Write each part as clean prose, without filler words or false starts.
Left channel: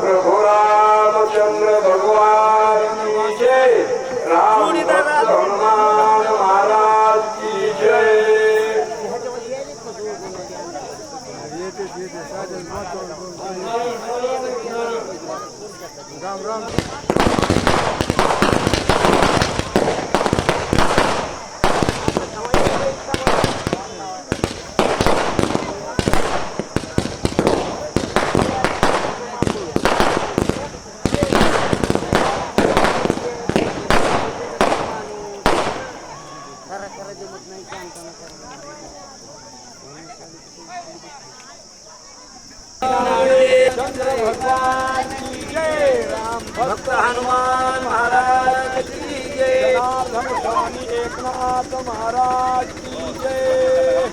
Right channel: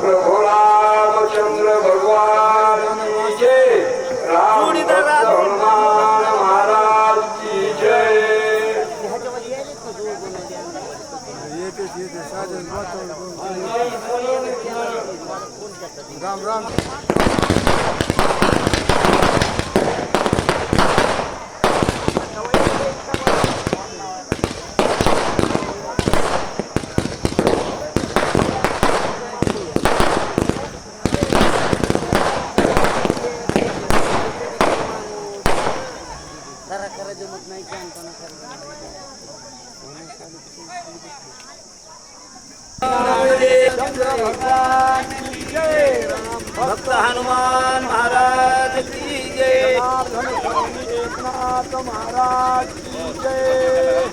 प्रभु रामचंद्र भगवान की जय। राम भक्त हनुमान महाराज की जय। भगवान की जय। भक्त हनुमान महाराज की जय। स्वामी एकनाथ महाराज की जय।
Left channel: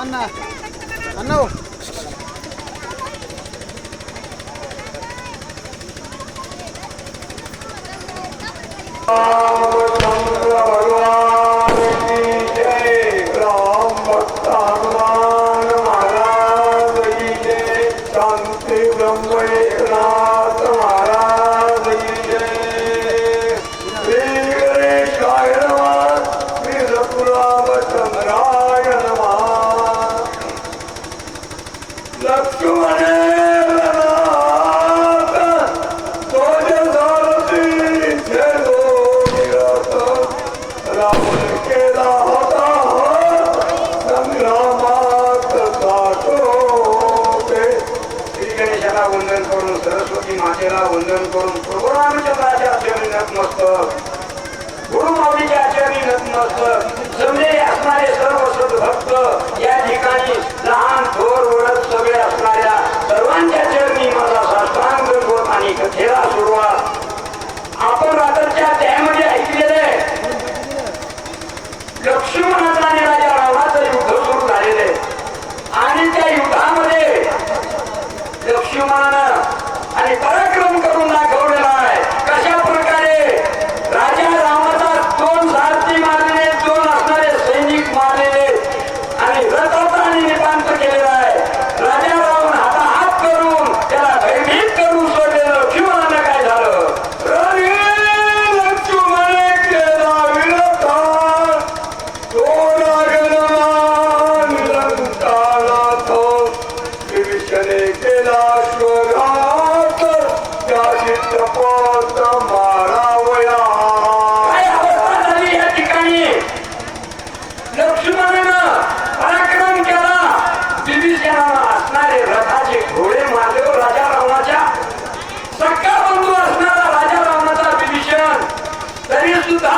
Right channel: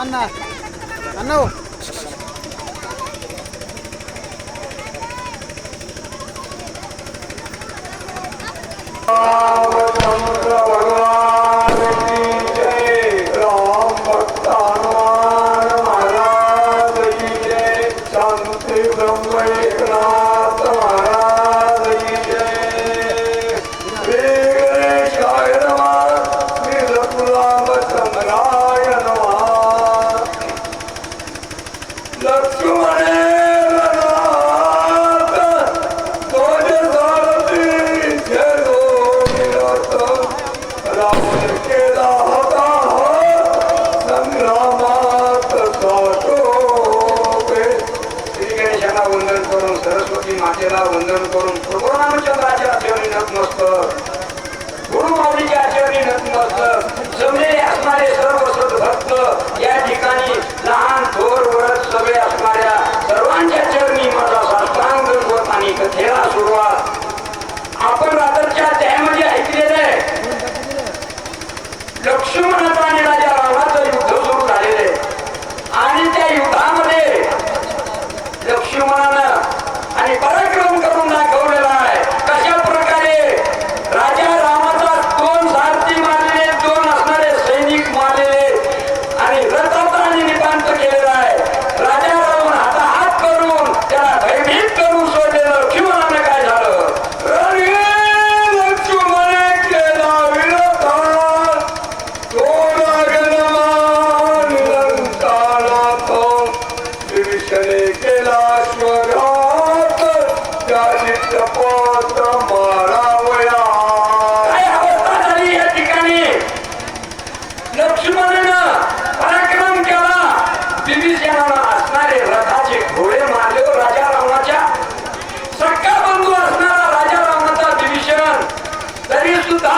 अन्ना रामचंद्र भगवान की जय। राम भक्त हनुमान महाराज की जय। शांति ब्रह्म एकनाथ महाराज की जय। श्री गणेशाय नमः। श्री रघुरामचंद्राय नमः। लक्ष्मण वंदन करून सरस्वती मातेला वंदन करून प्रभू रामचंद्राच्या चरणी नतमस्तक, गुरु माऊलीच्या चरणी नतमस्तक, जमलेले असणारे सर्व सद्भक्त या ठिकाणी लहान थोर वरद सगळे असणाऱ्या सर्वांच्या चरणी माझा साष्टांग दंडवत आणि कथेला सुरुवात. आपण रात्रीच्या त्यामध्ये ऐकलेले लक्ष्मणाचा आणि राजा रावणाचं युद्ध सुरू झालेले आणि त्या युद्धामध्ये लक्ष्मणानं आणि पराक्रम करून दाखवलेला आहे. कशा प्रकारे राजा रामाचा 2 सारथी मारलेले, 2 असणारे सैनिक मारलेले आणि रथाचा नितांत केलेला आहे. राजा रावण हात करून त्याला भयभीत करून सोडले. लक्ष्मणानं काय झालं? रणे लक्ष्मण केला विरोधा, तो लागला लंकानाथ, विभीषणे केला शपथ मारावया. काय अवस्था झाली या ठिकाणी? लक्ष्मणानं पराक्रम केला, विभीषणानं असणारे रथाचे घोडे मारले. राजा रावणाच्या सक्का बंधू असणारा राजा रावणाचा विभीषण तरी सुद्धा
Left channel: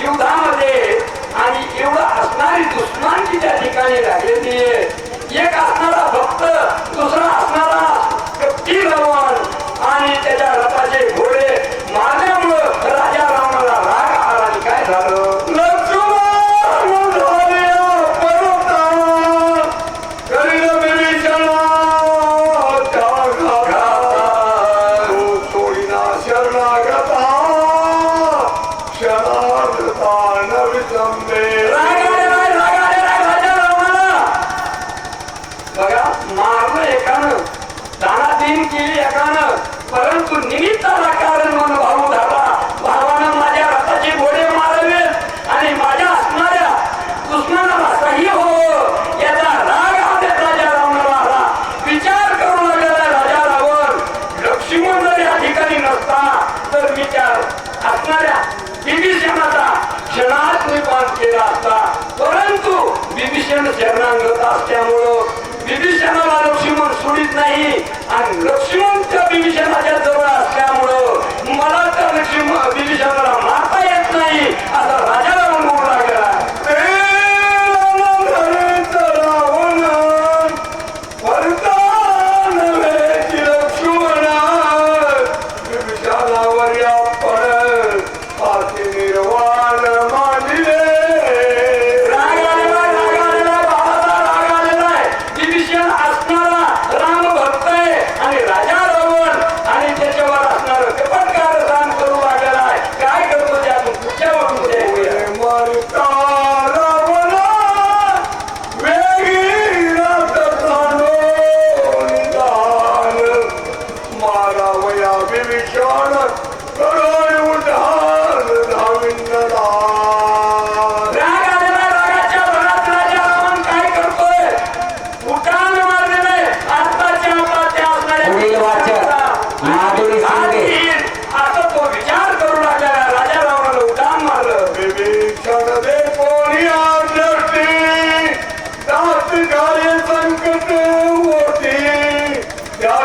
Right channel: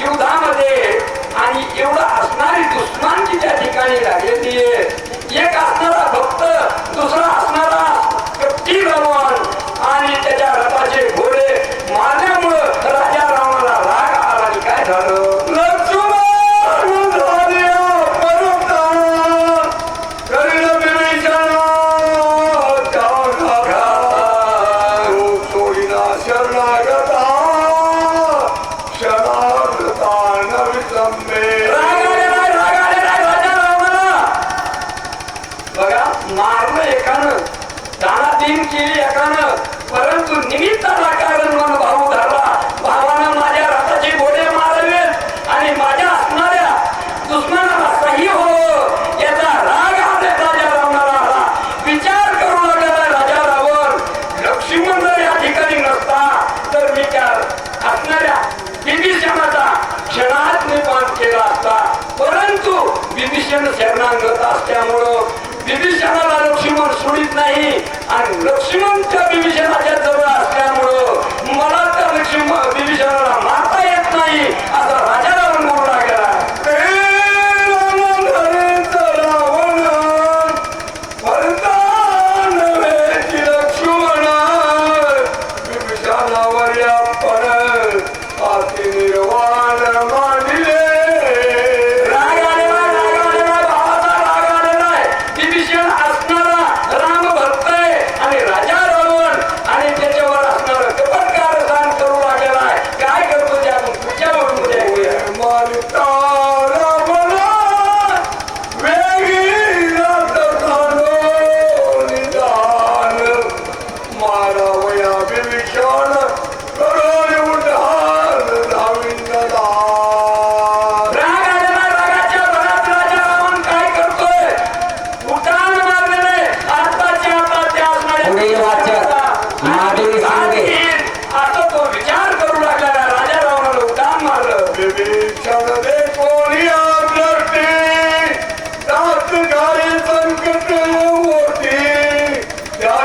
युद्धामध्ये आणि एवढा असणारी दुश्मनाची त्या ठिकाणी लागलेली आहे. एक असणारा भक्त, दुसरा असणारा कपटी रावण आणि त्याच्या रथाचे घोडे मारल्यामुळं राजा रावणाला राग आला आणि काय झालं? सोडीना शरणागता क्षणार्धता न विसंबे. राजा रावणाला बघा मारलं एकानं, दानादीन केली एकानं, परंतु निमित्ताला कारण म्हणून भाऊ धरला. भावानं माझ्या रथाचे घोडे मारले आणि माझ्या असणाऱ्या दुश्मनाला काही हो याचा राग आला राजा रावणाला आला. विचार करू लागला राजा रावण, लक्ष्मण जर या ठिकाणी नसता तर मी त्या असणाऱ्या विभीषणाचा क्षणात निपात केला असता. परंतु विभीषण शरणागत असल्यामुळं विभीषणाला लक्ष्मण सोडित नाही आणि लक्ष्मण त्या विभीषणाच्या जवळ असल्यामुळं मला त्या विभीषणाला मारता येत नाही असा राजा रावण बोलू लागला. लक्ष्मण विभीषणावर या परत अति निर्वाण मानिले. राजा रावण आणि त्याच्यावर असणार कपटकार दान करू लागलेला आहे. काय करतो ते आपण पुढच्या वरून पुढे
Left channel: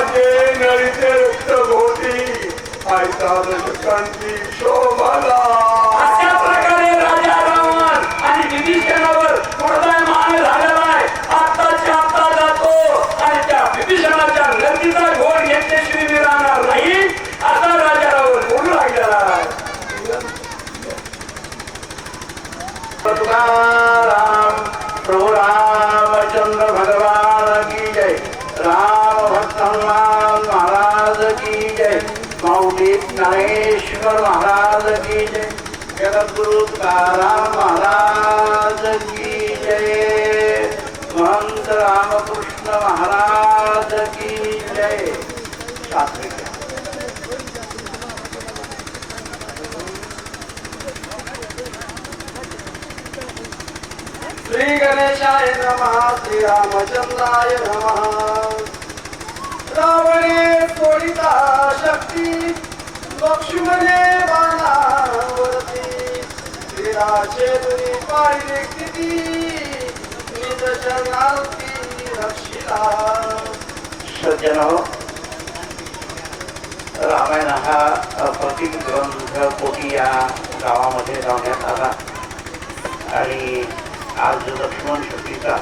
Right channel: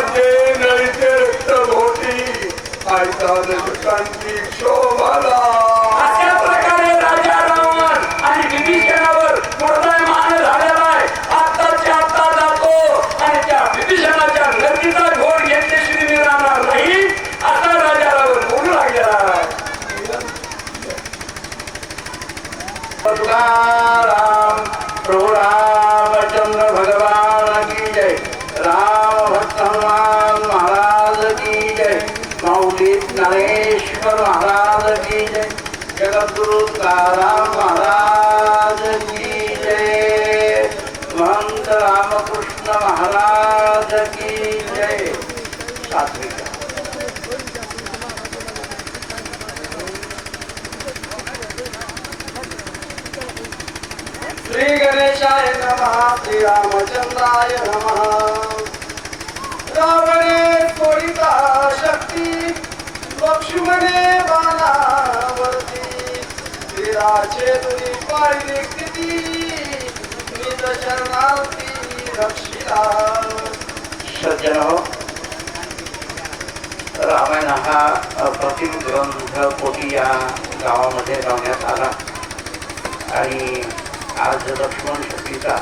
माझे नळीचे रक्त भोवती शांती शोभला. अशा प्रकारे राजा रावण आणि विभीषणावर क्रोधायमान झालेला आहे. आत्ताच्या आत्ता जातो आणि त्या विभीषणाच्या नदीचा घोड यांच्याशिवाय मी राहणार नाही असा राजा रावण बोलू लागलेला आहे. तुकाराम प्रभु रामचंद्र भगवान की जय. राम भक्त हनुमान महाराज की जय. माऊली ज्ञानेश्वर महाराज की जय. जगद्गुरु तुकाराम महाराज की जय. महंत रामकृष्ण महाराज की जय. सात्विक श्री गणेशाय नमः. श्री रामचंद्राय नमः. रावणे सोडिता शक्ती लक्ष्मणे बाणावरती. श्रीराचे दुनी पाहिली किती निज चरणार्थी रक्षिला. सज्जनो, रामायण हा अप्रतिम ग्रंथ पोटी या गावामध्ये लावण्यात आला आणि आज लक्ष्मण शक्तीचा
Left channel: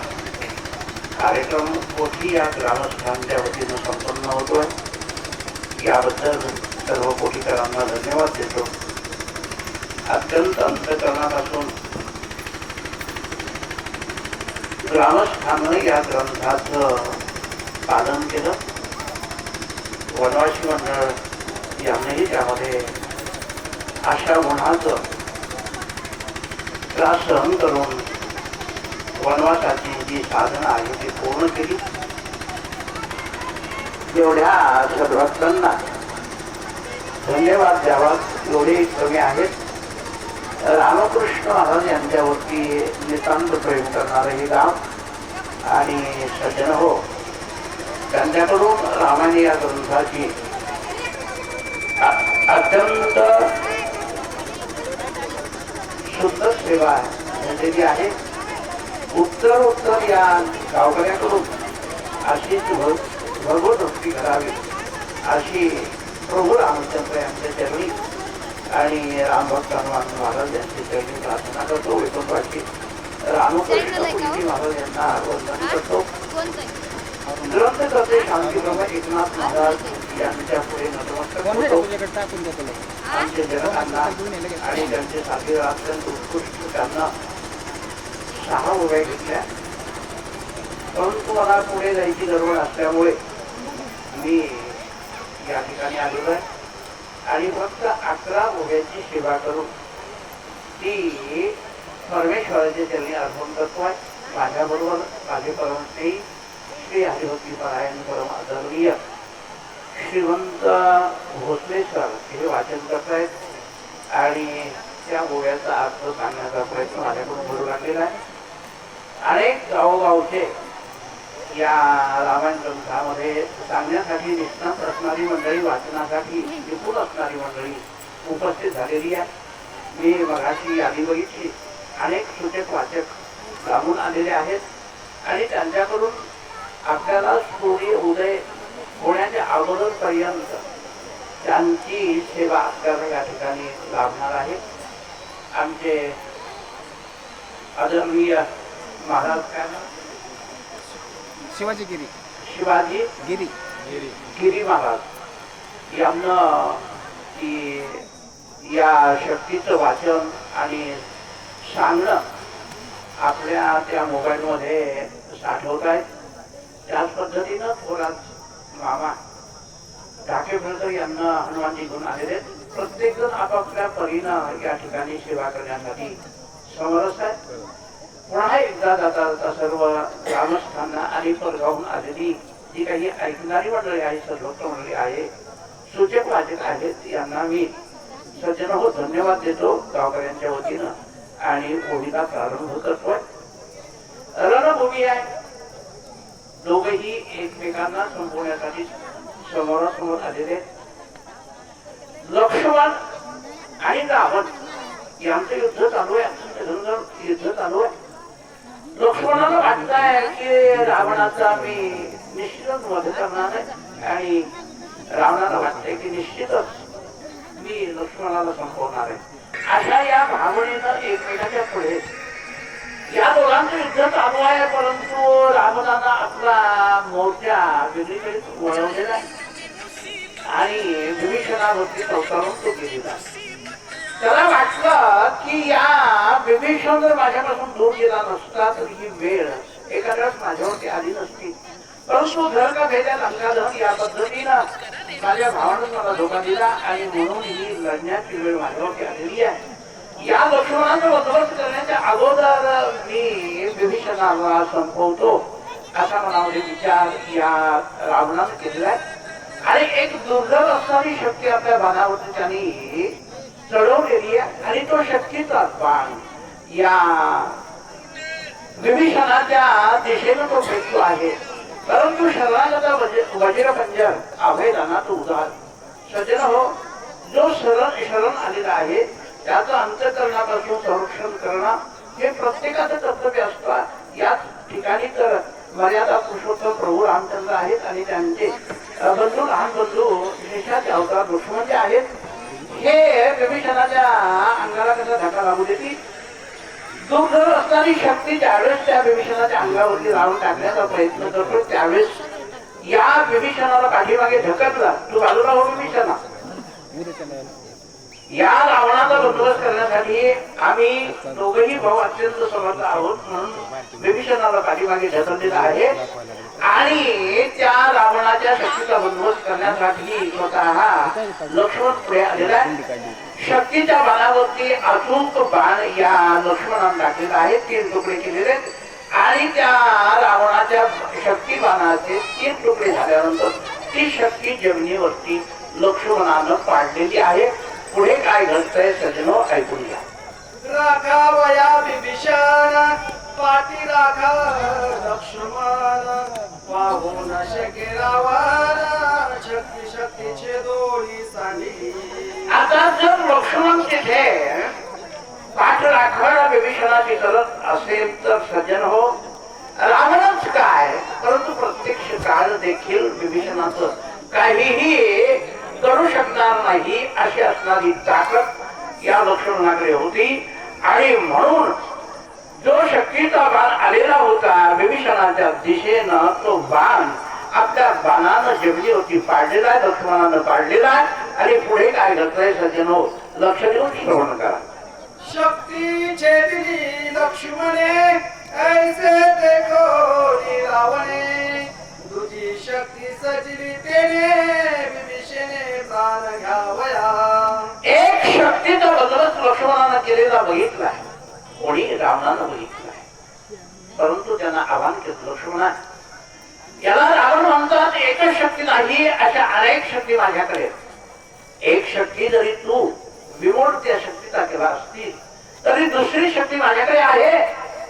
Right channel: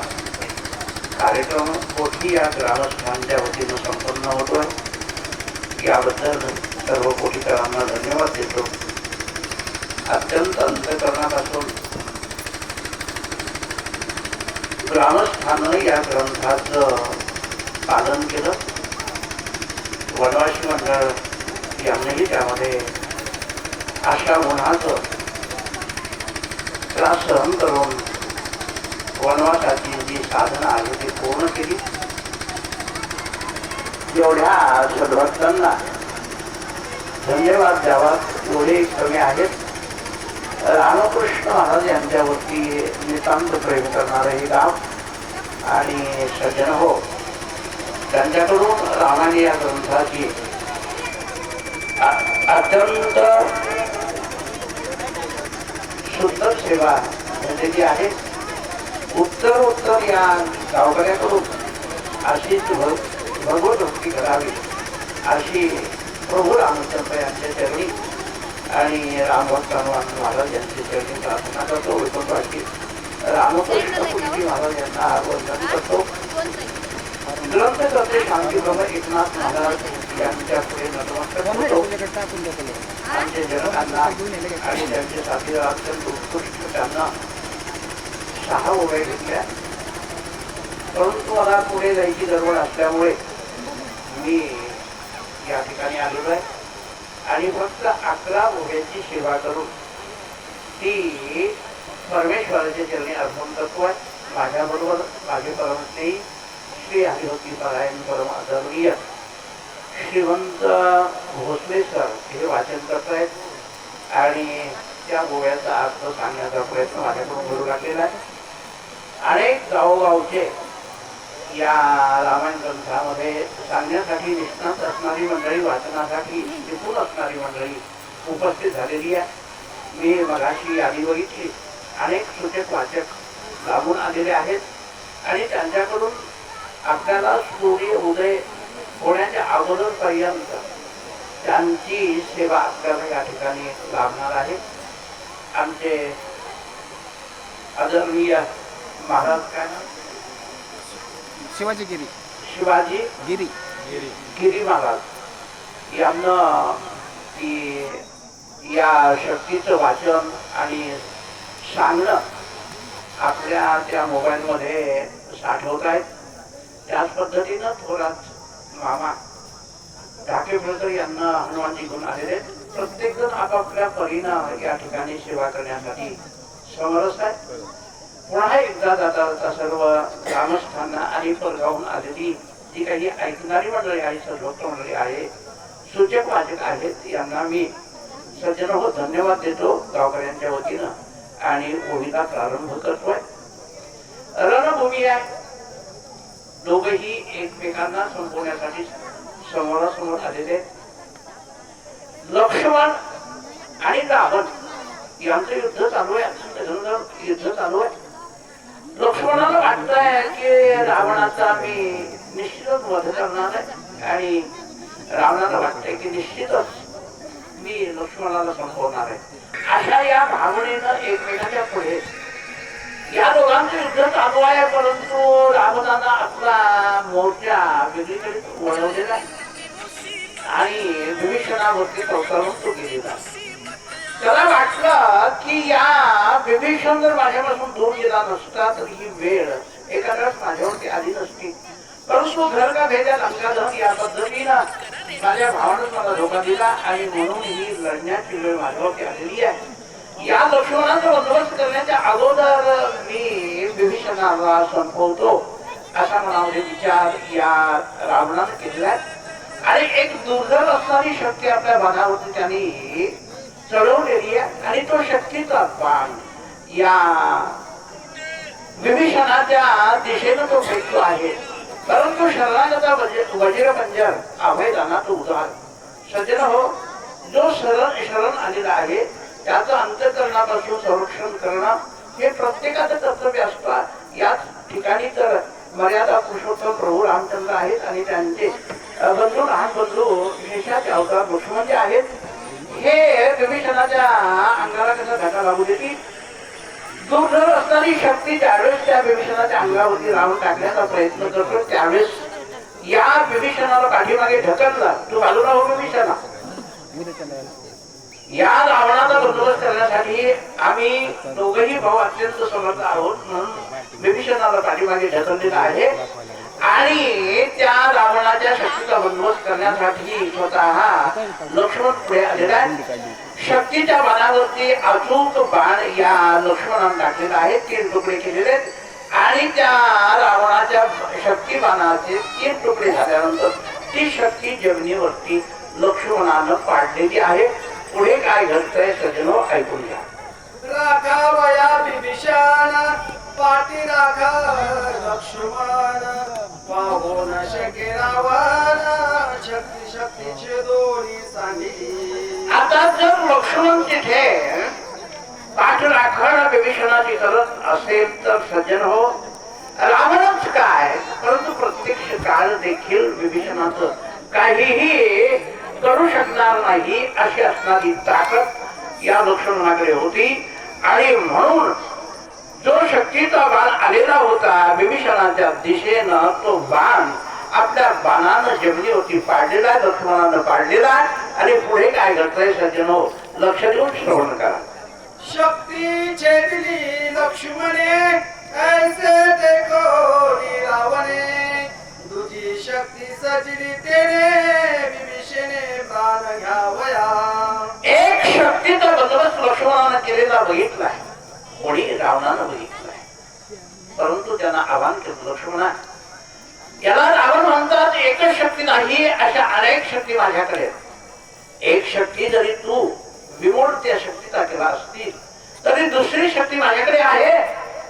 कार्यक्रम कोठी या ग्रामस्थांच्या वतीनं संपन्न होतोय. याबद्दल सर्व कोठीकरांना धन्यवाद देतो. अत्यंत अंतःकरणापासून ग्रामस्थांनं या ग्रंथाचं पालन केलं. वनवासी मंडळ यांनीही त्यामध्ये अशा उन्हाचं त्रास सहन करून वनवासाची जी साधना आहे ती पूर्ण केली. एवढ्या सद्भक्तांना धन्यवाद द्यावा एवढे कमी आहेत. रामकृष्ण महाराज यांच्यावरती नितांत प्रेम करणारं हे गाव आणि सज्जन हो, त्यांच्याकडून रामायण या ग्रंथाची अत्यंत शुद्ध सेवा झालेली आहे. उत्तर या गावकऱ्याकडून अशीच भगवत भक्ती करावी अशी प्रभू रामचंद्र यांच्या चरणी आणि रामभक्त हनुमान महाराज यांच्या चरणी प्रार्थना करतो. वैकुंठवासी रामकृष्ण पुरीजी महाराज यांना वंदन करतो. ग्रंथकर्ते शांतीप्रभू एकनाथ महाराज यांच्या पुढे नतमस्तक होतो. आमचे जनकांना आणि त्यांचे साथीदार अत्यंत उत्कृष्ट त्यांना 6 ओव्या घेतल्या. परंतु मला पुढे जायची गडबड असल्यामुळे मी या ठिकाणी आलेलो आहे आणि फक्त 11 ओव्यांची सेवा करून ती परमेश्वराच्या चरणी अर्पण करतोय. माझ्याबरोबर माझे परमस्नेही श्री हरिभक्ती परायण परम आदरणीय श्रीवंत भोसले सर हे वाचन करतायत आणि त्या गोव्याचा अर्थ सांगण्याचा प्रयत्न माझ्याकडून करू लागलेला आहे. अनेक गावोगावचे या रामायण ग्रंथामध्ये सांगण्यासाठी निष्णात असणारी मंडळी, वाचनासाठी निपुण असणारी मंडळी उपस्थित झालेली आहे. मी मगाशी यादी बघितली. अनेक सूचक वाचक लांबून आलेले आहेत आणि त्यांच्याकडून आपल्याला सूर्य उदय होण्याच्या अगोदरपर्यंत त्यांची सेवा आपल्याला या ठिकाणी लाभणार आहे. आमचे आदरणीय महाराज काय नाव? शिवाजी गिरी महाराज यांना या शक्तीचं वाचन आणि सांगणं आपल्या त्या मोबाईलमध्ये साठवत आहेत. त्याच पद्धतीनं थोरात मामा ढाकेफळकर यांना हनुमानजी घेऊन आलेले. प्रत्येक जण आपापल्या परीनं या ठिकाणी सेवा करण्यासाठी समरस आहे. पुन्हा एकदा जाता सर्व ग्रामस्थांना आणि परगावून आलेली जी काही ऐकणारी मंडळी आहे, सद्भक्त मंडळी आहे, सूचक वाचक आहेत, यांना मी सज्जन हो धन्यवाद देतो गावकऱ्यांच्या वतीनं आणि ओळीला प्रारंभ करतोय. रणभूमी आहे. दोघेही एकमेकांना संपवण्यासाठी समोरासमोर आलेले. लक्ष्मण आणि रावण यांचं युद्ध चालू आहे. युद्ध चालू आहे. लक्ष्मणाला वाटतंय की रावणाचा मी निश्चितच वध करणार आहे आणि रावणाला वाटतंय की निश्चितच मी लक्ष्मणाला संपवणार आहे. अशा या भावनेनं एकमेकाच्या पुढे या दोघांचं युद्ध चालू आहे. परंतु रावणानं आपला मोर्चा वेगळीकडे वळवलेला आहे आणि विभीषणावरती संसारून तो गेलेला. त्याला वाटलं की या विभीषण जर माझ्यापासून दूर गेला नसता तर ही वेळ एखाद्याच माझ्यावरती आली नसती. परंतु घर का भेद्या लंकादहन या पद्धतीनं माझ्या भावानंच मला धोका दिला आणि म्हणून ही लढण्याची वेळ माझ्यावरती आलेली आहे. या लक्ष्मणाचा बंदोबस्त करण्याच्या अगोदर मी विभीषणाला संपवतो असा मनामध्ये विचार या रावणानं केलेला आहे. आणि एक दुर्धर असणारी शक्ती आपल्या बाणावरती त्यांनी चढवलेली आहे आणि तो शक्तीचा बाण या विभीषणाच्या दिशेनं तो फेकतो आहे. परंतु शरणागता वज्रपंजर अभयदाना तो उदार सज्जन हो, जो शरण आलेला आहे त्याचं अंतःकरणापासून संरक्षण करणं हे प्रत्येकाचं कर्तव्य असतं. याच ठिकाणी तर मर्यादा पुरुषोत्तम प्रभू रामचंद्र आहेत आणि त्यांचे बंधू लहान बंधू शेषाचे अवतार लक्ष्मण जे आहेत हे विभीषणाच्या अंगाला कसा धक्का लागू देतील. दूरदूर असणारी शक्ती ज्यावेळेस त्या विभीषणाच्या अंगावरती रावण टाकण्याचा प्रयत्न करतो त्यावेळेस या विभीषणाला पाठीमागे ढकलला. तू बाजूला हो विभीषणा. या रावणाचा बंदोबस्त करण्यासाठी आम्ही दोघही भाऊ अत्यंत समर्थ आहोत म्हणून विभीषणाला पाठीमागे ढकललेला आहे आणि त्या रावणाच्या शक्तीचा बंदोबस्त करण्यासाठी स्वतः लक्ष्मण पुढे आलेला आहे. शक्तीच्या बाणावरती अचूक बाण या लक्ष्मणाने टाकलेला आहे. 3 तुकडे केलेले आहेत आणि त्या रावणाच्या शक्ती बाणाचे 3 तुकडे झाल्यानंतर ती शक्ती जमिनीवरती लक्ष्मणानं पाडलेली आहे. पुढे काय घडतंय सज्जनो ऐकून घ्या. राखावया विभीषण पाठी राखा लक्ष्मण पाहून शके रावण शक्ती शक्तीचे दोरी सांगी. आता जर लक्ष्मण तिथे पाठराखण विभीषणाची करत असेल तर सज्जन हो, रावणच काय परंतु प्रत्यक्ष काळ देखील विभीषणाचं काहीही करू शकणार नाही अशी असणारी ताकद या लक्ष्मणाकडे होती. आणि म्हणून जो शक्तीचा बाण आलेला होता विभीषणाच्या दिशेनं तो बाण आपल्या बाणानं जमिनीवरती पाडलेला आहे. लक्ष्मणानं पाडलेला आहे आणि पुढे काय घडतंय सज्जनो लक्ष देऊन श्रवण करा. शक्तीचे दिली लक्ष्मणे ऐसे देखो रावणे तुझी शक्ती सजली तेने विभीषणे प्राण घ्यावया. एक शक्तीचा बंदोबस्त लक्ष्मणानं केलेला बघितलाय, कोणी रावणानं बघितलाय. परंतु त्यांना आव्हान केलं लक्ष्मणा, याला रावण म्हणतात एकच शक्ती नाही अशा अनेक शक्ती माझ्याकडे. एक शक्ती जरी तू विमोड त्या शक्तीचा केला असतील तरी दुसरी शक्ती माझ्याकडे आहे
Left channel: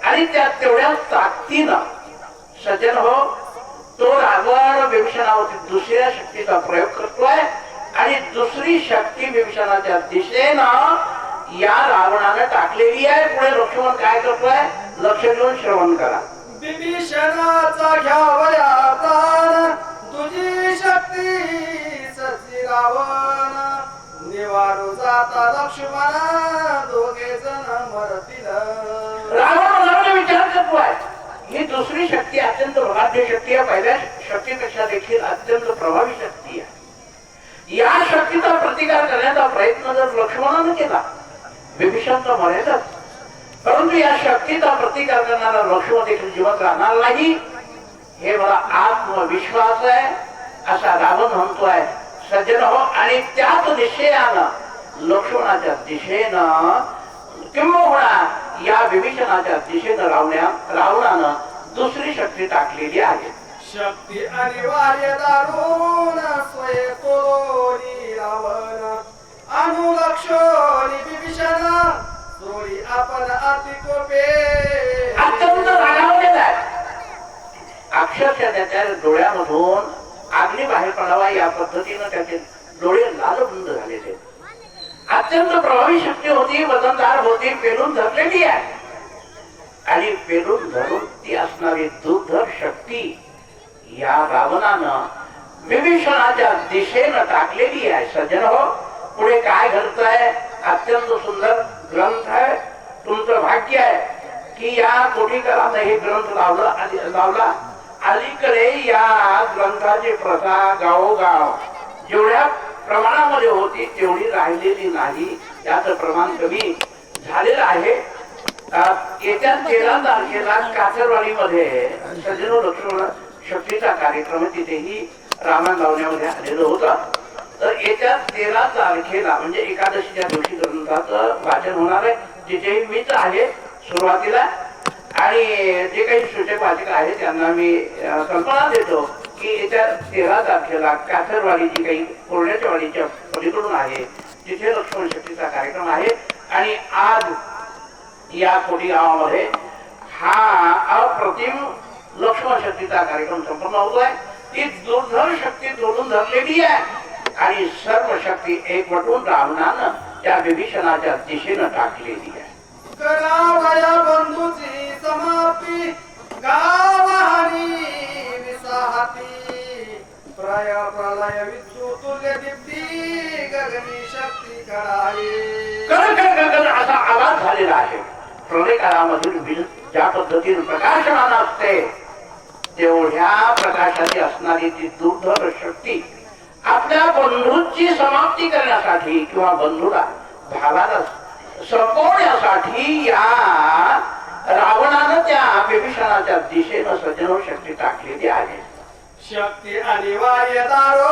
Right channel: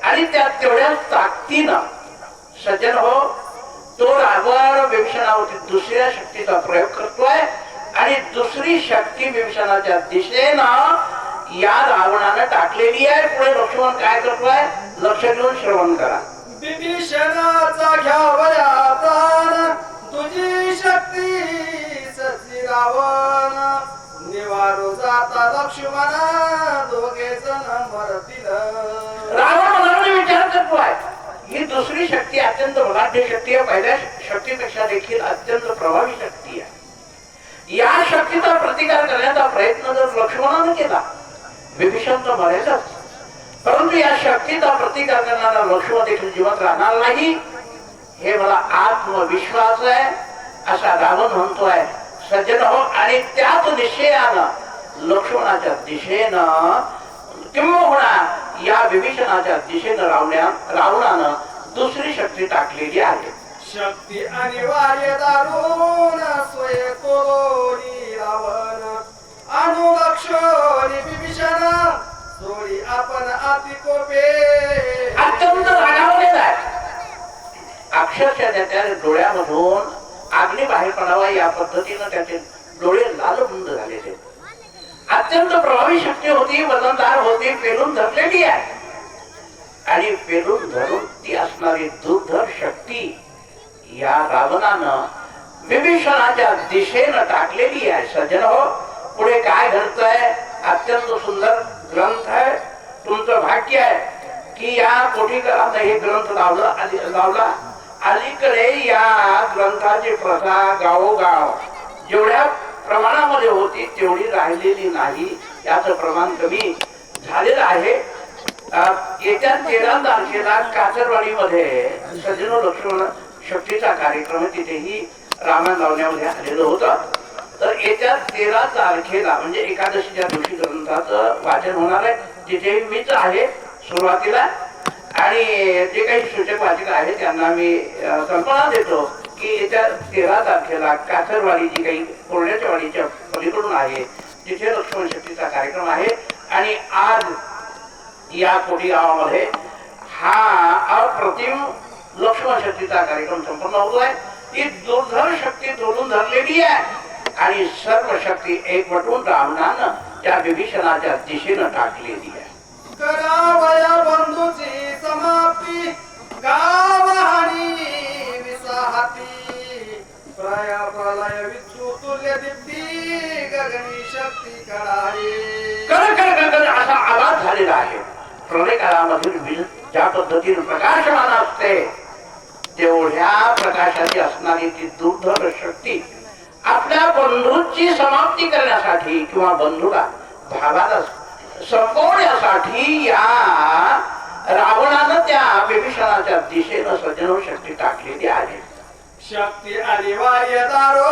आणि त्या तेवढ्या ताकदीनं सज्जन हो तो रावण विभीषणावरती दुसऱ्या शक्तीचा प्रयोग करतोय आणि दुसरी शक्ती विभीषणाच्या दिशेनं या रावणानं टाकलेली आहे. पुढे लक्ष्मण काय करतोय लक्ष देऊन श्रवण करा. विभीषणाचा घ्यावया प्राण तुझी शक्ती सजली रावण निवारो जाता लक्ष्मण दोघे जण मरतील. रावण मनामध्ये विचार करतोय ही दुसरी शक्ती अत्यंत बलाढ्य शक्ती आहे, पहिल्या शक्तीपेक्षा देखील अत्यंत प्रभावी शक्ती आहे. या शक्तीचा प्रतिकार करण्याचा प्रयत्न जर लक्ष्मणानं केला विभीषण तर मरेलच, परंतु या शक्तीचा प्रतिकार करणारा लक्ष्मण देखील जिवंत राहणार नाही हे मला आत्मविश्वास आहे असा रावण म्हणतोय सज्जन हो. आणि त्याच निश्चयानं लक्ष्मणाच्या दिशेनं किंबहुना या विभीषणाच्या दिशेनं रावणानं दुसरी शक्ती टाकलेली आहे. शक्ती अनिवार्य दारुण स्वय तोरी रावण अनुलक्षणी विभीषण सोडी आपण अति कोपे. अत्यंत रागावलेला आहे. अक्षरशः त्याच्या डोळ्यामधून अग्नी बाहेर पडावा या पद्धतीनं त्याचे डोळे लालबुंद झालेले. अत्यंत प्रभावी शक्ती होती, वजनदार होती, पेलून धरलेली आहे. आणि पेरून धरून ती असणारी दुर्धर शक्ती या रावणानं विभीषणाच्या दिशेनं टाकलेली आहे. सज्जन हो, पुढे काय घडतंय? अत्यंत सुंदर ग्रंथ आहे. तुमचं भाग्य आहे की या कोठीकरानं हे ग्रंथ लावला. अलीकडे या ग्रंथाची प्रथा गावोगाव जेवढ्या प्रमाणामध्ये होती तेवढी राहिलेली नाही. त्याचं प्रमाण कमी झालेलं आहे. येत्या 13 तारखेला कासरवाडीमध्ये सज्जनो लक्ष्मण शक्तीचा कार्यक्रम तिथेही रामायण लावण्यामध्ये आलेलं होतं. तर येत्या 13 तारखेला म्हणजे एकादशीच्या दिवशी ग्रंथाचं वाचन होणार आहे. तिथे मीच आहे सुरुवातीला आणि जे काही सूचक वाचक आहेत त्यांना मी कल्पना देतो की येत्या 13 तारखेला कासरवाडी जी काही कोरड्याच्या वाडीच्या पलीकडून आहे तिथे लक्ष्मण शक्तीचा कार्यक्रम आहे. आणि आज या कोटी गावामध्ये हा अप्रतिम लक्ष्मण शक्तीचा कार्यक्रम संपन्न होतोय. ती दुर्धर शक्ती जोडून धरलेली आहे आणि सर्व शक्ती एकवटून रावणानं त्या विभीषणाच्या दिशेनं टाकलेली आहे. करावया बंधूची समाप्ती गावहानी विसाहती प्रलय विद्युतुल्य दीप्ती गगनी शक्ती कळाये. कर असा आवाज झालेला आहे. प्रलय काळामधील वीज ज्या पद्धतीने प्रकाशमान असते तेवढ्या प्रकाशाची असणारी ती दुर्धर शक्ती आपल्या बंधूची समाप्ती करण्यासाठी किंवा बंधूला भावाला संपवण्यासाठी या रावणानं त्या विभीषणाच्या दिशेनं सज्जनो शक्ती टाकलेली आहे. शक्ती अनिवार्य दारो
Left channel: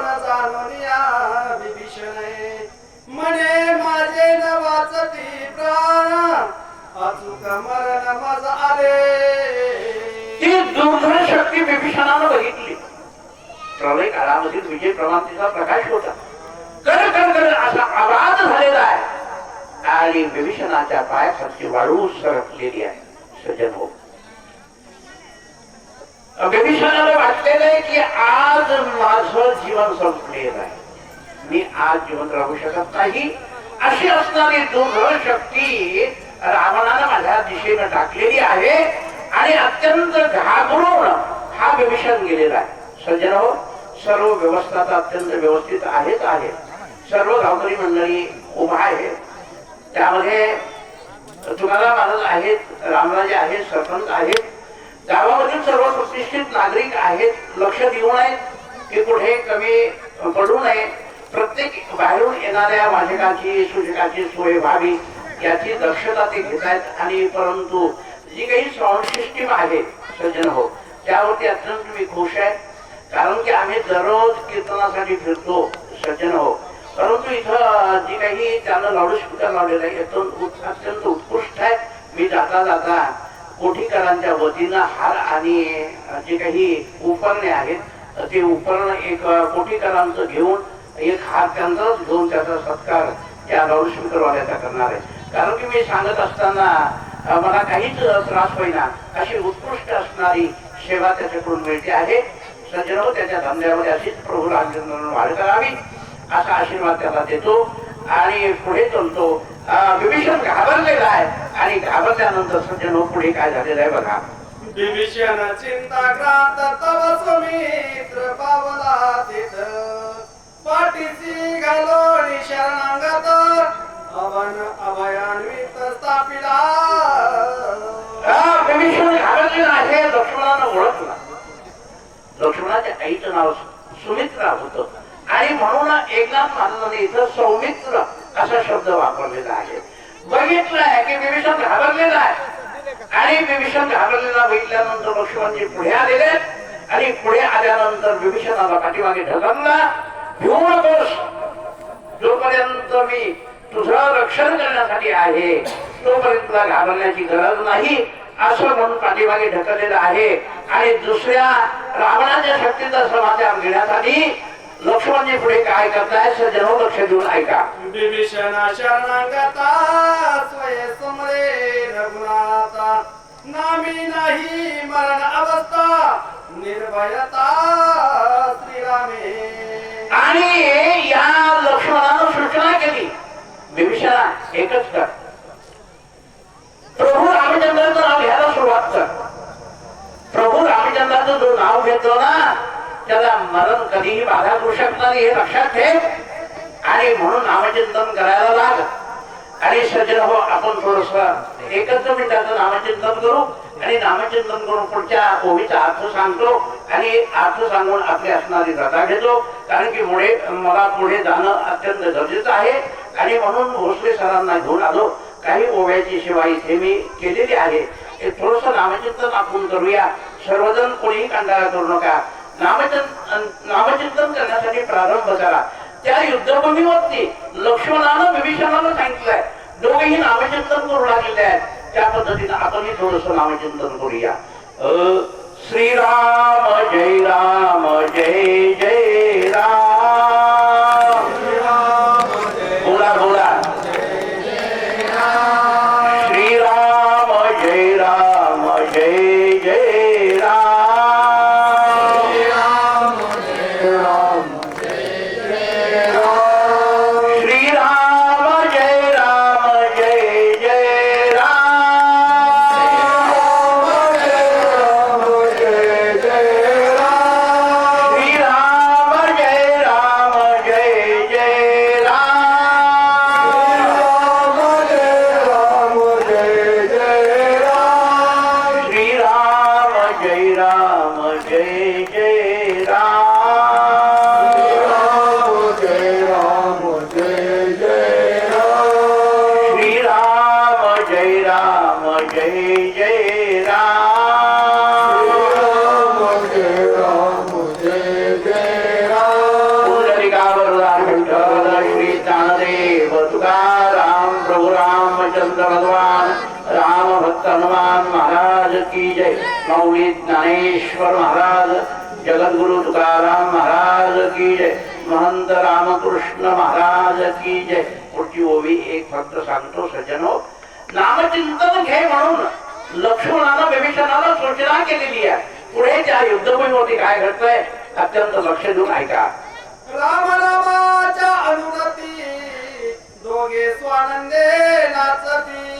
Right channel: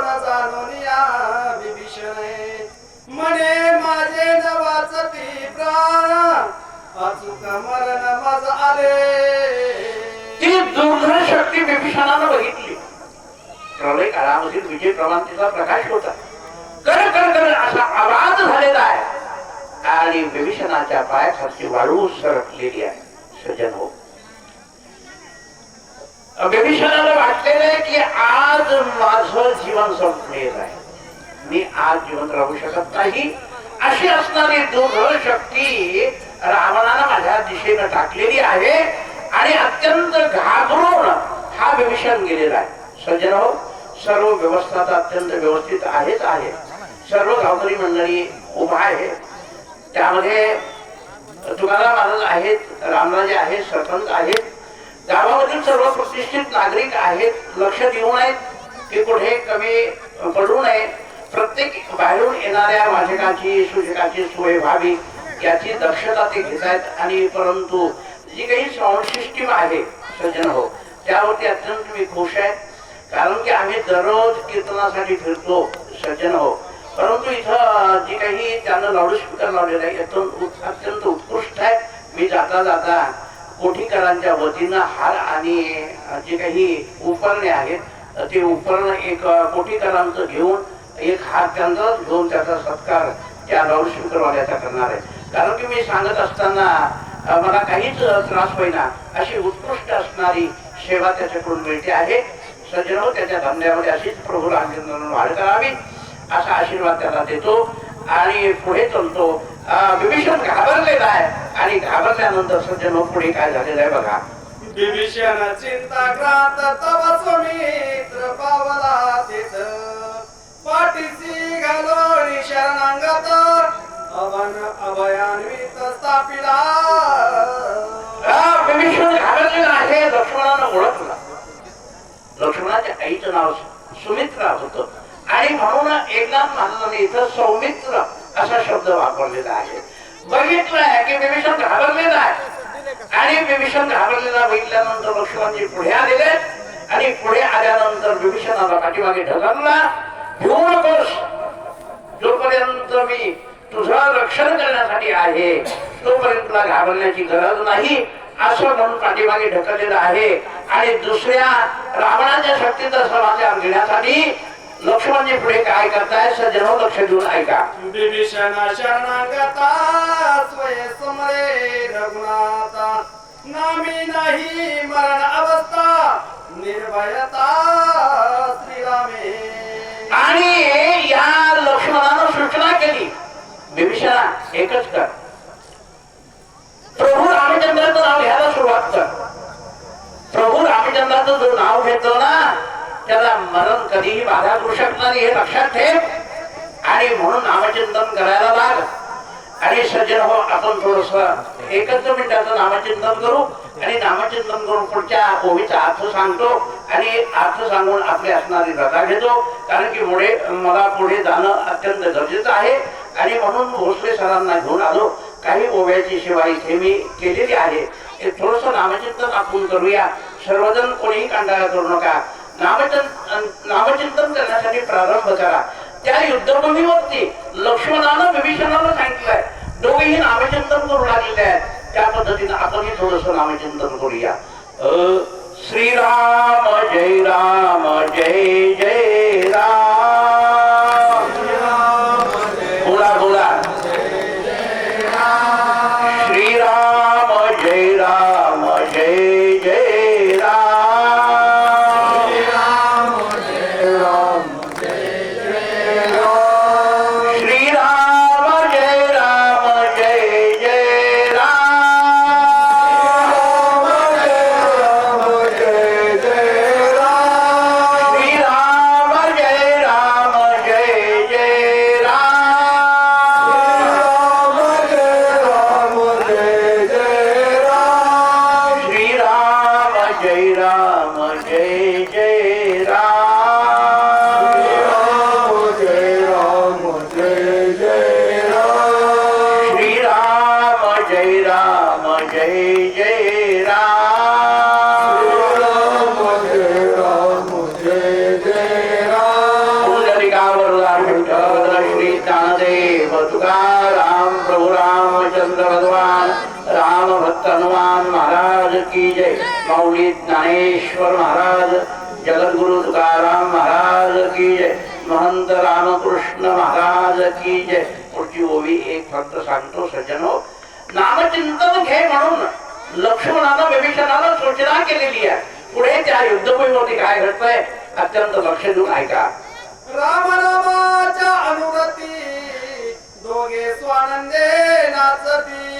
न जाणून या विभीषणे म्हणे माझे न वाचती प्राण अचूक मरण माझ आले. ती दुर्धर शक्ती विभीषणानं बघितली. प्रलय काळामधील विजय प्रमांतीचा प्रकाश होता. कर कर कर असा आवाज झालेला आहे आणि विभीषणाच्या पायाखालची वाळू सरकलेली आहे. सज्जन हो, विभीषणाला वाटलेलं आहे की आज माझं जीवन संपलेलं आहे, मी आज जीवन राहू शकत नाही. अशी असणारी दुर्धर शक्ती रावणानं माझ्या दिशेनं टाकलेली आहे आणि अत्यंत घाबरून हा विभीषण गेलेला आहे. सज्जन हो, सर्व व्यवस्था तर अत्यंत व्यवस्थित आहेच आहे. सर्व गावकरी मंडळी उभा आहे. त्यामध्ये तुकाराम महाराज आहेत, रामराजे आहेत, सरपंच आहेत, गावामधील सर्व प्रतिष्ठित नागरिक आहेत. लक्ष देऊ नये की कुठे कमी पडू नये. प्रत्येक बाहेरून येणाऱ्या वाचकाची सूचकाची सोय व्हावी याची दक्षता ते घेत आहेत. आणि परंतु जी काही साऊंड सिस्टीम आहे सज्जन हो, त्यावरती अत्यंत मी खुश आहे. कारण की आम्ही दररोज कीर्तनासाठी फिरतो सज्जन हो, परंतु इथं जी काही त्यांना लाऊडस्पीकर लावलेलं आहे अत्यंत उत्कृष्ट आहे. मी जाता जाता कोठीकरांच्या वतीनं हार आणि जे काही उपकरणे आहेत ते उपकरण एक कोठीकरांचं घेऊन एक हार त्यांचाच घेऊन त्याचा सत्कार त्या लाऊडस्पीकरवाल्याचा करणार आहे. कारण की मी सांगत असताना मला काहीच त्रास होईना अशी उत्कृष्ट असणारी सेवा त्याच्याकडून मिळते आहे. सज्जन हो, त्याच्या धंद्यामध्ये अशीच प्रभू रामचंद्रांना वाढ करावी असा आशीर्वाद त्याला देतो आणि पुढे चालतो. विभीषण घाबरलेला आहे आणि घाबरल्यानंतर सज्जन हो पुढे काय झालेलं आहे बघा. विभीषण चिंताक्रांत तव सुमित्र पावला तिथ पाठीसी घालोनी शरणांगत अवन अभयान्वित स्थापिला. विभीषण घाबरलेला आहे. लक्ष्मणानं ओळखला. लक्ष्मणाच्या आईचं नाव सुमित्रा होतं आणि म्हणून एकनाथ महाराजांनी इथं सौमित्र असा शब्द वापरलेला आहे. बघितलंय की विभीषण घाबरलेला आहे आणि विभीषण घाबरलेला बघितल्यानंतर लक्ष्मणजी पुढे आलेले आणि पुढे आल्यानंतर विभीषणाला पाठीमागे ढकलला. भिवू नकोस, जोपर्यंत मी तुझं रक्षण करण्यासाठी आहे तोपर्यंत तुला घाबरण्याची गरज नाही असं म्हणून पाठीमागे ढकललेलं आहे. आणि दुसऱ्या रावणाच्या शक्तीचा समाचार घेण्यासाठी लक्ष्मणजी पुढे काय करताय सज्जन हो, लक्ष देऊन ऐका. विभीषण शरणांगता स्वये समरे रघुनाथा नामी नाही मरण अवस्था निर्भयता श्रीरामे. आणि या लक्ष्मणानं सूचना केली, विभीषणा एकच कर, प्रभू राम रामचंद्राचं नाव घ्यायला सुरुवात कर. प्रभू रामचंद्राचं जो नाव घेतो ना त्याला मरण कधीही बाधा करू शकणार नाही, हे लक्षात ठेव. आणि म्हणून नामचिंतन करायला लाग. आणि सज्जन हो, आपण थोडस एकच मिनिटाचं नामचिंतन करू आणि नामचिंतन करून पुढच्या ओवीचा अर्थ सांगतो आणि अर्थ सांगून आपली असणारी रजा घेतो. कारण की मला पुढे जाणं अत्यंत गरजेचं आहे. आणि म्हणून भोसले सरांना घेऊन आलो. काही ओव्याची सेवा इथे मी केलेली आहे. थोडस नामचिंतन आपण करूया. सर्वजण कोणीही कंटाळा करू नका. नामचिंतन करण्यासाठी प्रारंभ करा. त्या युद्धभूमीवरती लक्ष्मणानं विभीषणाला सांगितलंय, दोघेही नामचिंतन करू लागलेले आहेत. त्या पद्धतीनं आपणही थोडस नामचिंतन करूया. श्रीराम जय राम जय जय राम. बोला बोला. श्रीराम जय राम जय जय राम. भगवान राम भक्त हनुमान महाराज की जय. माऊली ज्ञानेश्वर महाराज, जगद्गुरु तुकाराम महाराज की जय. महंत रामकृष्ण महाराज की जय. पुढची ओवी एक फक्त सांगतो सज्जनो. नामचिंतन घे म्हणून लक्ष्मणानं विभीषणाला सूचना केलेली आहे. पुढे त्या युद्धभूमीवरती काय घडतंय अत्यंत लक्ष देऊन ऐका. रामनामाच्या अनुरती दोघे स्वानंदे नाचती.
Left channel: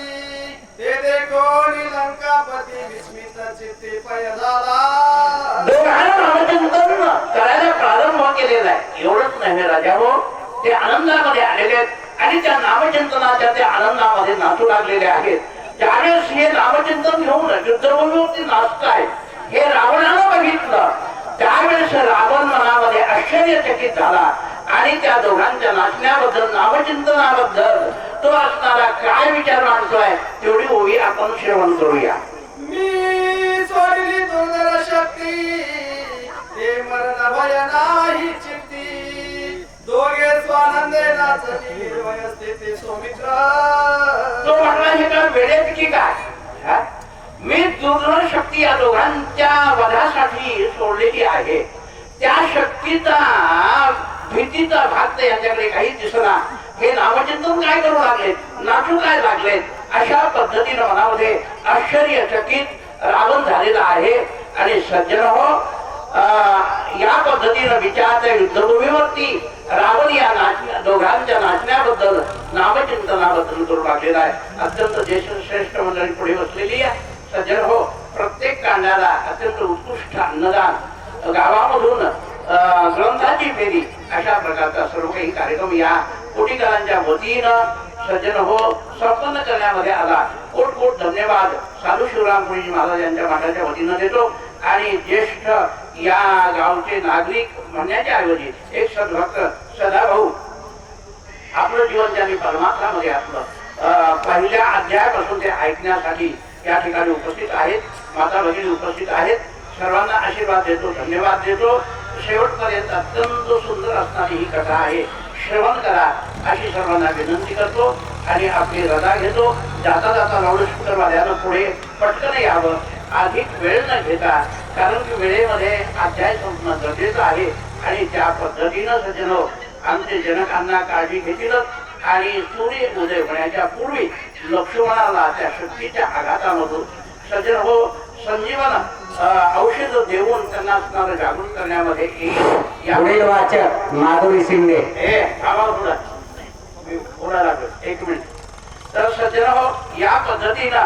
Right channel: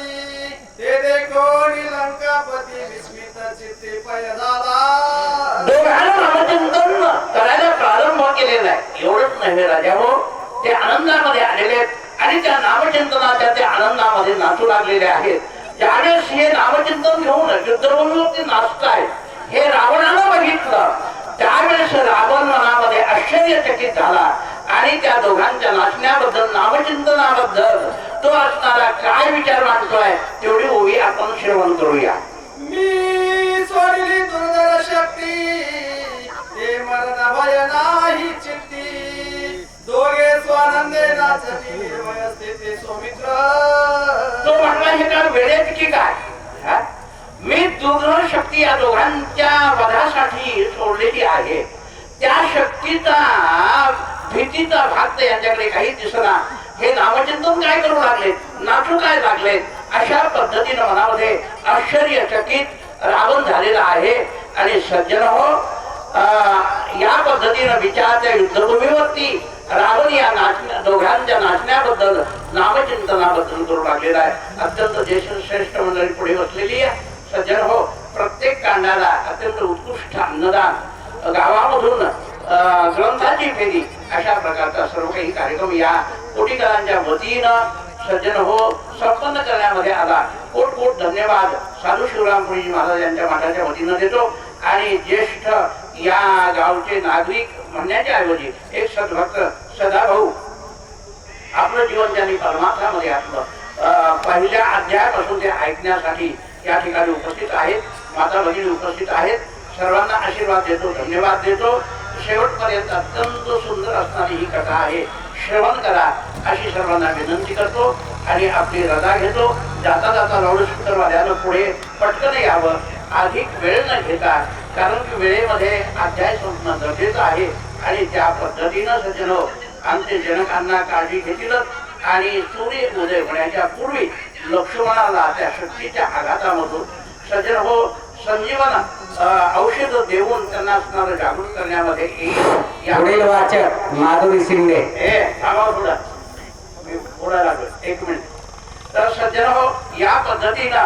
ते देखून लंकापती विस्मित चित्ती पय झाला. दोघांना नामचिंतन करायला प्रारंभ केलेला आहे. एवढंच नाही राजा हो, ते आनंदामध्ये आलेले आहेत आणि त्या नामचिंतनाच्या त्या आनंदामध्ये नाचू लागलेले आहेत. त्यावेळेस हे नामचिंतन घेऊन युद्धभूमीवरती नाचताय हे रावणानं बघितलं. त्यावेळेस रावण मनामध्ये आश्चर्यचकित झाला आणि त्या दोघांच्या नाचण्याबद्दल नामचिंतनाबद्दल तो असणारा काय विचार मांडतोय तेवढी ओवी आपण श्रवण करूया. मी सोडली दुर्धर शक्ती, हे मरण भय नाही चित्ती. दोघे स्वानंदे नाचती वयस्थिती सौमित्र. तो म्हणला हे काय वेळेत की काय, मी दुर्धर शक्ती या दोघांच्या वधासाठी सोडलेली आहे. त्या शक्तीचा भीतीचा भाग यांच्याकडे काही दिसला. हे नामचिंतन काय करू लागले, नाचू काय लागले. अशा पद्धतीने मनामध्ये आश्चर्यचकित रावण झालेला आहे. आणि सज्जन हो, या पद्धतीनं विचारत्या युद्धभूमीवरती रावण या दोघांच्या नाचण्याबद्दल नामचिंतनाबद्दल करू लागलेला आहे. अत्यंत ज्येष्ठ मंडळी पुढे बसलेली आहे. सज्जन हो, प्रत्येक कांडाला अत्यंत उत्कृष्ट अन्नदान, गावामधून ग्रंथाची फेरी, अशा प्रकारचा सर्व काही कार्यक्रम या कोटीकरांच्या वतीनं सज्जन हो संपन्न करण्यामध्ये आला. कोट कोट धन्यवाद साधू शिवराम पुरीजी महाराज यांच्या मठाच्या वतीनं देतो. आणि ज्येष्ठ या गावचे नागरिक म्हणण्याच्या ऐवजी एक सद्भक्त सदाभाऊ आपलं जीवन त्यांनी परमार्थामध्ये आपलं पहिल्या अध्यायापासून ते ऐकण्यासाठी या ठिकाणी उपस्थित आहेत. माता भगिनी उपस्थित आहेत. सर्वांना आशीर्वाद देतो, धन्यवाद देतो. शेवटपर्यंत अत्यंत सुंदर असणारी ही कथा आहे. श्रवण करा अशी सर्वांना विनंती करतो आणि आपली रजा घेतो. जाता जाता लाऊडस्पीकरवाल्यानं पुढे पटकन यावं, अधिक वेळ न घेता, कारण की वेळेमध्ये अध्याय संपणं गरजेचं आहे. आणि त्या पद्धतीनं सज्जनो आमचे जनकांना काळजी घेतीलच. आणि सूर्य उदय होण्याच्या पूर्वी लक्ष्मणाला त्या शक्तीच्या आघातामधून सज्जन हो संजीवन औषध देऊन त्यांना असणारं जागृत करण्यामध्ये पुढील वाचक माधुरी शिंदे. थोडा मी बोलायला लागलो, एक मिनिट. तर सज्जन हो, या पद्धतीनं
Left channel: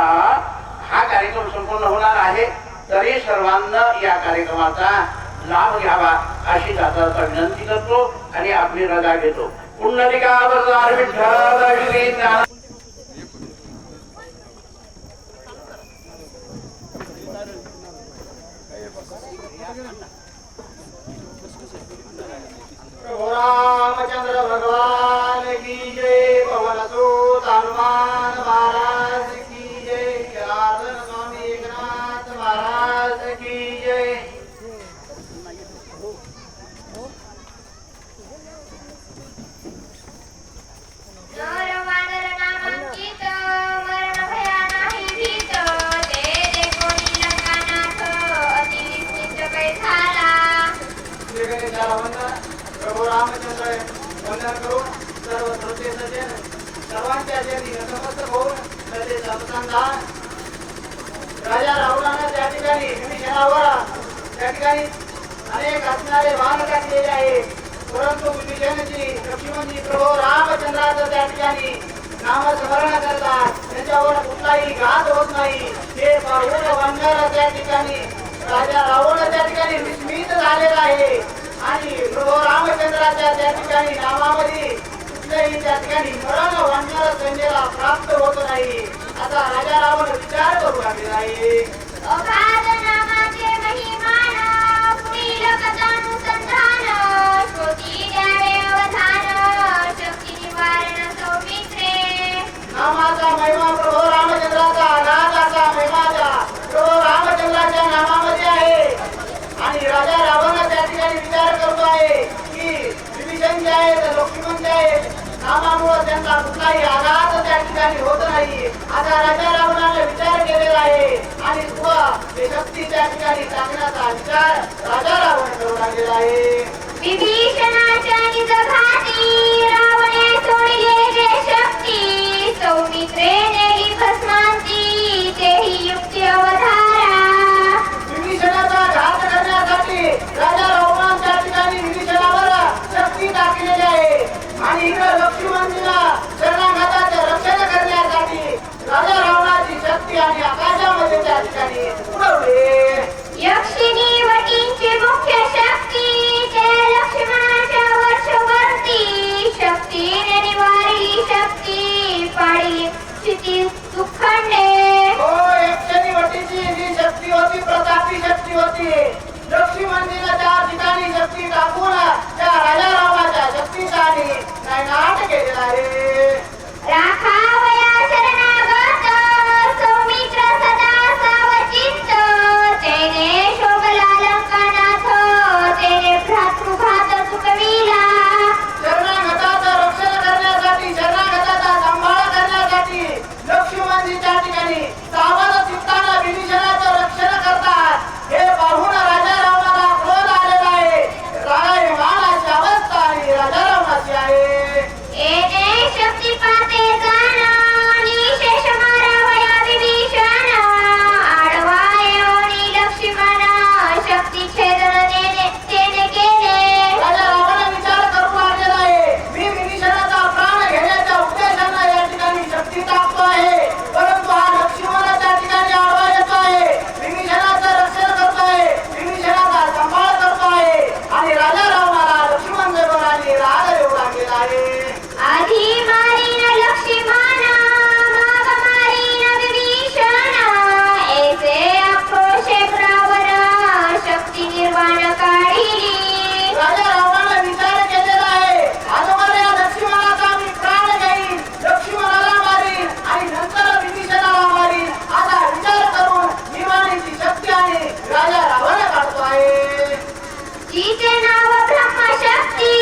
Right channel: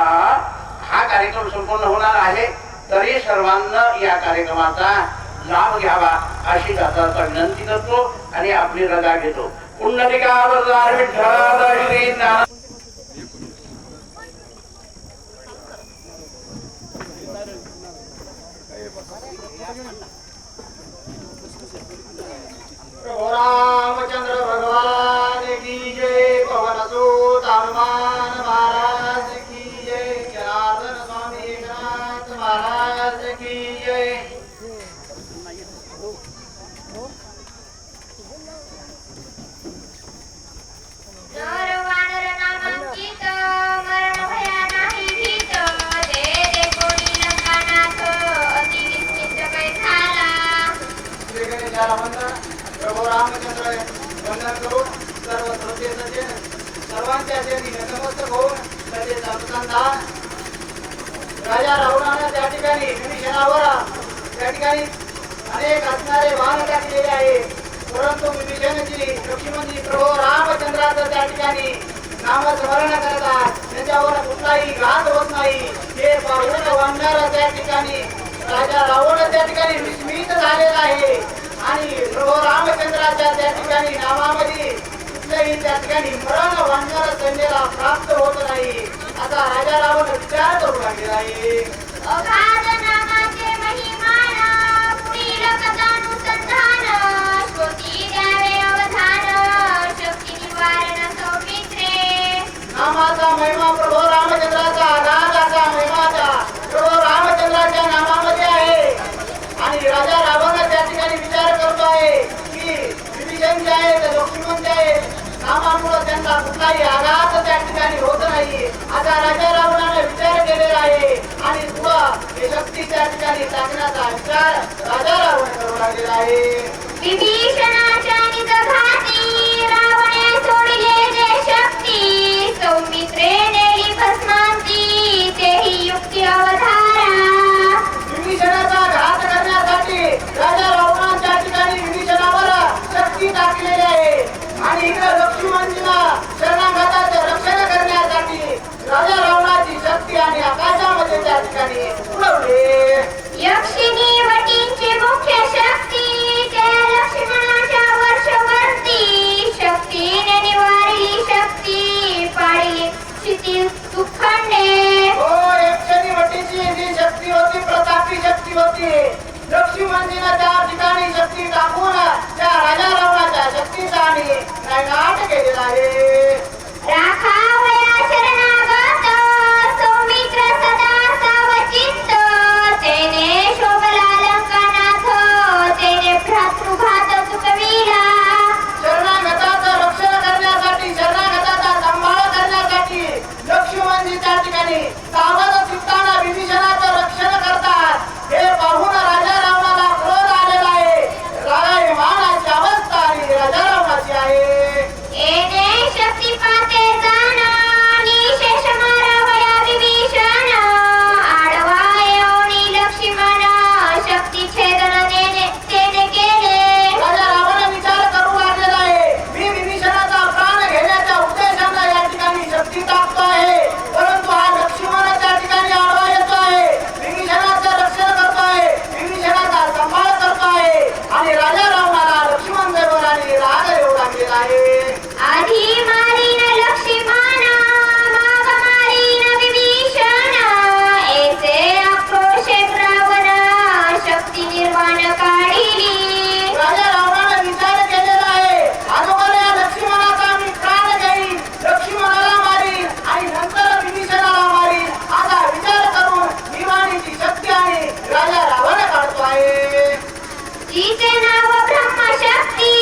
हा कार्यक्रम संपूर्ण होणार आहे, तरी सर्वांना या कार्यक्रमाचा लाभ घ्यावा अशी दादाचा विनंती करतो आणि आपली रजा घेतो. पुंडलिकावतार विठ्ठल श्री ज्ञान रामचंद्र भगवान की जय. पवन सुत हनुमान महाराज की जय. जनार्दन स्वामी एकनाथ महाराज की जय. नर वानर नामांकित मरण भया नाही भीत. जय जय कोणी लंकानाथ अति विस्मित कै झाला. श्रीगणेशाला वंदन. प्रभू रामचंद्र वंदन करून सर्व श्रोते सज्जन सर्वांच्या चरणी नतमस्तक होऊन त्याचे अनुसंधान. राजा रावणानं त्या ठिकाणी विभीषणावर त्या ठिकाणी अनेक असणारे वाहन टाकलेले आहे, परंतु विभीषणजी लक्ष्मणजी प्रभू रामचंद्राचं त्या ठिकाणी नामस्मरण करतात. त्यांच्यावर कुठलाही घात होत नाही. हे पाहून वानर त्या ठिकाणी राजा रावण त्या ठिकाणी विस्मित झालेला आहे आणि प्रभू रामचंद्राच्या त्या ठिकाणी नामामध्ये कुठल्याही त्या ठिकाणी मरण वानर सैन्याला प्राप्त होत नाही. आता राजा रावण विचार करू लागलेला आहे. अगाध नामाचे महिमान पुढील कथानुसंधान. श्रोती द्यावे अवधान शक्ती निवारण सौमित्रे. नामाचा महिमा प्रभू रामचंद्राचा राजाचा महिमाचा प्रभू रामचंद्राच्या नामामध्ये आहे आणि राजा रावण त्या ठिकाणी विचार करतो आहे की विभीषण जे आहेत लक्ष्मण जे आहेत नामामुळे त्यांना कुठलाही आघात त्या ठिकाणी होत नाही. आता राजा रावणाने विचार केलेला आहे आणि पुढं हे शक्ती त्या ठिकाणी टाकण्याचा विचार राजा रावण करू लागलेला आहे. विभीषणाच्या निजघाती रावणे सोडले जे शक्ती. सौमित्रे नेली भस्मांती तेही युक्ती अवधारा. विभीषणाचा घात करण्यासाठी राजा रावणाच्या ठिकाणी विभीषणावर शक्ती टाकलेली आहे आणि इथं लक्ष्मणजीला शरणागताचे रक्षण करण्यासाठी राजा रावणाची शक्ती आणि आकाशामध्ये त्या ठिकाणी उडवले. यक्षिणी वटींची मुख्य शक्ती ते लक्ष्मणाच्या वर्षवर्ती. शक्तीने निवारली शक्ती पाडली स्थिती दुःखंडे. हो, यक्षिणी वटीची जी शक्ती होती प्रतापी शक्ती होती. लक्ष्मणजीला त्या ठिकाणी शक्ती टाकून त्या राजा रावणाच्या शक्तीचा आणि नायनाट केलेला आहे. राखावया शरणागत सौमित्र सदा सावचित्त. तेने शोभला लंकानाथ तेने भ्रातृघात चुकविला. शरणागताचं रक्षण करण्यासाठी शरणागताचा सांभाळ करण्यासाठी लक्ष्मणजी त्या ठिकाणी सावध चित्तानं विभीषणाचं रक्षण करतात. हे पाहून राजा रावणाला क्रोध आलेला आहे. रामाची अवस्था आणि राजा रावणाची आहे. येणे शक्ती पाते जाणा निशेष मारावया विभीषण. आडवा येऊनी लक्ष्मण शक्ती छेदन तेने केले. राजा रावण विचार करू लागलेला आहे. मी विभीषणाचा प्राण घेण्याच्या उद्देशाने या ठिकाणी शक्ती टाकतो आहे, परंतु हा लक्ष्मण त्या ठिकाणी आडवा येतो आहे. विभीषणाचं रक्षण करतोय, विभीषणाचा सांभाळ करतोय आणि राजा रावणाला लक्ष्मण देवराने राग येऊ लागलेला आहे. आधी मारीन लक्ष्मण माग मारीन विभीषण. ऐसे आक्रोशे रावण शक्ती निर्वाण काढिली. राजा रावणाने विचार केलेला आहे, अगोदर या लक्ष्मणाचा मी प्राण घेईन, लक्ष्मणाला मारीन आणि नंतर विभीषणाला मारीन. आता विचार करून निवाणीची शक्ती आणि राजा रावण काढतो आहे. जिचे नाव ब्रह्मशक्ती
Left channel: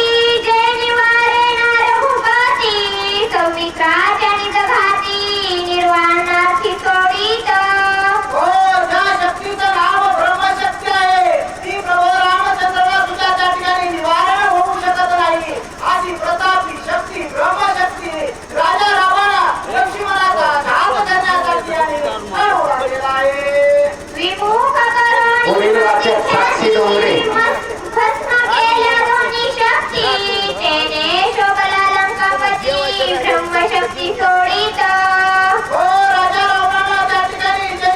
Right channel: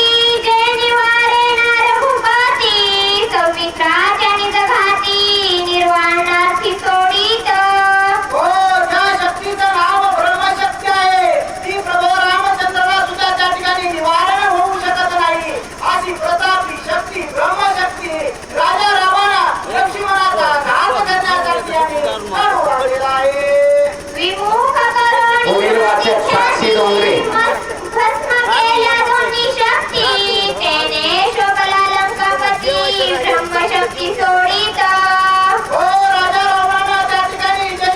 जे निवारे रघुपती. सौमित्राच्या निजघाती निर्वाणार्थी सोडित. हो, ज्या शक्तीचं नाव ब्रह्मशक्ती आहे ती प्रभू रामचंद्राला सुद्धा त्या ठिकाणी निवारण होऊ शकत नाही. अशी प्रतापी शक्ती ब्रह्मशक्ती राजा रावण लक्ष्मणाचा घात करण्यासाठी आणि काढू लागलेला आहे. विमुख करून पुढील वाचक साक्षी डोंगरे. भस्म केल्या दोन्ही शक्ती. तेने शोभला लंकापती ब्रह्मशक्ती सोडित. हो, राजा रावणाला त्या ठिकाणी जे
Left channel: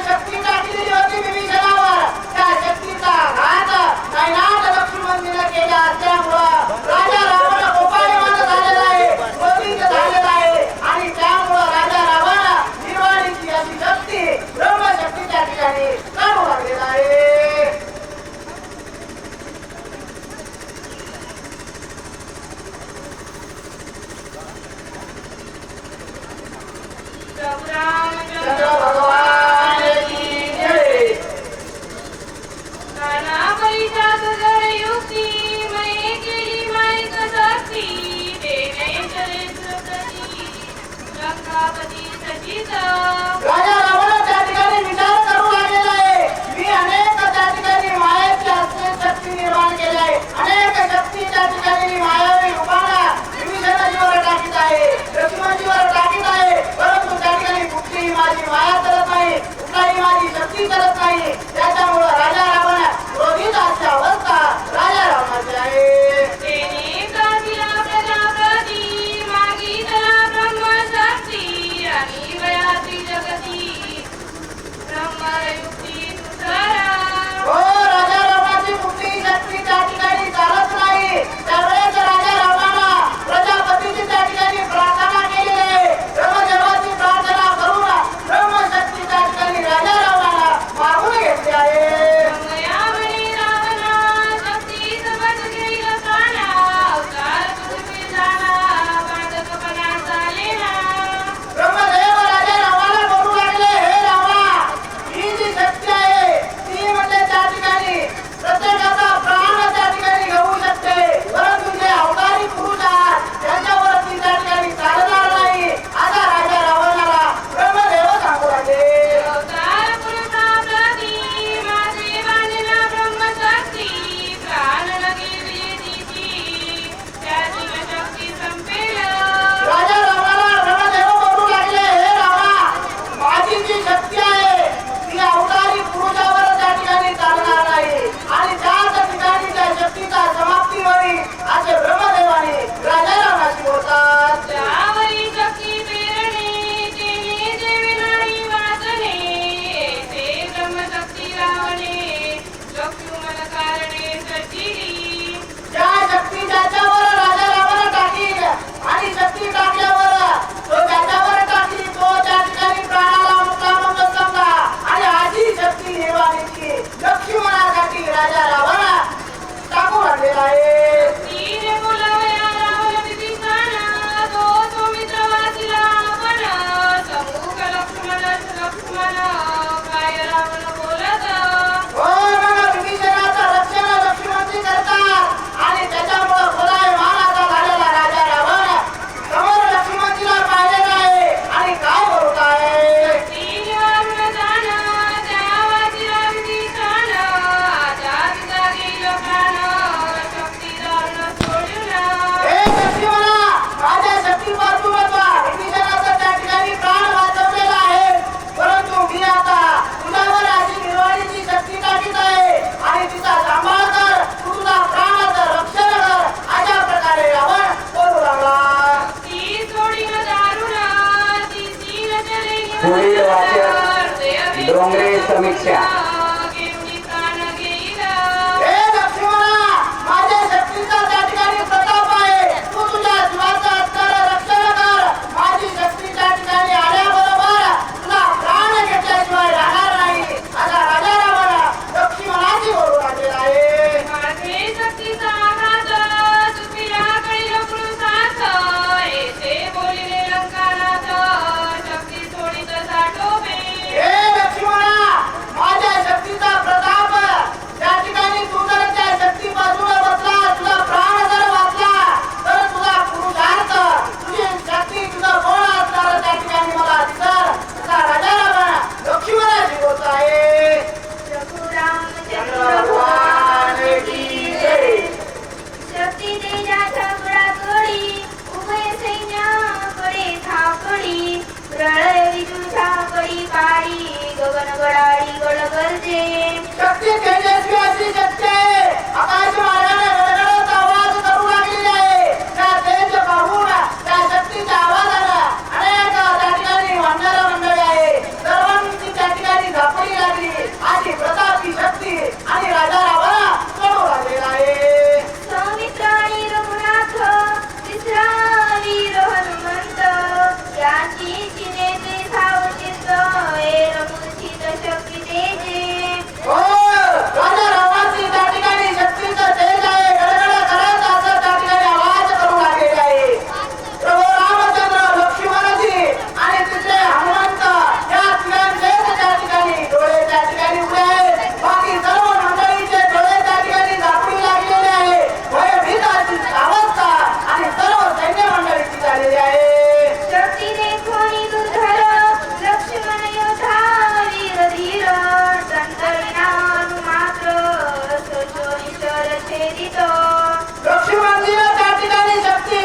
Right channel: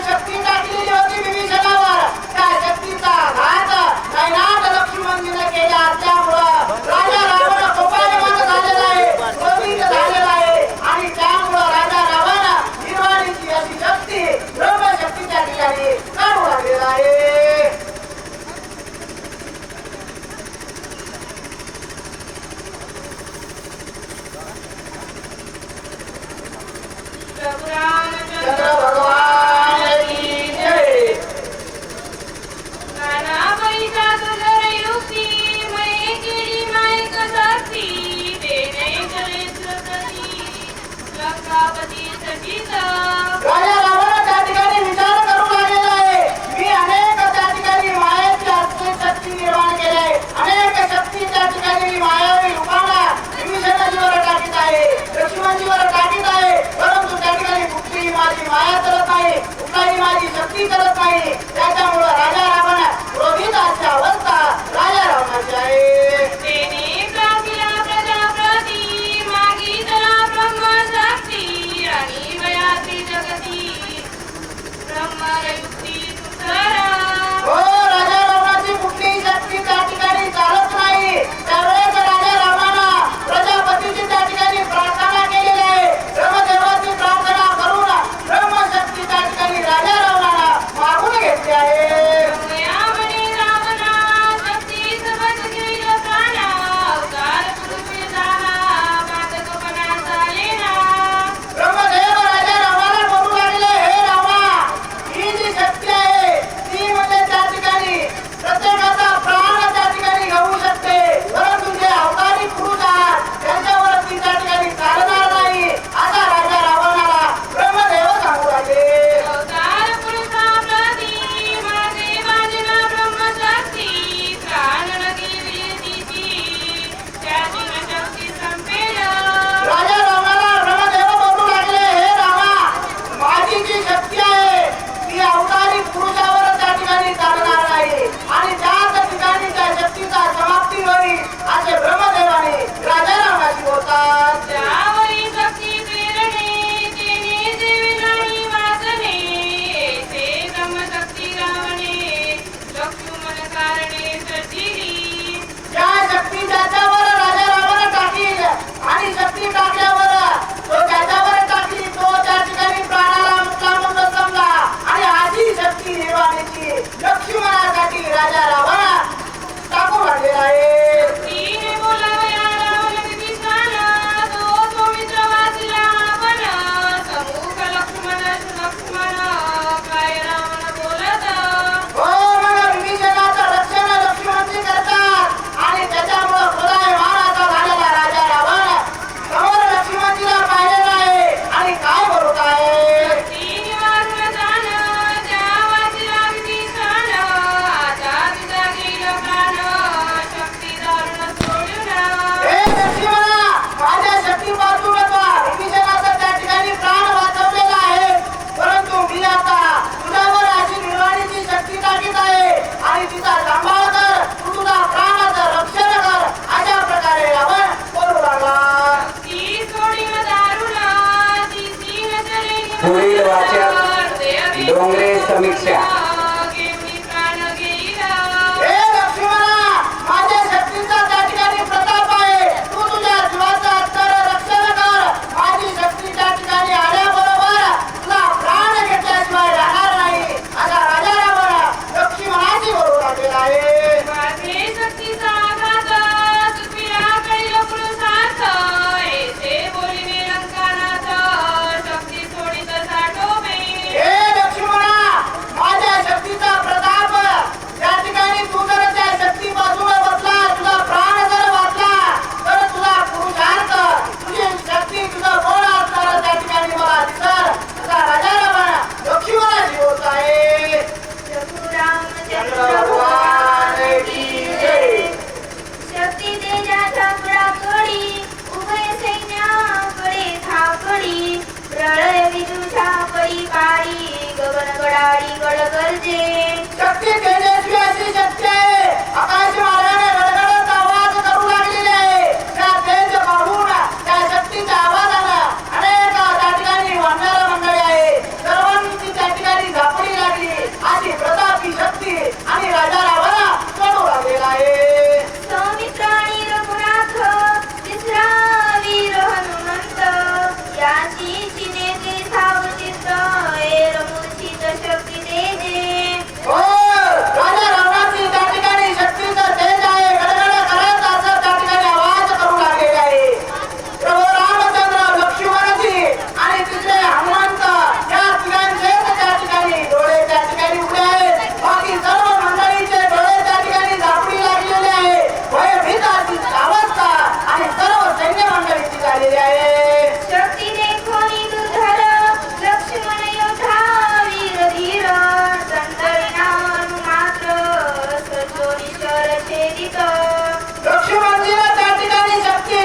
अनेक शक्ती त्या ठिकाणी मायावी रूपाला विभीषणाजीवर टाकीत आहे, लक्ष्मणजीवर टाकीत आहे. परंतु त्या ठिकाणी कुठलीही माझी माया चालत नाही, कुठलाही माझी शक्ती चालत नाही. त्याच्यामुळे राजा रावण क्रोधित अशी अवस्था राजा रावणाची आहे. तेने प्रापिला प्रजापती मागितला ब्रह्मशक्ती आणि वयाती जगती ब्रह्मयुक्ती सुसरा. हो, राजा रावणाची कुठलीही शक्ती त्या ठिकाणी चालत नाही. त्यावेळेस राजा रावणाला प्रजापतीची त्या ठिकाणी प्रार्थना केलेली आहे. ब्रह्मदेवाची प्रार्थना करून ब्रह्मशक्ती त्या ठिकाणी राजा रावणाला मागून घेतली आहे. ब्रह्मया म्हणे रावणा शक्ती सबंध घेईल प्राणा अवतार पृथ्वी जाना बाधकपणा चालेना. ब्रह्मदेव राजा रावणाला बोलू लागले, हे रावणा, ही जी शक्ती आहे ती म्हणजे त्या ठिकाणी प्रत्येकाचा प्राण त्या ठिकाणी घेऊ शकते. परंतु जे अवतारी पुरुष आहेत त्यांच्यावरती त्या ठिकाणी चालणार नाही. आता राजा रावणाला ब्रह्मदेव सांगू लागले. अवतार पुरुषाप्रती माझे बांधला ब्रह्मशक्ती प्राण लगेली दिती त्यातील शक्ती संपेल. राजा रावणाला ब्रह्मदेव बोलू लागले, हे रावणा, माझी जी शक्ती आहे ती अवतारी पुरुषावर त्या ठिकाणी चालणार नाही आणि त्याच ठिकाणी त्या शक्तीचा समाप्ती होईल असे ब्रह्मदेवाने राजा रावणाशी बोलतात. त्यावरी शक्ती प्रेरणे तेने देवी नाही वाचने ते ब्रह्मशक्ती रावणे लक्ष्मण कारणे सचिली. ज्या शक्ती ज्याच्यावर राजा रावण टाकील आणि शक्ती टाकल्यावर तो ज्याच्यावर टाकली तो त्या ठिकाणी प्राणाला मुक्ला म्हणून समजा आणि आधी शक्ती निर्वाणीची लक्ष्मणासाठी राजा रावण टाकू लागलेला आहे. तिने बोलावया रावण विभीषण तो सौमित्र वाचला आपण समूह लक्ष्मण काय रावण बोलत. हो, मग विभीषणाचं रक्षण लक्ष्मणजी करतात आणि त्याच्यामुळं खोलाय मानाचा झालेला राजा रावण समोर लक्ष्मणजीला पाहिलेला आहे आणि काय बोलत आहे. तीन वारून जाण त्या वाचला विभीषण आता तुझा गेल प्राण शक्ती दारुण सोडून. हे लक्ष्मणा, माझ्या शक्तीपासून विभीषणाचा त्या ठिकाणी प्राण वाचवलेला आहे. परंतु मी आता तुझ्यावर अशी निर्वाणीची शक्ती टाकीत आहे आणि तुझा सांभाळ कर, तू तुझा प्राणाचं रक्षण कर. अशा प्रकारे रावण बोलू लागला. ती सोडीन दारुण ती सीन चले पुढील वाचक डोंगरे समीक्षा. घेऊन प्राण घेईल. हे लक्ष्मणा, माझ्या शक्तीचा त्या ठिकाणी प्रताप आहे. तू तुझ्या जीवाचं तर रक्षण कर. माझी शक्ती त्या ठिकाणी आल्याबरोबर तुला प्राण घेतल्याशिवाय राहणार नाही असा राजा रावण लक्ष्मणाची बोलू लागलेला आहे. माझे शक्तीचा आघात तुझ्या कैल पुरुषार्थ येथे बोलिले लंकानाथ शक्ती सोडित साठोबे. हे लक्ष्मणा, माझ्या शक्तीचा प्रताप त्या ठिकाणी तू जर त्या शक्तीपासून बसला, तुझा प्राण जर वाचला तर तुला पुरुषार्थ तुझी शक्ती तुझं कोण असणार त्या ठिकाणी मला दिसर असा राजा रावण लक्ष्मणाची बोलत आहे. रघुरामचंद्र भगवान की जय. शक्ती तेजाच्या पुराकडे उभय सैन्याकडे धाकडी प्रळय विदुषा कडी काळी गगन गडाळी गडगर्जे. शक्ती तेजस्वी अशी शक्ती आहे. आकाश मार्गाने गडगडत आवाज करू लागलेली आहे. त्या तेज पाहून त्या शक्तीच्या आवाजानं अनेक त्या ठिकाणी वानर मंडळी आहे सर्वांची त्या ठिकाणी झापडी लागली. अशी प्रतापी शक्ती आणि राजा रावण करू लागलेला आहे. सौमित्र आणि रघुनाथ तिसरा वीर हनुमंत याची चिनेचे सावचित रघुचित शक्ती तेजे. हो, राजा रावणाची त्या ठिकाणी छेदितो लक्ष्मणजीला त्या ठिकाणी शक्ती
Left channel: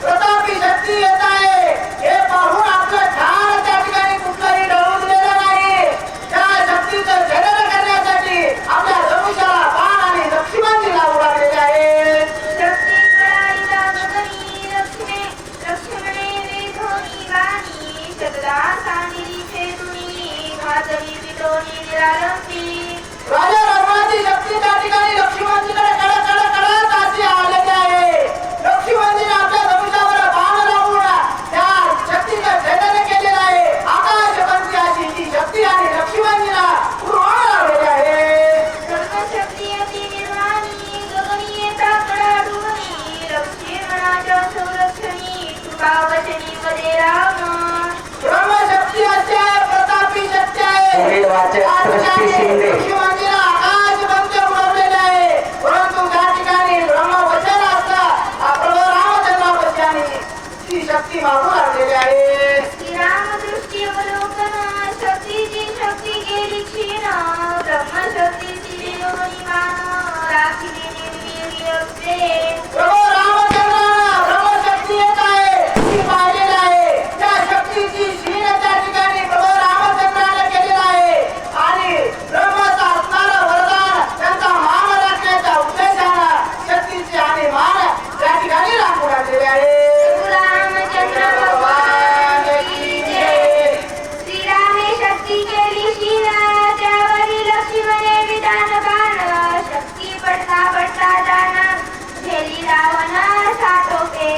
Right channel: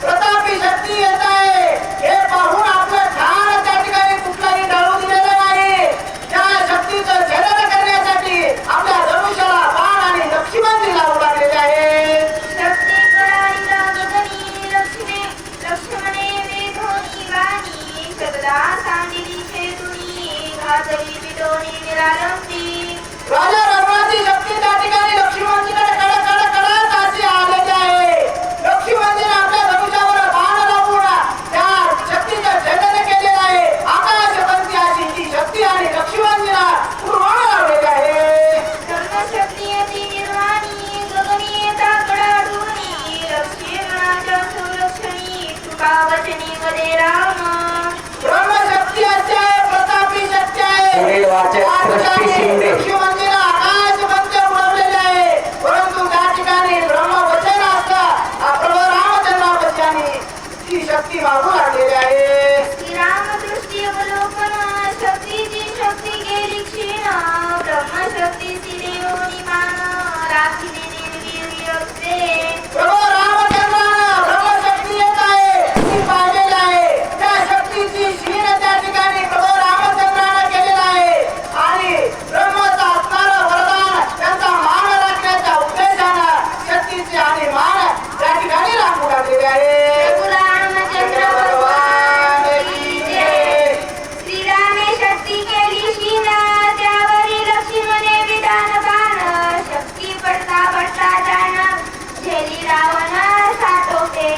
प्रतापी शक्ती येत आहे हे पाहून आपलं ध्यान त्या ठिकाणी कुठलाही ढळू दिलेलं नाही. त्या शक्तीचं छेदन करण्यासाठी आपल्या धनुष्याला बाण आणि लक्ष्मणजीला उडालेले आहे. शक्ती कळालीला गगनी लक्ष्मणे वेधोनी वाणी शतदा सांदिली छेदुनी घातली विदोनी निरालंबी. राजा रावणाची शक्ती त्या ठिकाणी लक्ष्मणजीकडे कडकडकडकडत अशी आलेली आहे. लक्ष्मणजीने आपल्या धनुष्यावर बाण लावून त्या शक्तीचं छेदन केलेलं आहे. आकाशपंथी अशी ती शक्ती आणि लक्ष्मणजीला उडवून लावलेली आहे. ब्रह्मशक्ती अति निर्वाणी गगनीयता कडाडूनी लक्ष्मणाच्या संरक्षणी तुका वचनी मध्ये राम. ब्रह्मशक्ती अशी आहे, प्रतापी शक्ती आहे. पुढील वाचक सृष्टी शिंदे. लक्ष्मणजीला आकाशपंच उडवलेले आहे. परंतु त्या ठिकाणी ब्रह्मवचन असलं प्रभू रामचंद्रापाशी आणि ती शक्ती मागू लागलेली आहे. श्रीरामदृष्टी अवलोकन शक्तीची शक्ती गेली क्षीण ब्रह्मशक्तीची देवनी मान राखिले निर्वीर्य असते. प्रभू रामचंद्रानं ब्रह्मशक्ती येत आहे ती पाहिलेलं आहे. त्या शक्तीची क्षीण त्या ठिकाणी प्रभू रामचंद्रानं केलेलं आहे आणि ब्रह्माचं असणारं वरदान त्यांचा मान राखण्याच्या उद्देशानं शक्तीची आणि मान त्या ठिकाणी राखू लागलेले आहे. रामचंद्र भगवान की जय. श्रीरामे शक्ती केली क्षीण त्यावरी लक्ष्मणे विधान बाण शक्ती पडता पडता जाण झेली रावण साठोपे.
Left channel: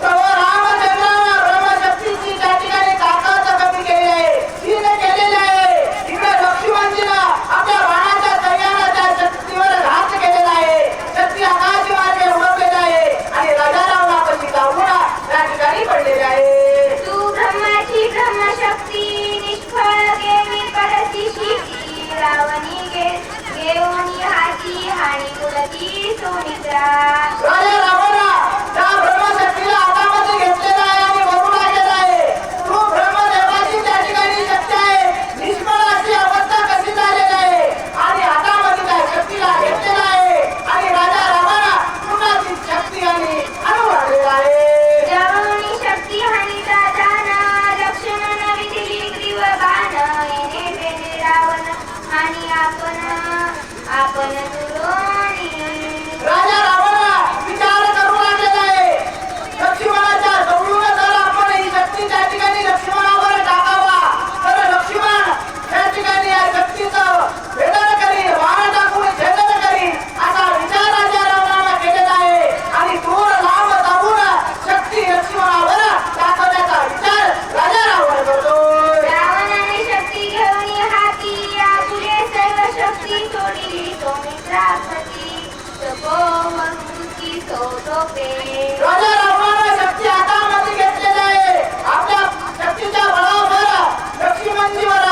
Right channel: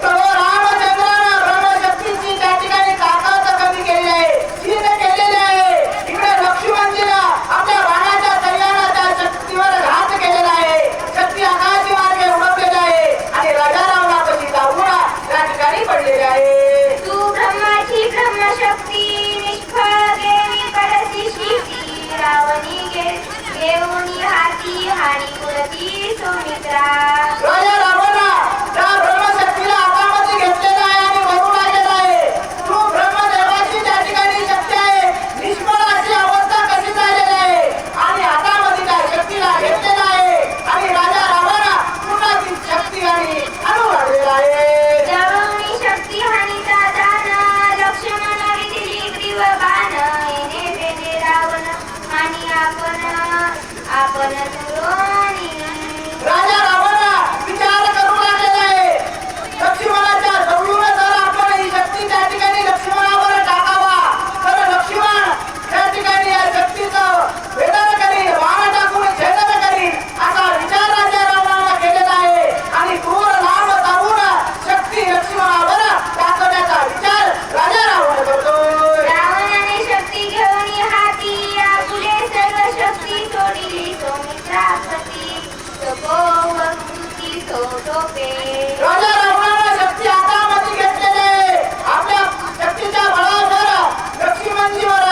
प्रभू रामचंद्रानं ब्रह्मशक्तीची त्या ठिकाणी ताकद कमी केली आहे, क्षीण केलेली आहे. इकडे लक्ष्मणजीला आपल्या बाणाच्या सहाय्यानं त्या शक्तीवर घात केलेला आहे. शक्ती आकाशी मार्गे उडवलेली आहे आणि राजा रावणापाशी जाऊन त्या ठिकाणी पडलेले आहे. तू ब्रह्माची ब्रह्मशक्ती निष्फळ गेली पडती शिटी रावणी घेऊन हाती हानी उडती सोमित्रा. राजा रावणा त्या ब्रह्मशक्तीला हातामध्ये घेतलेला आहे आणि वरू लागलेला आहे. तू ब्रह्मदेवाची त्या ठिकाणी शक्ती आहे, निष्फळाची अवस्था कशी झालेली आहे आणि हातामध्ये त्या शक्तीला घेतलेला आहे आणि राजा रावणा पुन्हा ती शक्ती आणि आणू लागलेला आहे. जवळी शक्ती हानीचा जाण लक्ष्मण विदिली ग्रीव बाण येणे बेने रावण आणि आपण दुरोणी. राजा रावणा विचार करू लागलेला आहे. लक्ष्मणाच्या जवळून जर आपण ही शक्ती त्या ठिकाणी लक्ष्मणावर टाकावा तर लक्ष्मण त्या ठिकाणी या शक्तीचं भेदन करील, मान टाकून छेदन करील असा विचार राजा रावणानं केलेला आहे आणि दूर लांब जाऊन शक्ती लक्ष्मणावर टाकण्याचा विचार राजा रावण करतोय. रावणाने शक्ती घेऊन हाती आपुले सर्व शक्ती सोडली सौमित्रापती तपोवंती सोटोपे. राजा रावणानं शक्ती हातामध्ये घेतलेली आहे. आपल्या शक्तीच्या बळावर लक्ष्मणजीवर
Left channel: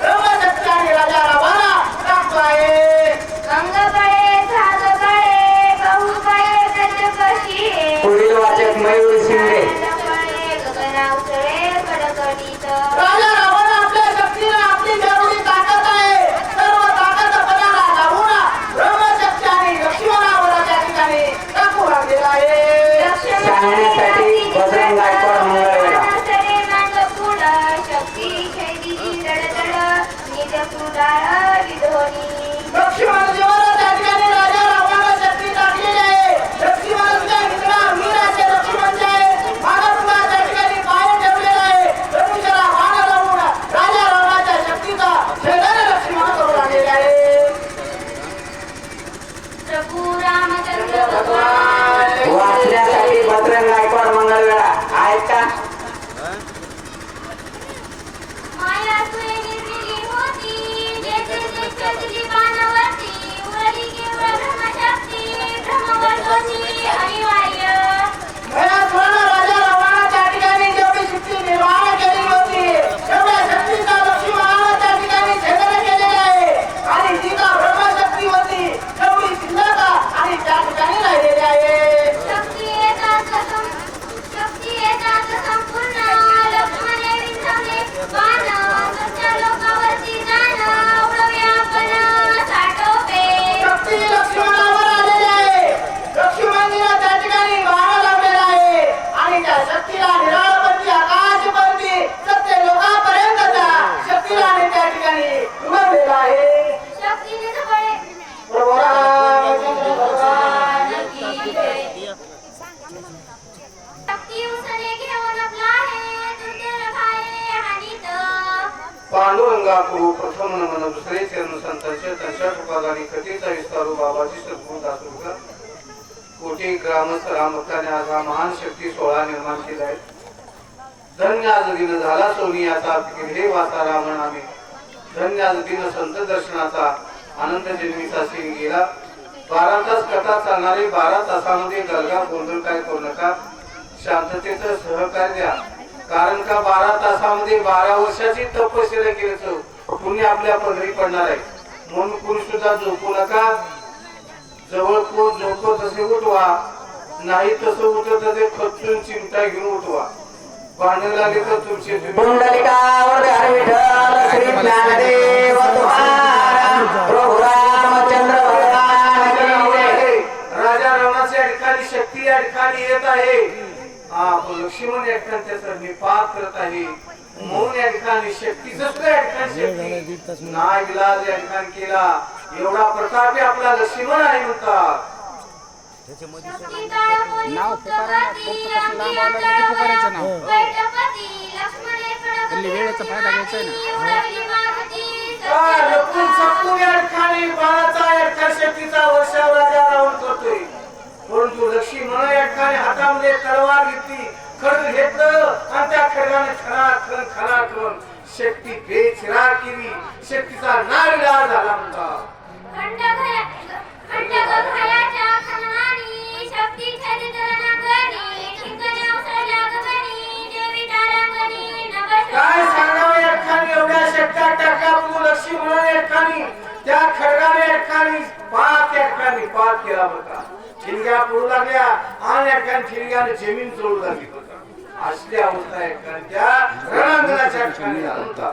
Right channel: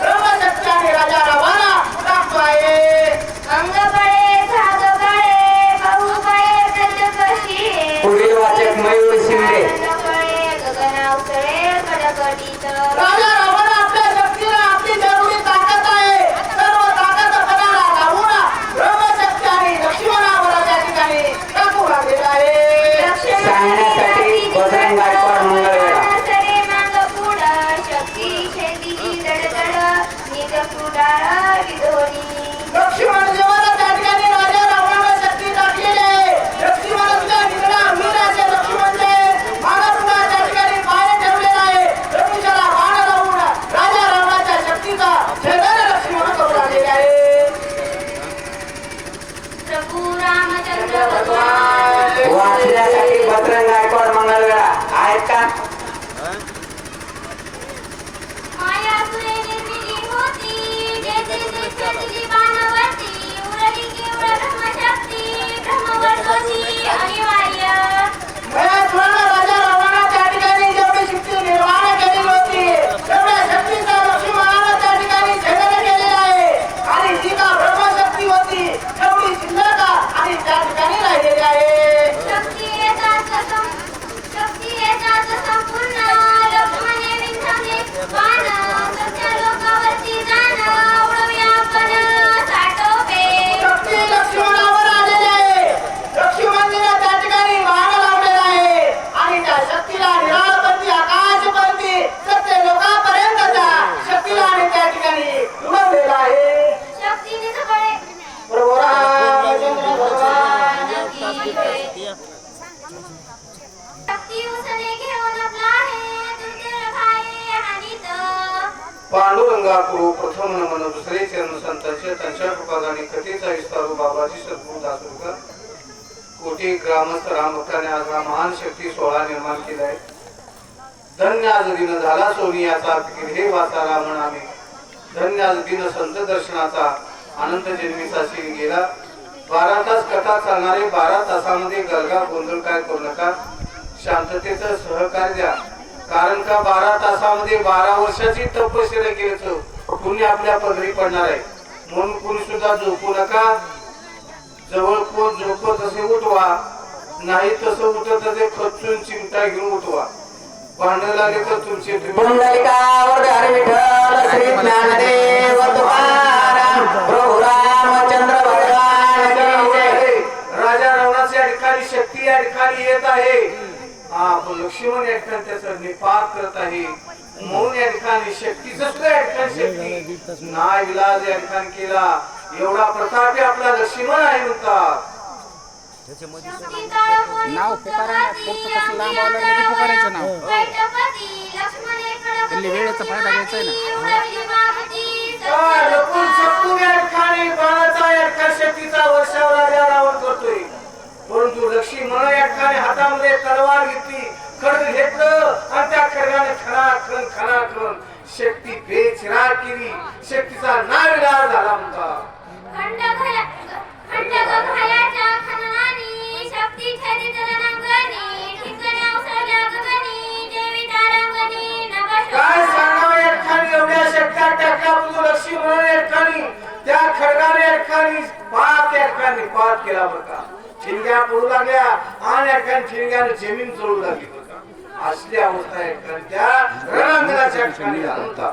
ब्रह्मशक्ती आणि राजा रावणा टाकतो आहे. अंग बळे झाग बळे बहु बळे प्रत्यकशी पुढील वाचक मयूर शिंदे. बळे गगनावतळे कडकडीत. राजा रावण आपल्या शक्तीनं आपली जरुरी ताकद आहे सर्व ताकद पणाला लावून ब्रह्मशक्ती आणि लक्ष्मणावर त्या ठिकाणी टाकू लागलेला आहे. सांगण्यासाठी बजरंग गायकवाड मंगळवेढा. सरे मांग पुढ शक्ती छेदी दडदड निज कुडाळ विधोनी. लक्ष्मणजीवर त्या ठिकाणी राजा रावणानं शक्ती टाकलेली आहे. लक्ष्मणाच्या निगडा वीर असे लक्ष्मण जे आहे. मानवला त्या ठिकाणी पाय ठेवलेला आहे. धनुष्याला बाण लावून राजा रावणाच्या शक्तीचा छेदन लक्ष्मण करू लागलेले आहे. प्रभू रामचंद्र भगवान वाचण्यासाठी बजरंग गायकवाड मंगळवेढा आहेत का? मायापुरे निर्मिली होती जेथे जेथे तुझी बाणवती उरली केवळ ब्रह्मशक्ती ब्रह्मवर्गोची अनिवार्य. गयासुरानं राजा रावणानं त्या ठिकाणी जेवढी शक्ती निर्माण केलेली होती तेवढ्या शक्तीचा लक्ष्मणानं त्या ठिकाणी छेदन केलेलं आहे आणि जी का ब्रह्मशक्ती होती तेवढी शिल्लक आणि त्या ठिकाणी राहिलेली आहे. शक्ती येता पांडुरंगा करू प्रथम नमन दुसरे चरण संतांचे त्यांच्या कृपादानी कथेचा विस्तारू बाबाजी सद्गुरू दासुका कोटी ग्रामस्थ राम भक्ताने आज हा महान शक्ती सोहळा निर्माण केला आहे. धन्य आज दिन झाला सोनियाचा हे वाचा राम नामे. धन्य आज दिन संत दर्शनाचा आनंद जन्मीचा सीन गेला. 12 तास कथा चालणारे 12 तासामध्ये गलगा गोंधळ काय करू नका. शांततेचं सहकार्य द्या. कारण का 12 तासामध्ये 12 वर्षाची तपश्चर्या केल्याचं कुणी आपल्या पदरी पडणार आहे. म्हणून कुणी सुद्धा झोपू नका. जवळ कोण झोपत तसे उठवा, नाही तसं उठत तसे खचून चिमटा घेऊन उठवा. भांडण लागेल तर तुमचे पुंडलिकावर विठ्ठल श्री ज्ञानदेव तुकाराम प्रभू रामचंद्र भगवान की जय. राजा रावणाच्या ठिकाणी शक्ती या ठिकाणी येत आहे. हा पण लक्ष्मण या ठिकाणी त्याचा निपात करत आहे. म्हणून या ठिकाणी शक्तीच या ठिकाणी शक्ती नाही विलाज या ठिकाणी केला. एवढा प्रतापी आपला लक्ष्मण आहे म्हणतात. नाव पुकारायचं नाव वेळेचा फायदा घ्यायचा आहे ना. लपून छपून या ठिकाणी बाणाचा या ठिकाणी शक्तीचा वर्षाव राजा रावण करतोय. परंतु लक्ष्मण या ठिकाणी हातामध्ये तलवार घेतली, खड्ग घेतलं आणि त्या खड्गाने खणाखण शक्ती बेचिराग केली. शक्तीचा नाविलाज झाला म्हणतात. काय सांगावं या ठिकाणी एवढ्या शक्त्या टाकल्या. लक्ष्मण या ठिकाणी त्या खड्गाने या ठिकाणी पात केला होता. ठिणग्या पडू लागल्या आणि या ठिकाणी ठिणग्याने जमीन चोळू लागली होता. असली अवस्था या ठिकाणी त्या रणांगणाच्या ठिकाणी झाला होता.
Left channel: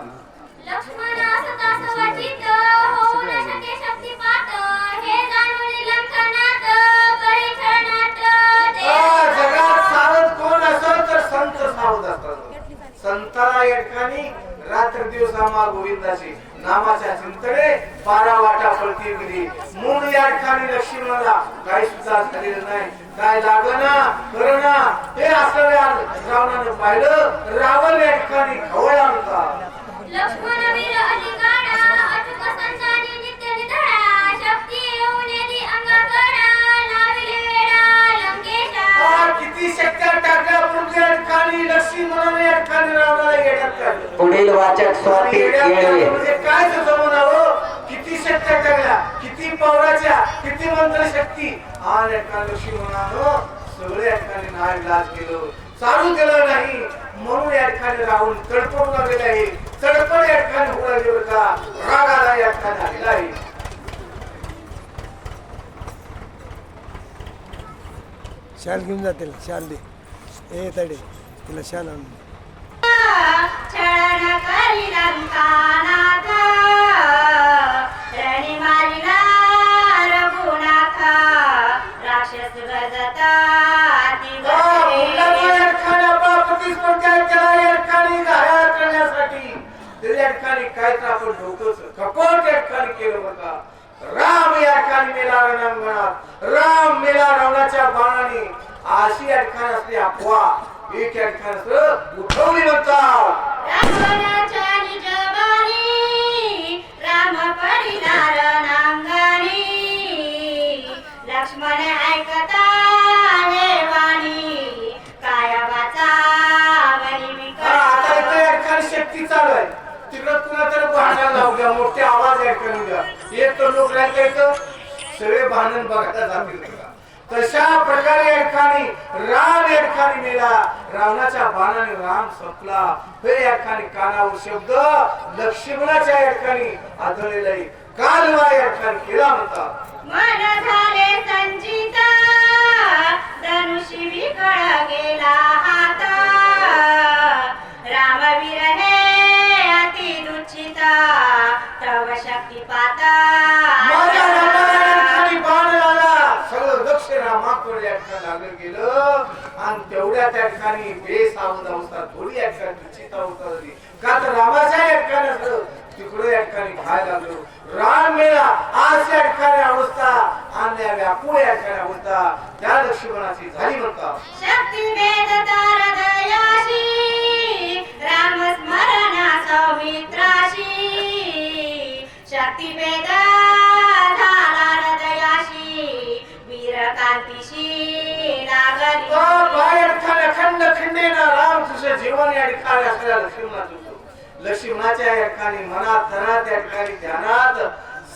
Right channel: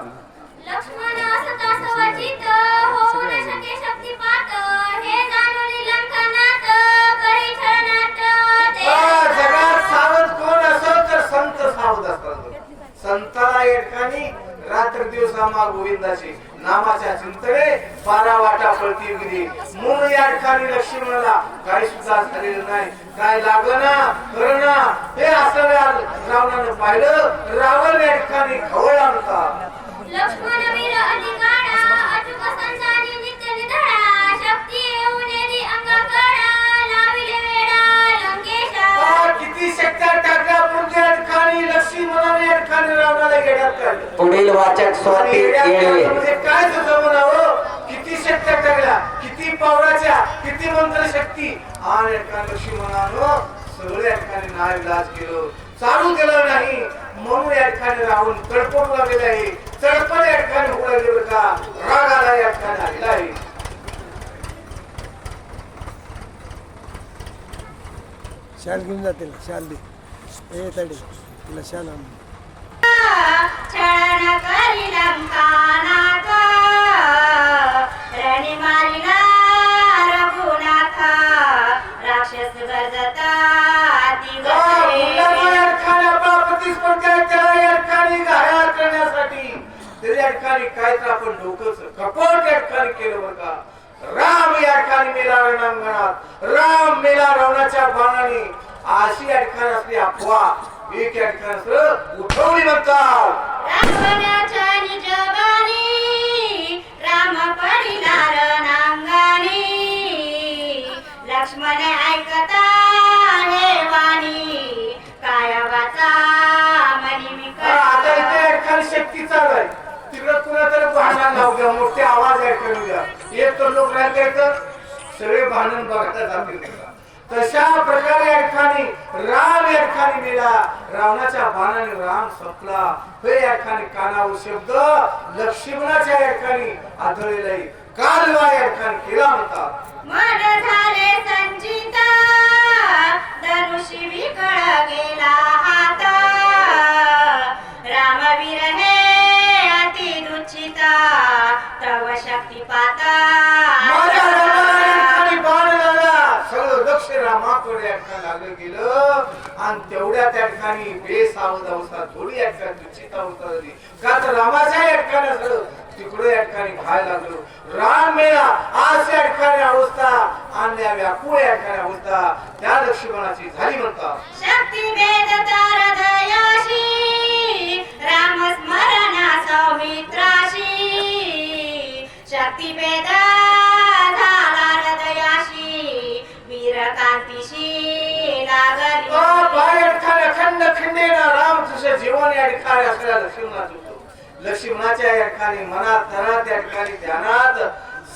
जगात सावध कोण असेल तर संत सावध असतात. संताला या ठिकाणी रात्र दिवस आम्हा गोविंदाचे नामाच्या चिंतने 12 वाटा पळती गेली. म्हणून या ठिकाणी लक्ष्मणाला काही सुद्धा झालेलं नाही. काय लागलं ना खरं ना हे असं रावणानं पाहिलं. रावण या ठिकाणी खवळला होता. लक्ष्मणवीर अधिकारा अचूक संतानी नित्य निधडा शक्ती येऊन येदी अंगाकरा लाविले वेडा लंकेशा. किती शक्त्या टाकल्या पुढच्या ठिकाणी लक्ष्मणाने या ठिकाणी रावणाला येड्यात काढलं. पुढील वाचक स्वाती केळवे. म्हणजे काय जमावं. किती शक्त्या टाकल्या, किती पावलाच्या, किती मंत्र शक्ती आणि लक्ष्मणानं सगळं या ठिकाणी नाविलाज केलं, चालू केलं नाही. म्हणून या ठिकाणी राहून तडफड लागलेला आहे. तडफड या ठिकाणी होऊ लागले बघा. रागाला या ठिकाणी आलेला आहे. शाल घेऊन जातील. शाल दे ए तडे तिला शाल आण. छळन करी लंकानाथ रणी मारिला रघुनाथ राक्षस गजता या ठिकाणी काय तर आपण डोकं कपट या ठिकाणी केलं बघा. राम या ठिकाणी मेला रणांगणात. राम मेला रावणाच्या बाणाने. अशी या ठिकाणी असली अफवा एक या ठिकाणी उठवली म्हणतात. रावणाच्या निजबाणी राम परिला रणांगणी लक्ष्मण ऐकता हे वाणी काय वाचा मनी मी आता इथे या ठिकाणी शक्ती चालू आहे. तिकडं कुणा तरी भांडण लावू द्या, मोठे आवाज ऐकून द्या. एक तर लोक राहिले सगळे भांडण बघायला जातील. तशा प्रकारे या ठिकाणी राम या ठिकाणी मेला. रावणाच्या बाणाने राम संपला. हे या ठिकाणी कानावर शब्द लक्ष्मणाच्या या ठिकाणी आढळलेला आहे. कालवा या ठिकाणी केला म्हणतात. मन झाले संचिता धनुषी विकळ गेला हात रामवीर हे अति दुचिता तव शक्ती पाता. माझ्या रामाला या ठिकाणी बाण लागला. सगळं लक्ष रामाकडे या ठिकाणी लागलं गेलं आणि तेवढ्या त्या ठिकाणी बेसावध अवस्था थोडी या ठिकाणी दुचिता अवस्था झाली. का तर रामाच्या या ठिकाणी तिकडे या ठिकाणी पाहायला लागलो राम मेला आज या ठिकाणी अवस्था अन्या व्याकुळ या ठिकाणी अवस्था त्या लक्ष्मणाची झाली म्हणतात. शक्ती भेद हृदयाशी राम स्मरणा सौमित्राशी शक्ती भेद झाला हृदयाशी वीरकांतीशी लागली या ठिकाणी अखंड खंडेना राम तुझे जीवन या ठिकाणी असलेल्या लक्ष्मणाचं लक्ष्मणाच्या या ठिकाणी मनात तनात या ठिकाणी ध्यानात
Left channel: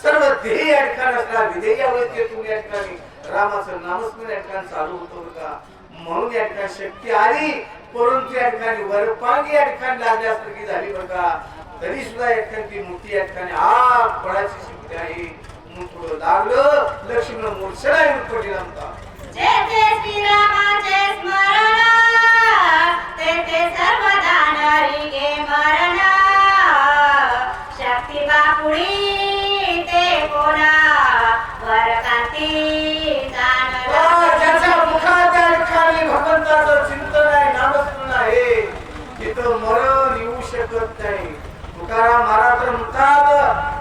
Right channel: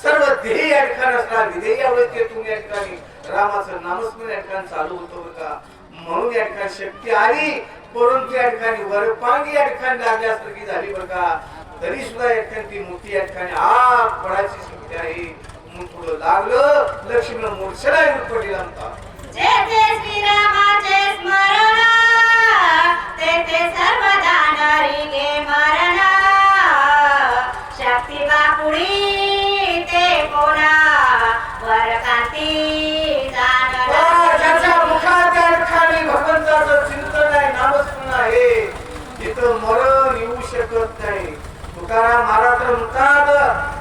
सर्व ध्येय या ठिकाणी असणार विधेय अवस्थेतून या ठिकाणी रामाचं नामस्मरण या ठिकाणी चालू होतं का म्हणून या ठिकाणी शक्ती आली परंतु या ठिकाणी वरपांगी या ठिकाणी लागल्यासारखी झाली बघा तरी सुद्धा या ठिकाणी ती मोठी या ठिकाणी आग पडायची शक्ती आहे म्हणून थोडं लागलं लक्ष्मण मोर्चला येऊन पडली म्हणतात. जे जे श्रीरामाचे स्मरण ते ते सर्वदा नरी गे मरण शक्ती बापुडी ते कोणा वरकांती जाणला ज्याच्या मुखात या ठिकाणी भगवंताचं चिंतन आहे नामस्मरण आहे तिथं मरण येऊ शकत नाही. तुकाराम महाराज म्हणतात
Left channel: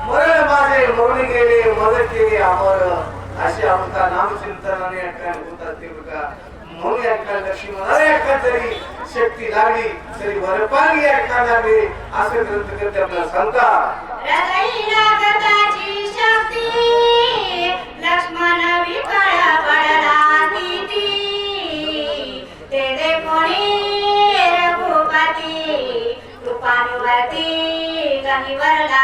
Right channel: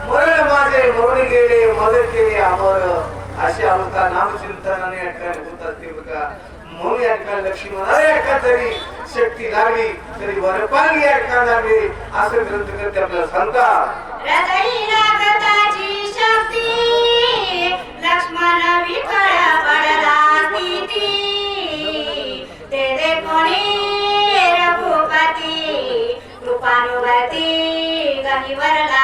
मरण माझे मरून गेले मदत केली अमर अशी अवस्था नामचिंतनाने या ठिकाणी होत असते बघा. म्हणून या ठिकाणी लक्ष्मणाला या ठिकाणी तरी शक्ती लागली तरी वरपांगी या ठिकाणी लागली असं ग्रंथकर्ते आपल्याला सांगतात. हृदयी लागताची शक्ती लक्ष्मण विकळ पडला ती ते दे कोणी रघुपती कृपानुवती गहिवरला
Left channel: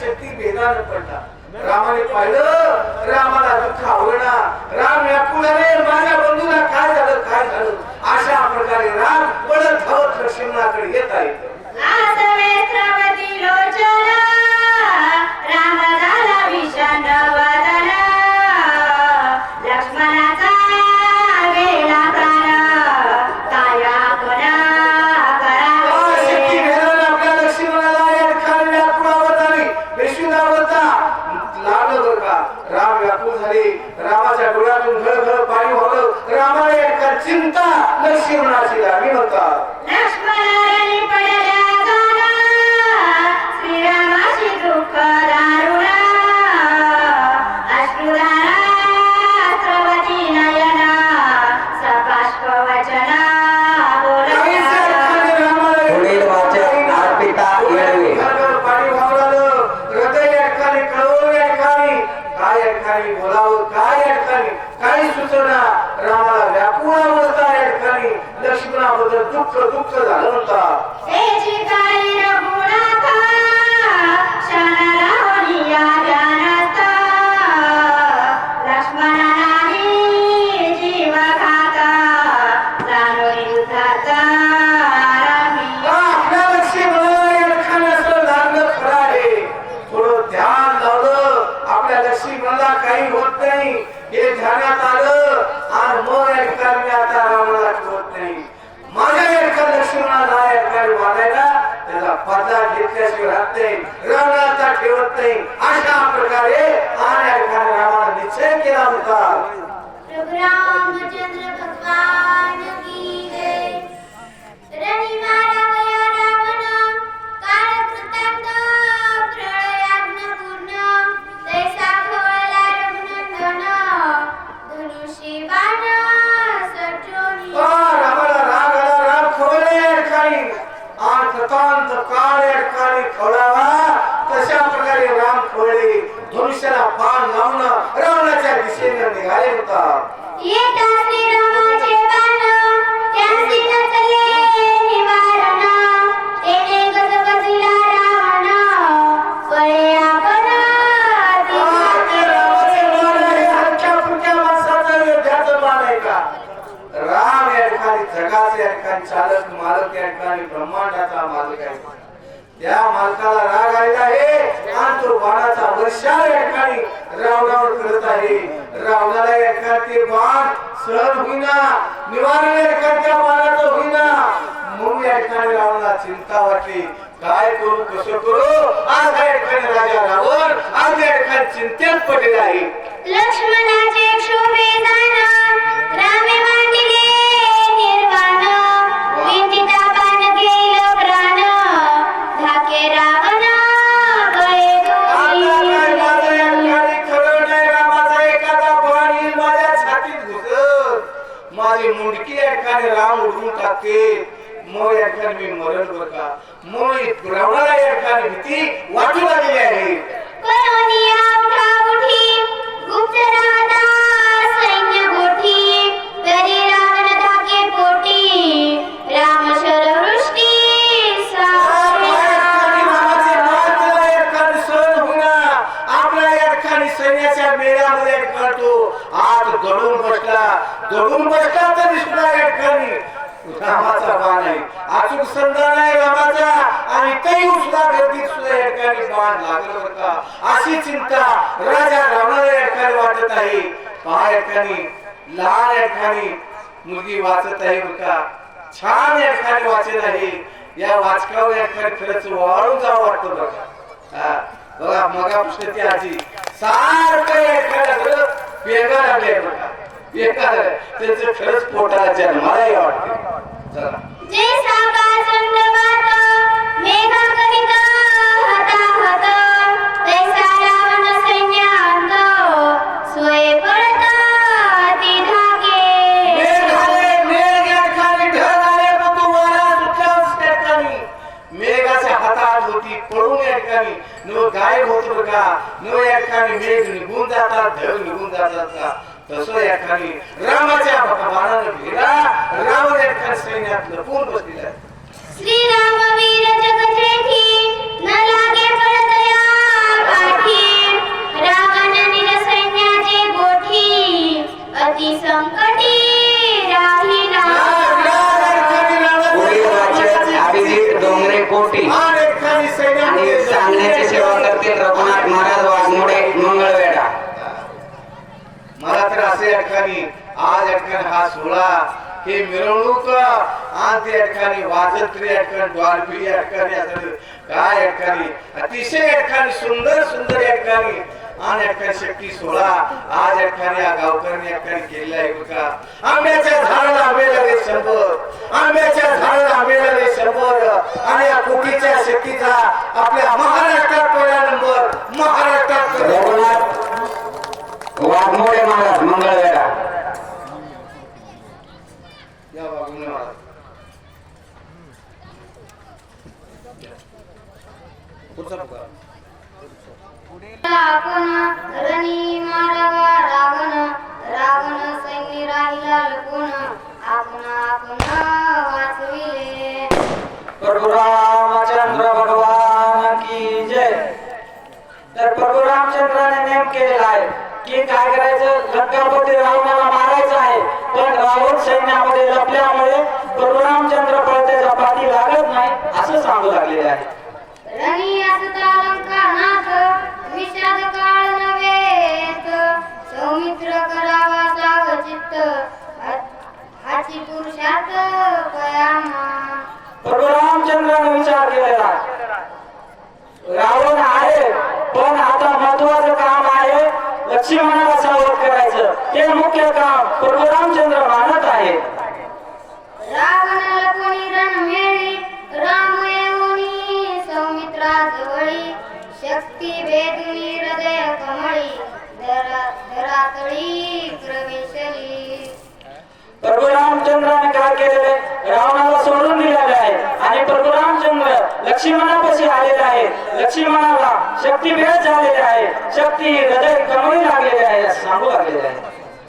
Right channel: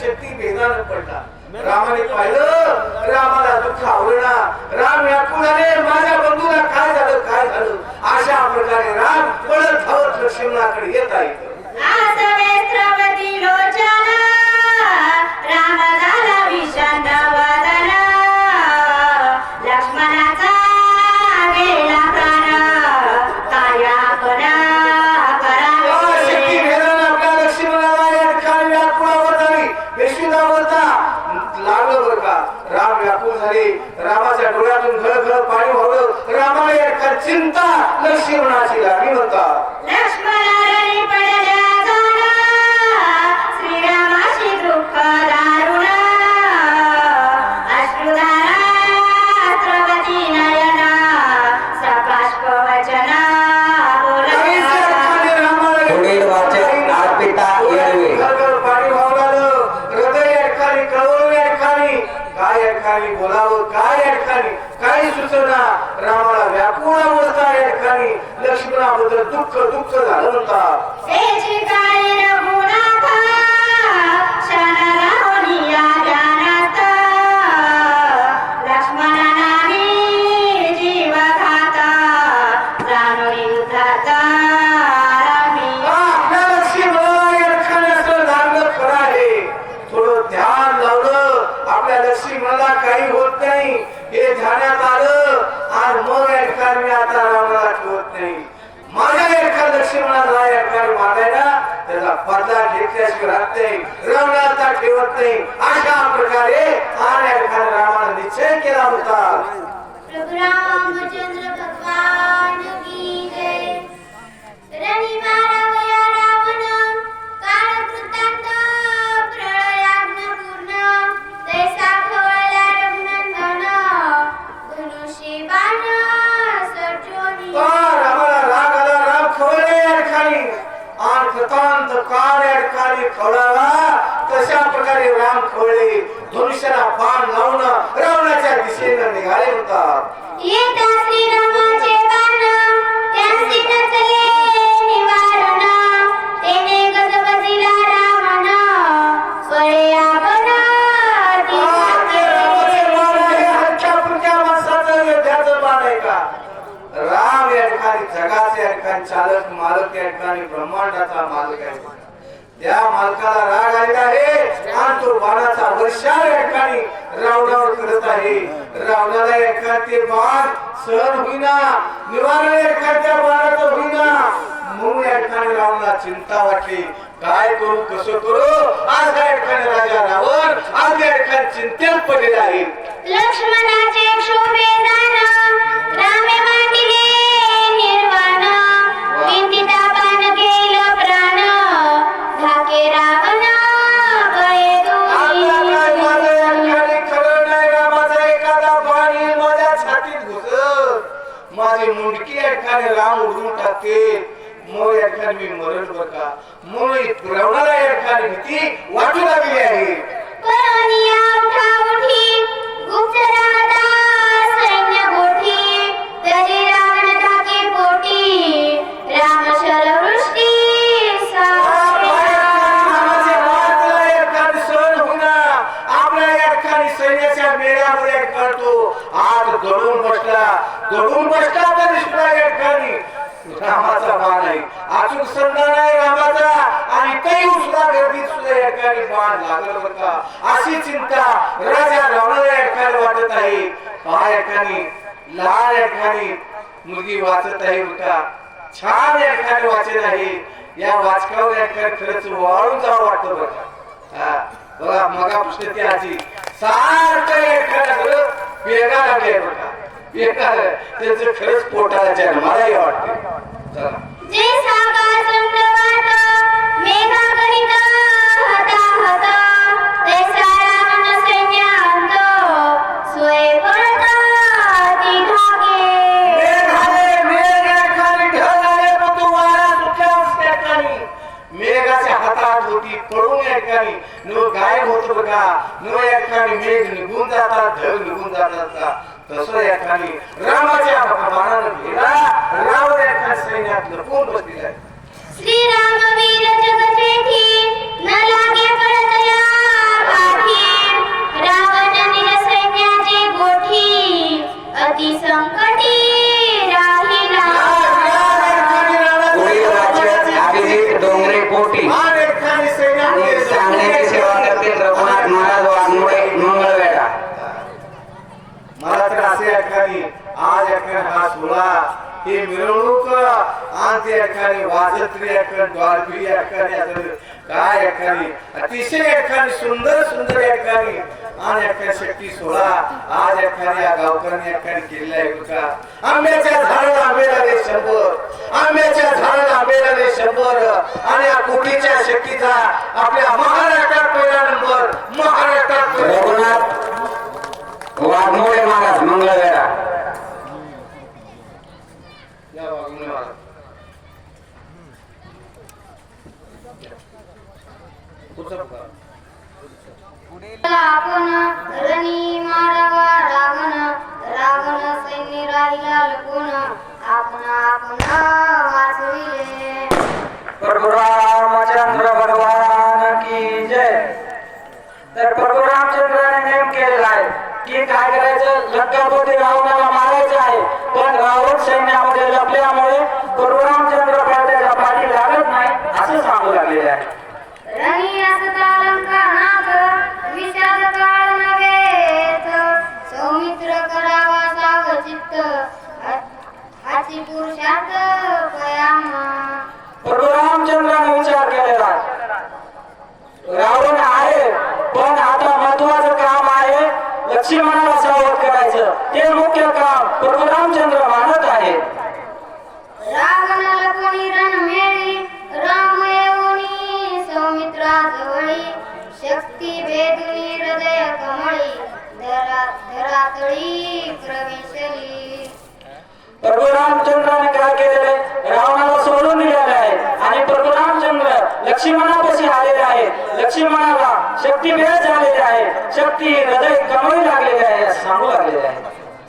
शक्ती भेदानं पडला. रामाने पाहिलं रामाला दुःख आवडला राम व्याकुळ झाले माझ्या बंधूला काय झालं अशा प्रकारे राम पळत धावत लक्ष्मणाकडे येत आहे. आसवेत्रवती लोचना राम झाला विषण वदन लक्ष्मणाचा गेला प्राण काय शक्ती भेदानं आपल्या लक्ष्मणाला या ठिकाणी व्याकुळ आवत आली बेशुद्धावस्था लागलं बरं का. राम व्याकुळ झाले रामाच्या डोळ्यातून घळ पाणी वाहलं रामाला या ठिकाणी चिंता लक्ष्मणाची लागली म्हणतात. लक्ष्मणाने पडल्या जाना श्रीरामाची दुःख दारुण अश्रुधारा स्रवती नयना सपाष्प वचना पुढील वाचक अर्पिता येळवे. पाणी वाहलं हृदय या ठिकाणी कळवून या ठिकाणी काय या ठिकाणी बोलावं काय या ठिकाणी काही सुचना रामाला व्याकुळ अवस्था या ठिकाणी लक्ष्मणाबद्दल दुःख झालं म्हणतात. तेची काळी रघुनाथ क्षण राहुनिया जानता लक्ष्मणाने जीव खाता जाणो युद्धाचा आपल्या लक्ष्मणाला या ठिकाणी असं लागलं खरं आहे. थोडं ध्यान लावलं आपल्या लक्ष्मणाला काही होत नाही हे ध्यानात आलं आणि मग या ठिकाणी आता रामाला होत नाही माझ्या या ठिकाणी लक्ष्मणाला या ठिकाणी मानायला त्याला पदला घेतल्याशिवाय राहत नाही रावणाचा ठेवत नाही अशा प्रकारे आणि या ठिकाणी रामाला निश्चय केला होता. रामचंद्र भगवान की जय. रवी मारावया रावण काळ वृत्तांत प्रलयाग्न पूर्ण तैसा भवला रघुनंदन धनुष्य बाण सटोनी रामाला राग आला राग खोयला या ठिकाणी आणि कृतांत काळ या ठिकाणी खवळावा तशा प्रकारे राम खोळले धनुष्याला बाण लावणं रावणाच्या दिशेनं निघाले होतात. येता श्रीरामाचे बाण त्यांची नचले निवारण तेने गजबजिला रावण स्वये आपण हलक्या फुलक्या माणसाचं युद्धाचं बाण आहे का. राम या ठिकाणी जगाचे या ठिकाणी चालक मालक या ठिकाणी ब्रह्मांडाचा मालक आहे. त्या मालकाला राग आलेला आहे आणि तो बाणाचा वर्षाव या ठिकाणी रावणावर करत आहे. रावणाला या ठिकाणी ते बाण सहन होईना निवारण या ठिकाणी त्या बाणाचं होईना म्हणून या ठिकाणी रावणाला चिंता वाटली काय करू कसं करू. आज या ठिकाणी राजा रावण आज या ठिकाणी चिंतेत पडलेला आहे. लक्ष्मणाचे शोभे गान रामे मांडिले निर्वाण विंतिता बाण केलं माझी मुंडकी या ठिकाणी राम उडवून टाकते मग या ठिकाणी मी मरण बर का म्हणून रावणाला या ठिकाणी भीती वाटू लागली आहे. सैन्याच्या मेळामुळे करतो आज दडून बसला तर विष्णू या ठिकाणी रामाचा बाण आहे अचूक समजा नाही रामाचा आणि तरी उसला गर्दीत सुद्धा या ठिकाणी बाण लागलं बरं का अशी चिंता राजा रामाला या ठिकाणी वाटत आहे. पहा या ठिकाणी लहान या ठिकाणी मुलगी वाचत आहे बरं का छान या ठिकाणी वाचत आहे. या वाचकावर या ठिकाणी खरंच वाळून जावं वाटतं बरं का. बघा मगा पुष्कळची आजी सारखं या ठिकाणी पेगा लागले बरं का त्यांचं खरंच पोटाला जन्मालाही वाटते. चला मेघाच्या हातात होती पडून या ठिकाणी नो गायब होतो बघा नो या ठिकाणी मेघ निघून जातात ढग निघून जातात तसं या ठिकाणी रामाच्या बाणानं गेला राम या ठिकाणी सैन्यात लपून बसलेला आहे. श्रीराम वीर जगजेठी न लागे परदया पाठी रावण नील सैन्याचे गोठी अति संकटी राहिला. पुढील वाचक अभिजित डोंगरे पोटी आणि सांगण्याची सेवा करतील रघुनाथ महाराज वाघमोडे मंगळवेढा. मला तर असं या ठिकाणी आज या ठिकाणी हा सोहळा ही मिरवणूक आणि त्या ठिकाणी वाजत्री या ठिकाणी द्वारपी या ठिकाणी काय या ठिकाणी अतिशय या ठिकाणी सुंदर या ठिकाणी आणि या ठिकाणी शक्ती सोहळा आज या ठिकाणी या गावकऱ्यांनी या ठिकाणी केलेला आहे बघा. आंब्याच्या झाडाला आंबे लागले 100 आंब्याच्या झाडाला आंबे लागले 100 आणि या कोटीच्या शक्तीचा आपल्या महाराष्ट्रात पहिला नंबर महाराष्ट्रात रघुनाथ वाघमोडे महाराज मंगळवेढा. या वाघमोडे महाराज पुढचा पुकार आपण रणी मारवा रावण सैन्य राहिला लपून आपण वाचविले. प्रभु रामचंद्र भगवान की जय. तर प्रभु रामचंद्राने नेम केलेला आहे की काय करायचं लंकापती रावणाला मारायचं आहे पण रावण सैन्यामध्ये लपल्यामुळे प्रभु रामचंद्र त्याच्या पाठी लागत नाही असं सांगू लागलेले आहे. रणी असता लंका नाथ विषाद काळ नव्हेत सौमित्र करावा सावचित्त हाची पुरुषार्थ पयाम. प्रभु रामचंद्राने विचार केलेला आहे रावण आहे पण आता महत्वाचं काम आहे लक्ष्मणाला सावध करायचं ते मुख्य काम प्रभु रामचंद्र मानत आहे. रावण लपणी रणमेळी राम येऊनी सौमित्रा जवळी शक्ती भेदुनी हृदय कमळी धरातळी प्रवेशली. प्रभु रामचंद्राने काय केलेले रावणाला सोडून दिलेले आहे आणि प्रभु रामचंद्र लक्ष्मणापाशी आलेले आहे. लक्ष्मणाला शक्ती भेद झालेली आहे शक्ती हृदय कमळी लागलेले आहे असं सांगू लागलेले आहे.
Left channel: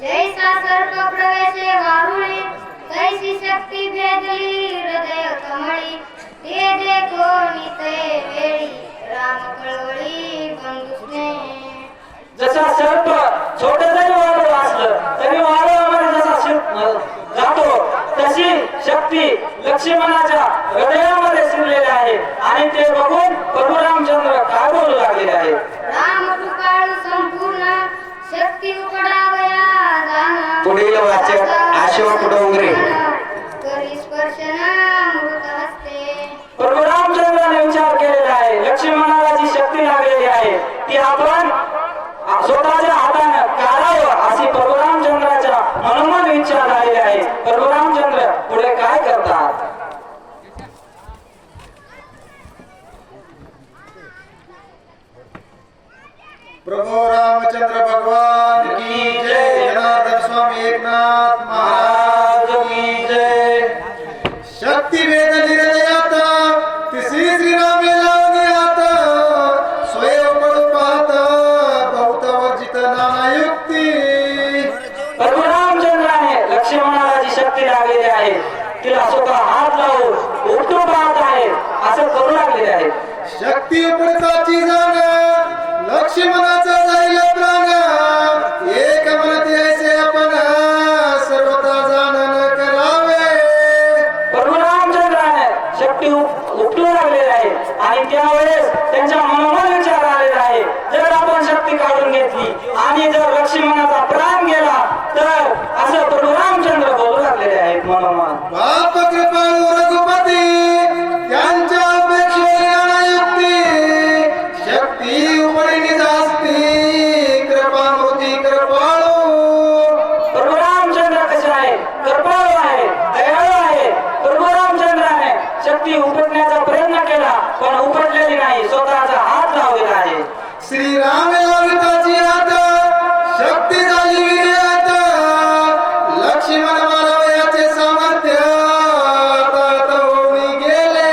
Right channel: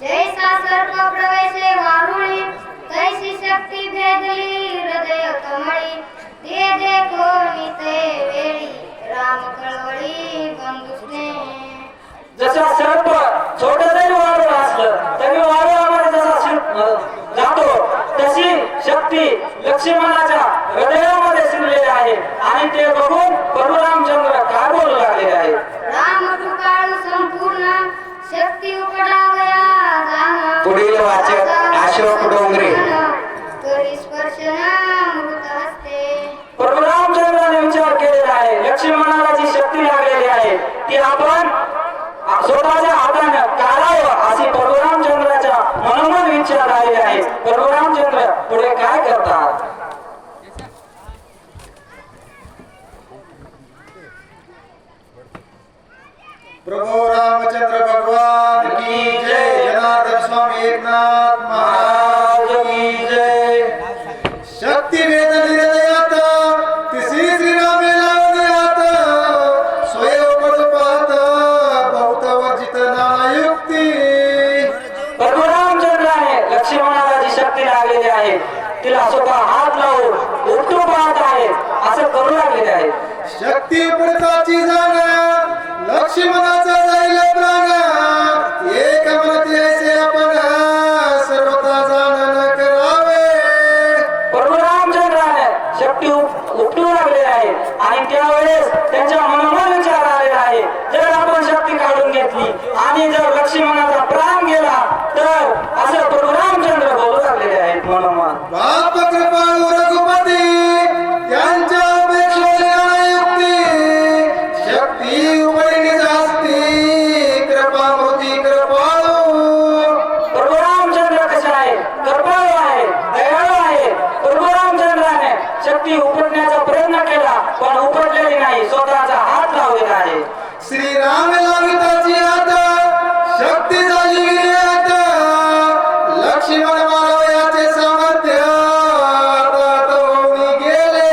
जैसा सर्प प्रवेशे वारुळी तैसी शक्ती भेदली हृदय कमळी ते देखो निते वेळी राम कळवळी बंधुस्ने. जसा सर्प छोट जरी वाळू असलं तरी वाळूमध्ये जसा जातो तशी शक्ती लक्ष्मणाच्या हृदयामध्ये शिरलेली आहे आणि ते बघून प्रभु रामचंद्र काय बोलू लागलेले आहे. राम कृपाळू संपूर्ण शक्ती उपडावया जाण. पुढील वाचक अशोक डोंगरे. करी स्पर्शन मृत हस्ते. प्रभु रामचंद्राने विचार केलेला आहे लक्ष्मणाला जी शक्ती लागलेली आहे ती आपण स्वतःच्या हातानं काढावं अशी प्रभु रामचंद्राच्या मनोमन विचार आलेले आहे. प्रभु रामचंद्र पुढे काय करतात. प्रभु रामचंद्र भगवान की जय. जनार्दन स्वामी एकनाथ महाराज जाण युक्ती प्रभू रामचंद्राने लक्ष्मणाला जी शक्ती लागलेली आहे तिला स्वतः हात लावून उपटू पाहत आहे असं करू लागलेले आहे. शक्ती उपडताची जाण लक्ष्मणाचा जाईल प्राण एक म्हणत यायचे आपण सर्वता जाणन करावे. प्रभू रामचंद्राने शक्ती उपटू लागलेली आहे आणि त्यावेळेस त्यांच्या मनोमन विचार आलेला आहे जर आपण शक्ती काढून घेतली आणि जर लक्ष्मणाचा प्राण गेला तर असं प्रभू रामचंद्र बोलू लागलेले आहेत मनोमन. बाप कृपाळू रघुपती त्यांच्या अपेक्षेला युक्ती शक्ती उमळणी जास्ती कृपा मूर्ती कृपाळू. प्रभू रामचंद्र कसे आहे कृपाळू आहे दयाळू आहे. प्रभू रामचंद्राने शक्ती उपटण्याचा प्रयत्न केला पण उपटलेली नाही स्वतःचा हात लावलेला आहे. श्रीराम लाविताची हात शक्ती झाली विर्यात लक्ष्मण मारवयाचे सामर्थ्य तवनी गेले.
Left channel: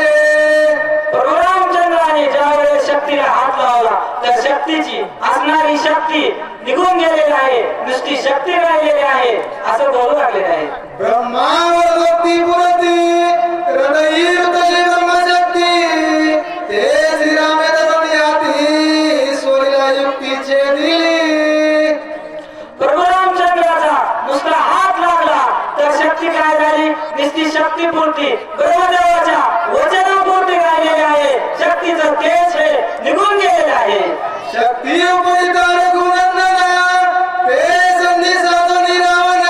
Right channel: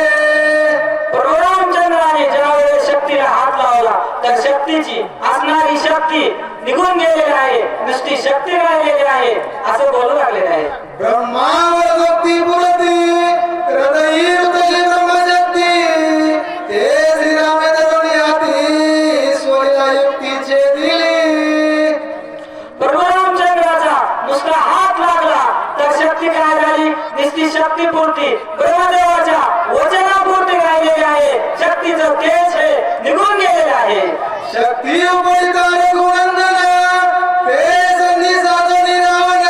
प्रभू रामचंद्राने ज्या वेळेस शक्तीला हात लावला तर शक्तीची असणारी शक्ती निघून गेलेली आहे नुसती शक्ती राहिलेली आहे असं बोलू लागलेले आहे. ब्रह्मावर भक्ती पुरती हृदयी उतरली ब्रह्मशक्ती ते श्रीरामे धरून याती सोयीला युक्तीचे दिली. प्रभू रामचंद्राचा नुसता हात लागला तर शक्ती काय झाली नुसती शक्तीपुरती ब्रह्मदेवाच्या वचनापुरती राहिलेली आहे. शक्तीचं तेज हे निघून गेलेलं आहे. शक्ती उपरिता रघुनंदना ते संधी साधून रावण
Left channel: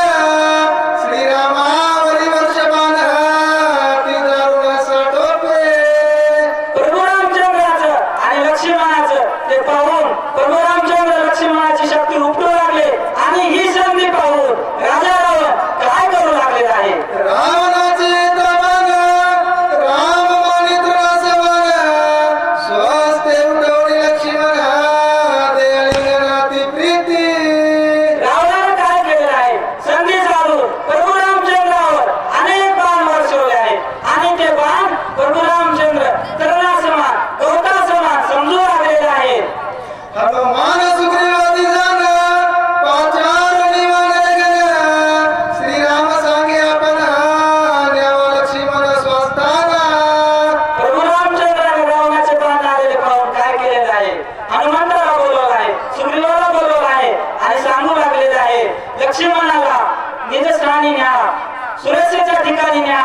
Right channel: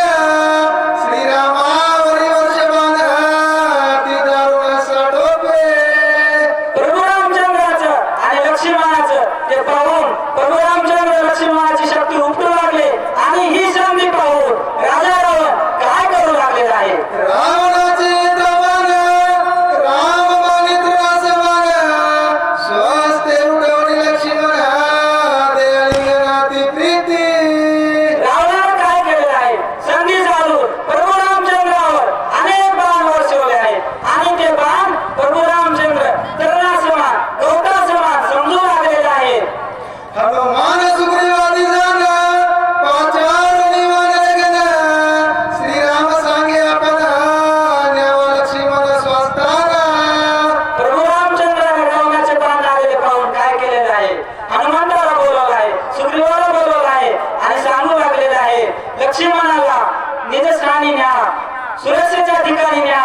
श्रीरामावरी वर्षमान ती दारुण साठोपे. प्रभू रामचंद्राचं आणि लक्ष्मणाचं ते पाहून प्रभू रामचंद्र लक्ष्मणाची शक्ती उपटू लागले आणि ही संधी पाहून राजा रावण काय करू लागलेला आहे. रावणाचे दमान राम मानित राजमान स्वस्ते उडवणी लक्ष्मण देळी प्रीती. रावणाने काय केलेलं आहे संधी साधून प्रभू रामचंद्रावर अनेक बाण वर्षवले आहेत आणि ते बाण प्रभू रामचंद्र तरुणासमान गवतासमान समजू लागलेले आहे. हनुमान सुग्रीवादी जाण पाचार निवान गण श्रीराम सांगे आपण न्याव लक्ष्मण स्वस्ताना. प्रभू रामचंद्राने रावणाचे बाण आलेले पाहून काय केलेलं आहे हनुमंताला बोलवलं आहे सुग्रीवाला बोलवलं आहे आणि सांगू लागलेलं आहे लक्ष्मणाला निजस्थानी न्या सुरक्षेच्या ठिकाणी न्या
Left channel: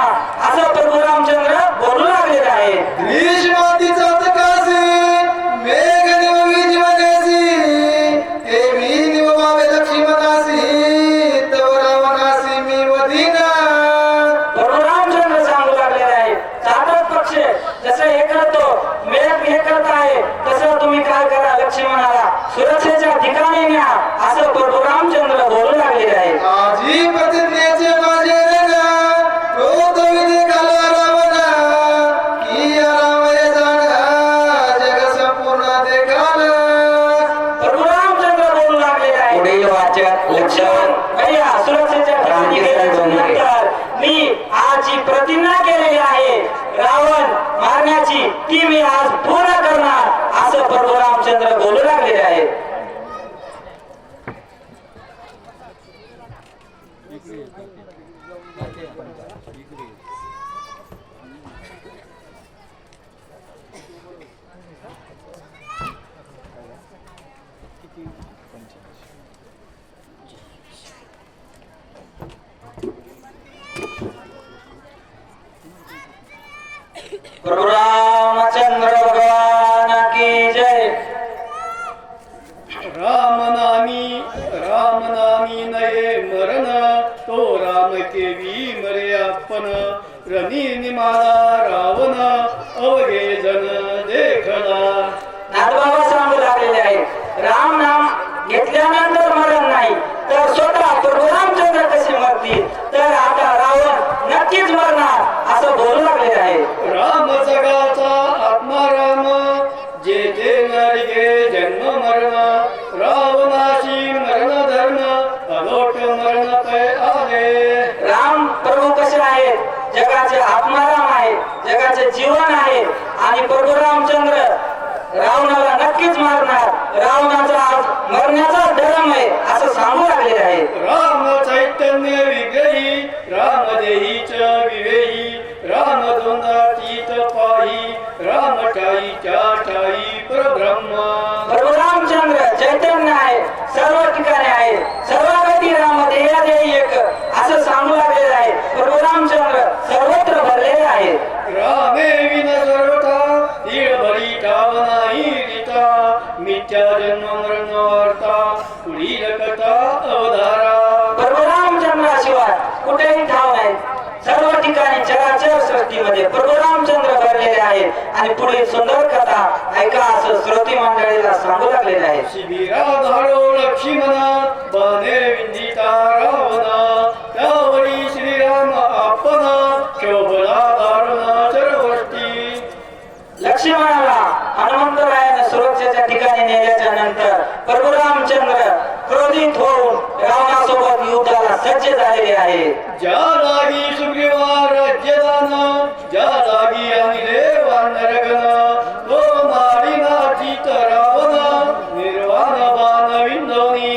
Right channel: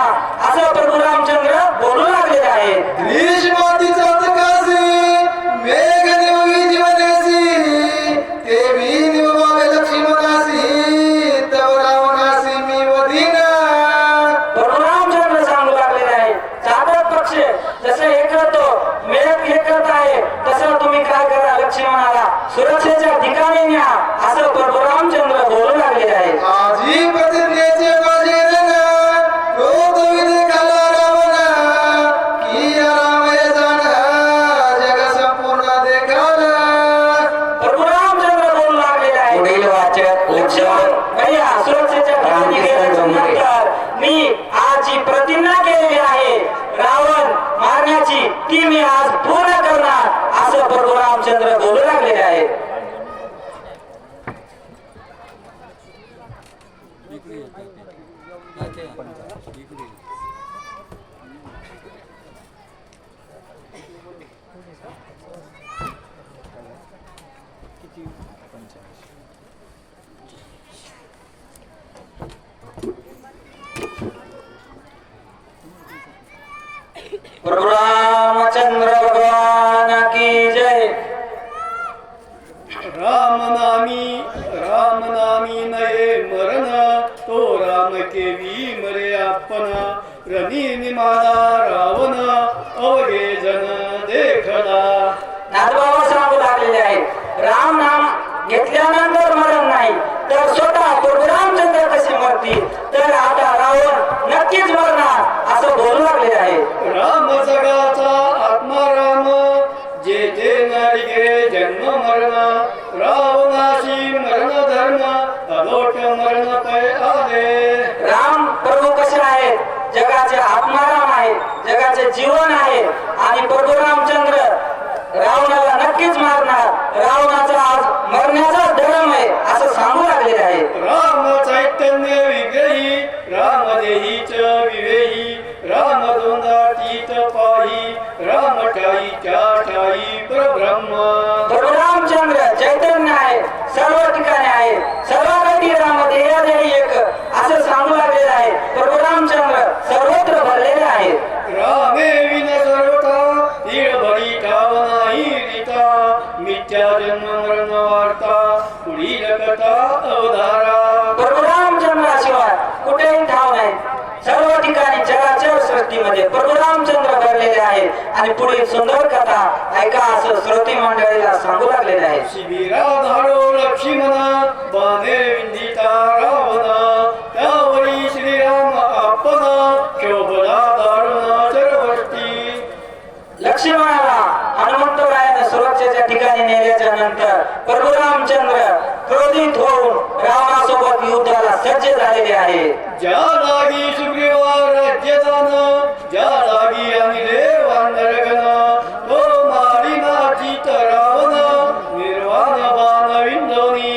असं प्रभू रामचंद्र बोलू लागलेलं आहे. ग्रीष्मातीचा तकासी मेघ निववी जीवनेसी ते मी निववावे लक्ष्मणासी तव रावणासी मी वधिना. प्रभू रामचंद्र सांगू लागलेले आहे चातक पक्ष जसं हे करतो मेघ हे करत आहे तसं तुम्ही काय करा लक्ष्मणाला सुरक्षेच्या ठिकाणी न्या असं प्रभू रामचंद्र बोलू लागलेले आहे. आजी प्रतिज्ञेचे माझे रण क्रोध विधी घाला रावण की रामय जाण जग संपूर्ण देखाल. प्रभू रामचंद्र बोलू लागलेले आहे पुढील वाचक लक्ष्मण भैया सुरक्षेच्या ठिकाणी गेल्यानंतर मी आज जी प्रतिज्ञा केलेली आहे रावण मारण्याची ती मी आज पूर्ण करणार असं प्रभू रामचंद्र बोलू लागलेले आहे. प्रभु रामचंद्र भगवान की जय. राम नामी नये मरण तो राम केवी मरे आपण रणी निमाला रावण अवघे जन देखला. नाथबाबा सांगू लागलेले आहे राम नाम घेतल्यानंतर मरण नाही तर स्वतः प्रभू रामचंद्र कसे मरतील तर आता रावण नक्कीच मरणार असं बोलू लागलेले आहे. राम जगाचा आत्मा राम जे जे नरिगे जन्म मरण रावणाशी मरण धर्म अलोट मरण पै आले. राम प्रभू कसे आहेत जगाचे आत्माराम आहेत जगाचे जीवन आहे आणि प्रभू रामचंद्र रावणाला नक्कीच मारणार, रावणाचा आज मरण्याचा धर्म आहे असं सांगू लागलेले आहे. राम चैतन्य विग्रही राम देहीच विवेही राम दोंदा तीत पाही राम ठाई त्या ठाई परब्रह्म. प्रभू रामचंद्र चैतन्य आहे, सर्व ठिकाणी आहे, सर्वासाठी राम देही एक असं सांगू लागलेलं आहे. प्रभू रामचंद्र सर्वत्र भरलेले आहे. रामे विन सर्वता ईळ भरी ठाव नाही रीता मिथ्या जन्म मरण वार्ता पुढील कथा अवधारा. प्रभू रामचंद्राशिवाय कुठेही ठाव नाही, सर्व ठिकाणी जगाच्या सृष्टीमध्ये प्रभू रामचंद्र भरलेले आहेत आणि पुढील सुंदर कथा ऐका असं श्रोती मंडळीला सांगू लागलेले आहे. शिबिरा धाडो लक्ष्मण बाणे विंदिता रावण त्यावरी श्रीराम आपण शोभला दारुण चरवष्टी. लक्ष्मणाला हनुमंतरायाने सुरक्षेच्या ठिकाणी नेल्याच्या नंतर प्रभू रामचंद्र क्रोधित होऊन रावणासोबत युद्धाला सज्ज झालेले आहे. ज्या जागी सुग्रीवा राज्यदान ज्या जागी आणले वानरगण तो मारिना चित रावण निर्वाण बाण विंदोनी.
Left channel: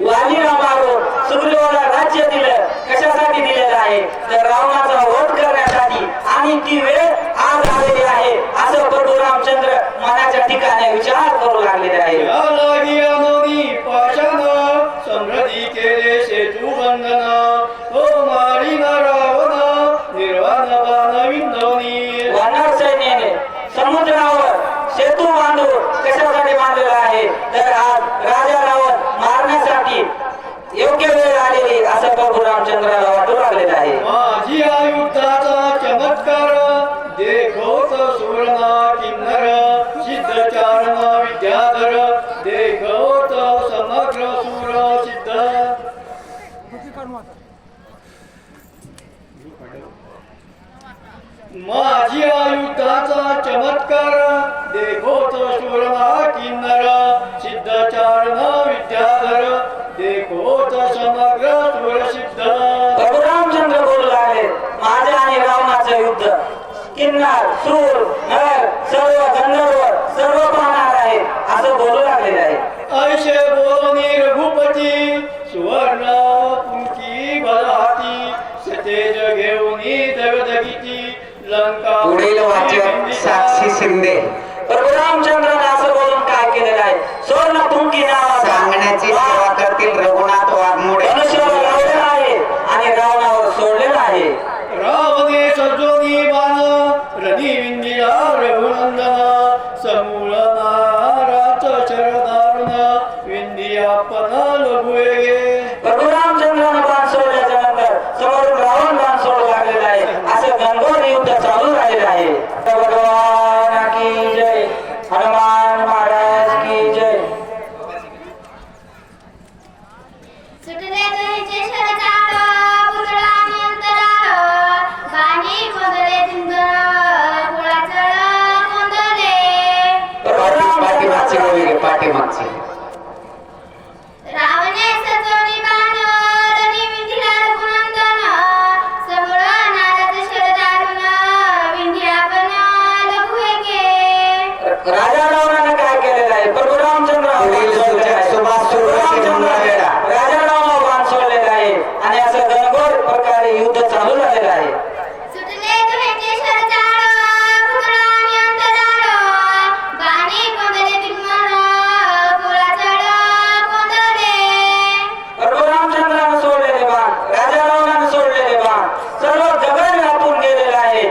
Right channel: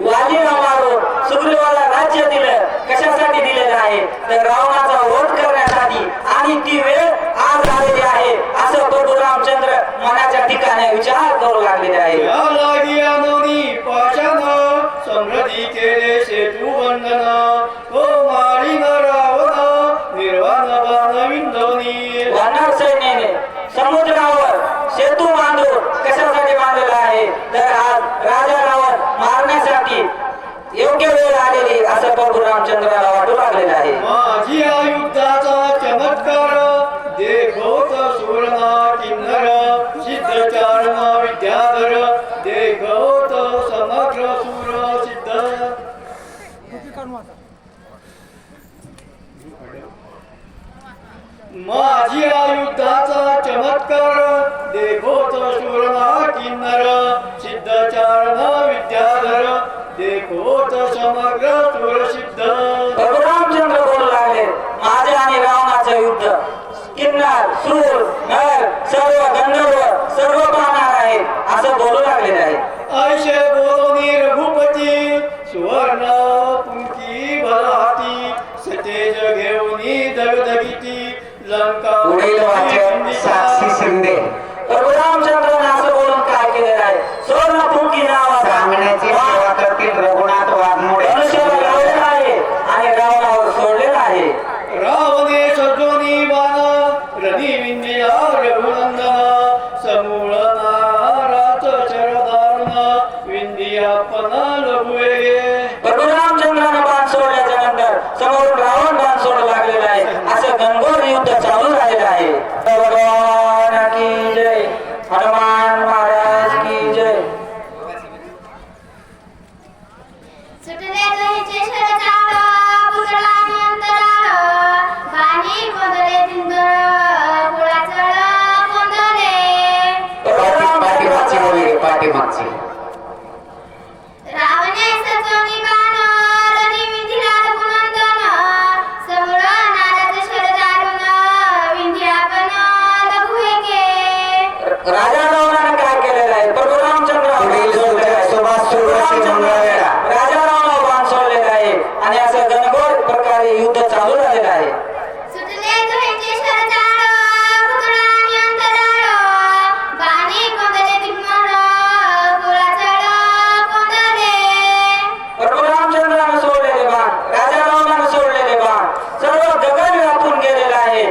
वालीला मारून सुग्रीवाला राज्य दिलं, कशासाठी दिलेलं आहे तर रावणाचा वध करण्यासाठी, आणि ती वेळ आज आलेली आहे असं प्रभू रामचंद्र मनाच्या ठिकाणी विचार करू लागलेले आहे. या लागी आणोनी पाशान समृद्धी केले सेतू बंधन तो मारिना रावण निर्वाण बाण विंदोनी. वानर सैन्याने समुद्रावर सेतू बांधून कशासाठी बांधलेला आहे तर आज राजा रावण मारण्यासाठी योग्य वेळ आलेली असं प्रभू रामचंद्राला वाटू लागलेलं आहे. माझी आयुधाचा चमत्कार देखोत सुरना किन्नर सिद्ध चारण विद्याधर देखोत समग्र सुर सिद्ध. माझी आयुधाचा चमत्कार देखोत सुरना किन्नर सिद्ध चारण विद्याधर देखोत समग्र सुर सिद्ध. प्रभू रामचंद्र बोलू लागले, माझ्या आणि रावणाचं युद्ध किन्नर सूर नर सर्व गंधर्व सर्व पाहणार आहे असं बोलू लागलेलं आहे. ऐशे बोलोनी रघुपती सुवर्ण पुंकी बलहाती सतेज घेऊनी दगदगीती लंका. पुढील वाक्य साक्षी शिंदे. प्रभू रामचंद्राने असं बोलून काय केलेलं आहे, स्वर्णपुंकी नावाचा सांगण्याची सेवा करतील रघुनाथ वाघमोडे. मनुष्याला लावलेला आहे आणि रावणावर सोडलेला आहे. रावणे सजोनी बाण रणी विंदिया रघुनंदन समूळ नाराच शरदारुण विंदियापन लघुवेगे. प्रभू रामचंद्रानं बाण सोडल्याच्या नंतर समोरून रावण बाण सोडू लागलेला आहे. असं घनघोर युद्ध चालू झालेलं आहे. भगवान की जय, हनुमान महाराज की जय. सुटले तुझे शरदाळ पुतळाने अंतराळ बाणी कोंदले दिंदर कुळाचळ कोंदले. पाठीमागची वगैरे पाठीमागची. रावणे सजवणी बाण रणी विंधिला रघुनंदन सबळ नारद शरदारुण विंध्यापन लघुवेगे. राजा रावणाने काय केलेलं आहे, प्रभू रामचंद्र सुभाष सुरवशी मंगळवेढा. राजा रावणावर बाण सोडलेला आहे आणि असं घनघोर प्रकारे युद्ध चालू झालेलं आहे. सुटले तुझे शरदाळ पुतळाने अंतराळ बाणी कोंदले दिग्मळ कुळाचळ कोंदले. प्रभू रामचंद्राने सोडलेले बाण, राजा रावणाने सोडलेले बाण सर्व जगत व्यापून गेलेलं आहे.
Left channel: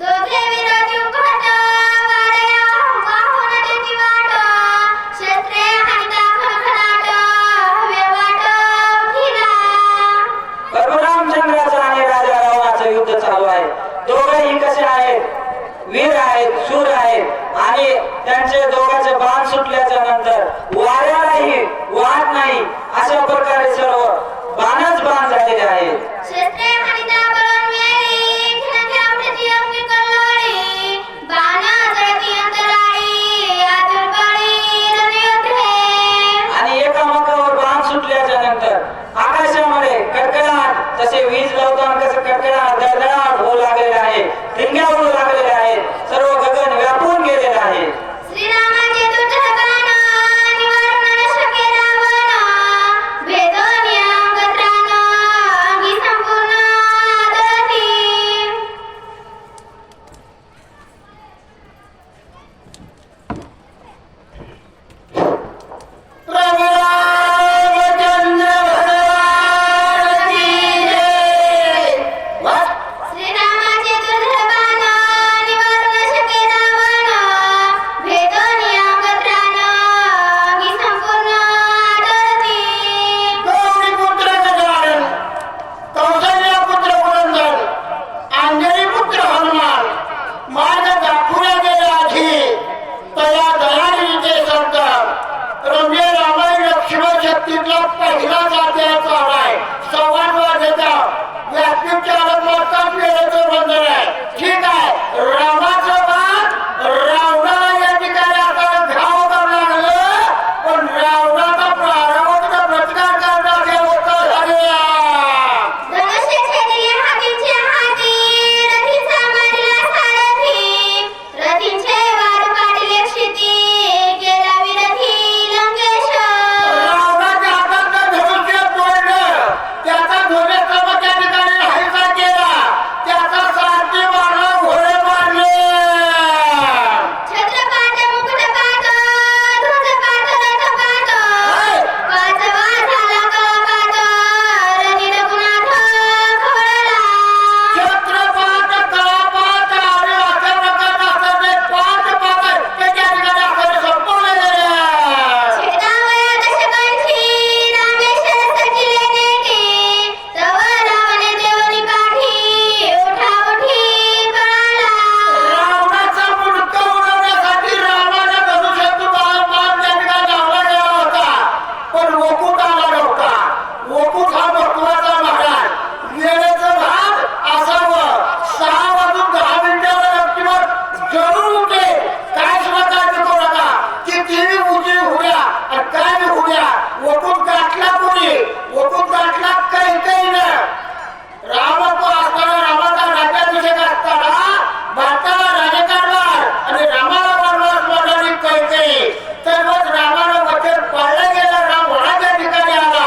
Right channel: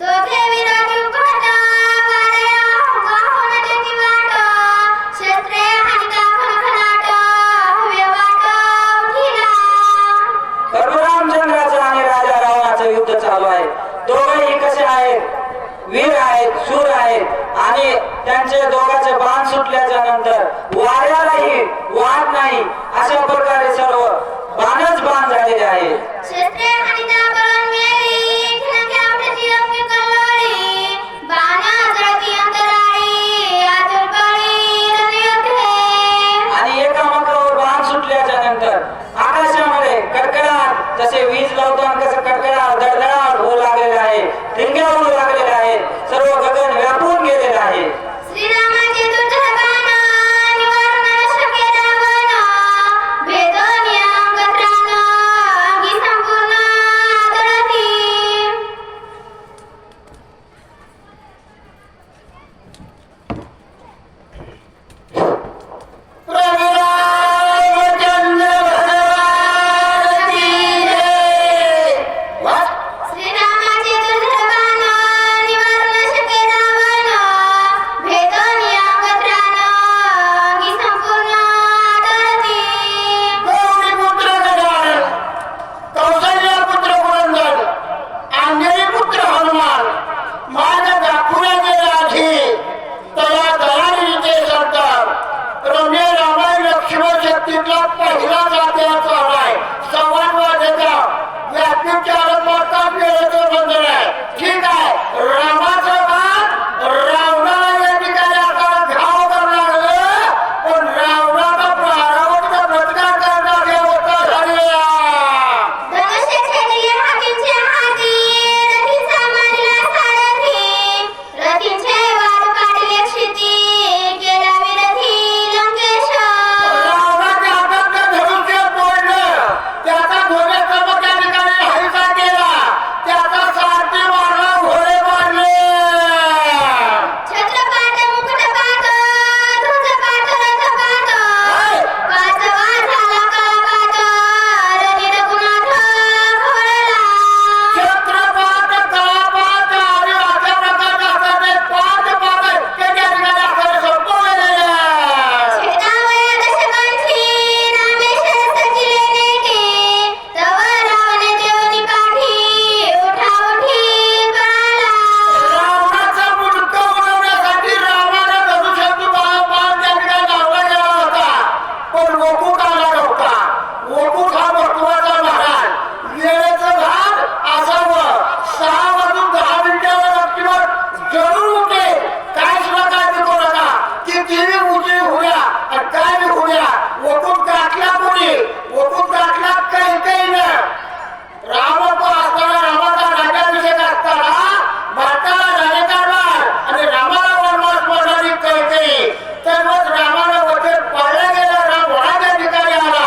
दोघे विरोधी उभट वारया वाहून देती वाट शस्त्रे हानिता खणखणाट हवे वाट उठिला. प्रभू रामचंद्राचं आणि राजा रावणाचं युद्ध चालू आहे. दोघंही कसे आहेत, वीर आहेत, शूर आहेत आणि त्यांचे दोघांचे बाण सुटल्याच्या नंतर वाऱ्यालाही वाट नाही अशा प्रकारे सर्व बाणच बाण झालेले आहे. शस्त्रे हानिता बळून मेली ठिणक्या उठती अग्नी कल्लोळी बाण जळती अंतराळी आतुर बळी रणयुद्धे. आणि एकामेकावर बाण सुटल्याच्या घेतल्यानंतर आकाशामध्ये कडकडाट, जसे वीज लावताना कसं कडकडाट धडधडाट होऊ लागलेला आहे, ठिणग्या उडू लागलेल्या आहेत, सर्व गगन व्यापून गेलेलं आहे. श्रीरामाचे दुर्धर बाण निवारण शके रावण, भेदोनी अंग त्राण अंगी संपूर्ण आदरती. श्रीरामाचे दुर्धर बाण निवारण शके रावण, भेदोनी अंग त्राण अंगी संपूर्ण आदरती. पुत्र गजानन, कौशल्या पुत्र पुरंदर, अंजनी पुत्र हनुमान, मार्ग दाखवल्या गेल्या आधी तया दयाळी ते सरकार. रम्य रामायण लक्ष्मण शक्तीतला पहिलाच अध्याय चाललाय. संवाद वाजायचा व्यापी चालक वाजताच वेळेचं बंधन आहे. ठीक आहे, रामाचं बाण रावणाला या ठिकाणी आपल्याला घाव करायला लागलं, पण रावणाचा प्राणावर प्रतिकार करण्याची अवस्था झाली. धनुष्य छेदली हातीचे हाती, रथीचा मारला सारथी, रथीचे वाद पाडले क्षिती, गेला विरथी लंकेश. रावणाच्या हातातलं धनुष्य तोडलं, त्याचा ध्वजस्तंभ त्या ठिकाणी हरिता केला, त्याचा सारथी मारला, घोडे पाडले. छत्रपाट मुकुटपाट, ध्वजपाट रथपाट, पाचवा झाला कलापाट, रणी रघुनाथ खवळला. छत्रपाट, तळापाट आणि अशा प्रकारचं असतात ते 5 पाट ते त्या ठिकाणी आपल्याला संपवले गेले. छेदावया दशकांची, रामेश्वर सजिले नेटी, तव रावण देवनी पाठी, उठा उठी पळाला. रावणाचा मुंडकं उडवण्यासाठी रामाला धनुष्यातून बाण त्या ठिकाणी लावला गेला होता, पण वकूट आला नव्हता. वकूट हा महत्वाचा महाराज. वेळेचं भाग असावं, 6 वाजून 10 मिनिटाला नक्कीवर जरूर उठे. काय सुद्धा काय नको नका, कितीही उंची उड्या आणि काय बी उड्या. वकूट गाठला कोणी? वकूट गाठला कैकेयीनं. रामत्व असताना, रामाचा राज्याभिषेक असताना भारताला राजकारभार आणि रामाला बनवास बनवली कैकेयी. सर्वच रामानं वचन पाळलं गेलं, राम वनाच्या ठिकाणी आला.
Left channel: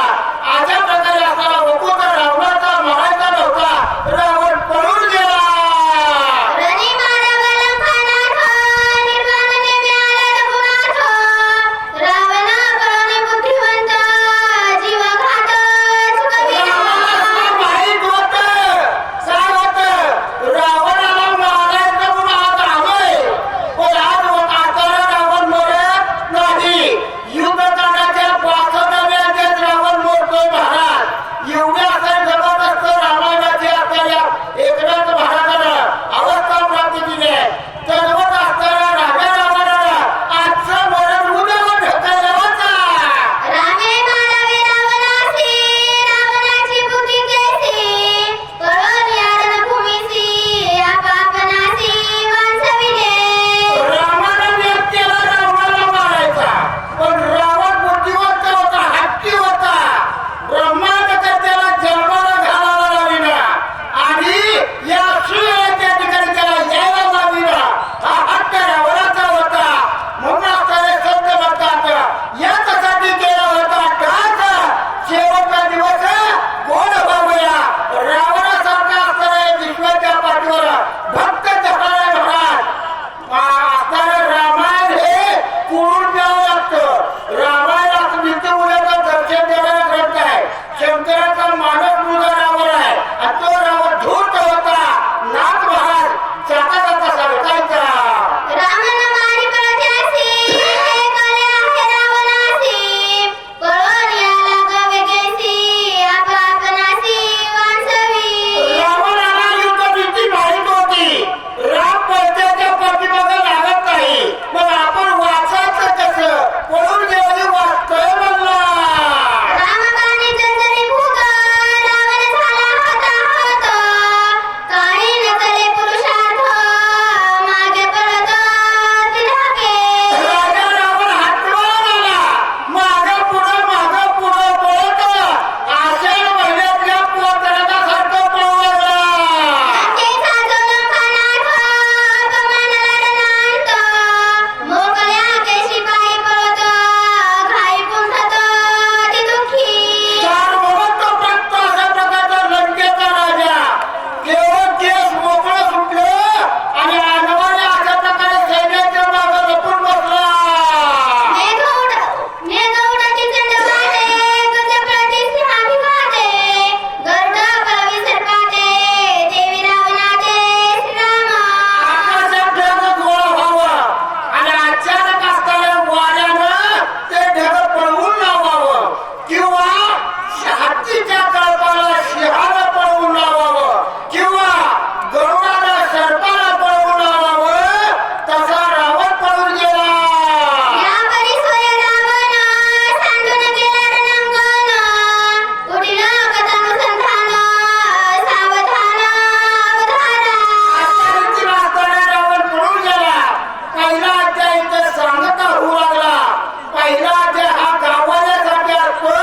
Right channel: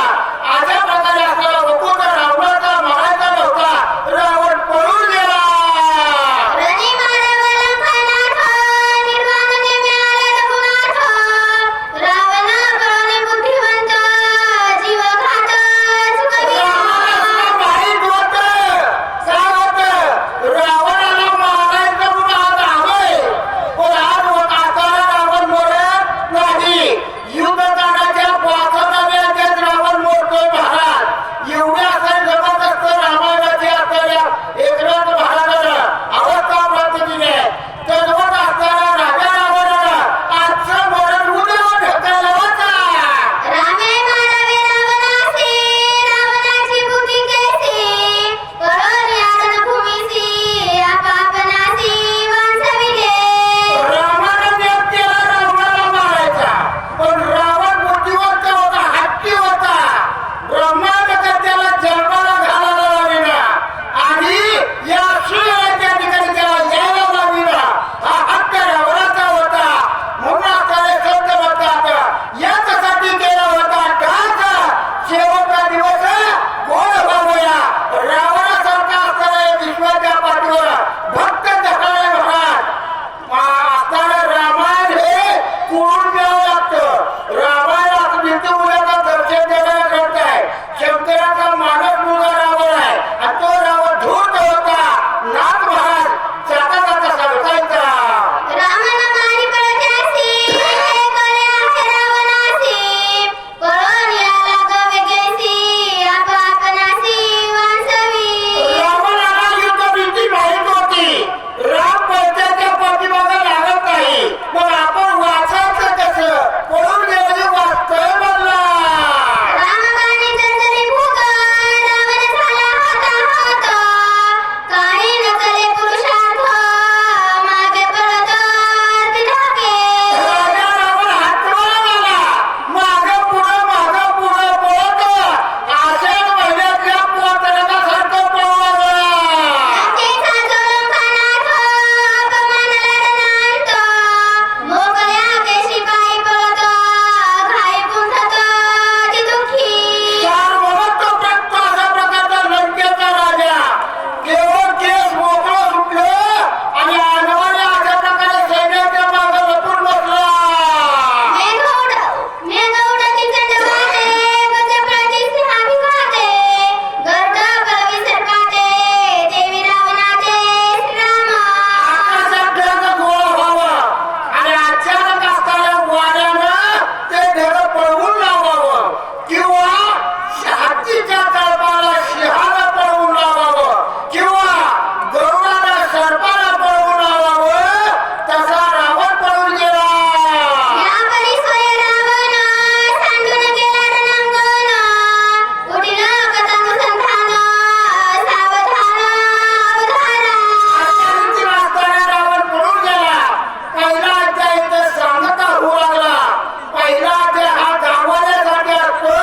अशा प्रकारे असताना वकूट रावणाचा म्हणायचा नव्हता, रावण पळून गेला. रणी मारव लंकानाथ, निर्वाणने मिळाला रघुनाथ, रावण बळणी बुद्धिवंत, जीवघात रामाला चुकविला. सुद्धा माहीत होतं, काय होतं, रावणाला मारायचं म्हणून आज आलोय, पण आज असताना रावण मरत नाही. युद्ध काढायच्या 65व्या रावण मोडतोय महाराज. एवढ्या काही जबरदस्त रामायणाची आपल्याला एकनाथ महाराजानं अवस्था प्राप्त केली आहे. जन्मत असताना राजा रावणानं आजचं मरण उद्यावर ढकललं होतं. रामे मारावे रावणासी, रावणाची बुद्धी कैसी, पळून या रणभूमीसी, आपापनासी वांचविले. रामानं नियत केला रावणाला मारायचा, पण रावण बुद्धिवंत होता, हत्ती होता. ब्रह्मांडकर त्याला जन्माला घालायला लाविला आणि या सूर्याच्या ठिकाणी त्याला यायला लाविला. हा हत्ती रावणाचा होता. म्हणून आपल्याला संत म्हणतात, याच्यासाठी केला होता का शेवटचा दिवस कोण व्हावया. रावणासारखा असताना या विश्वाच्या पाठीवर भक्त दखाला महाराज असताना रामायण हे कुळून द्यावं लागतं. रामायण असं जिथे उद्याचा दर्शन देणारा ग्रंथ आहे. शंकराचा मानस मुलगा रावण आहे आणि तो रावण धूर्त होता. नाथ महाराज जाता जाता सांगतायचा, रामन मारी पळत्यासी, हे कले आहे रावणासी, पळून या लागा वेगेसी, आपापनासी वांचवी. रावणाला युद्ध भीती माहीत होती. राम पळत्याच्या पाठीमागं लागत नाही, मग आपण वाचायचं कसं? पळून गेलेली वाचतोय म्हणला. रामबाणी जंजरी भूत, रावण झाला हाताहात, काही न कले पुरुषार्थ, मागे लावावं किंवा हत्तीच्या कळपाला सिंहानं पळवून लावावं किंवा गरुडाला सर्पाला पळवून लावावं तसा रावण पळून गेला. या परिसोय रावण सांडून गेला रणांगण. उठिल कथानुसंधान सावधान अवधाना. अशा रीतीने असताना रावण पळून गेला. पहिला अध्याय इथं सांगता होऊ लागला. पहिला अध्याय हा गावाल्यासाठी असतो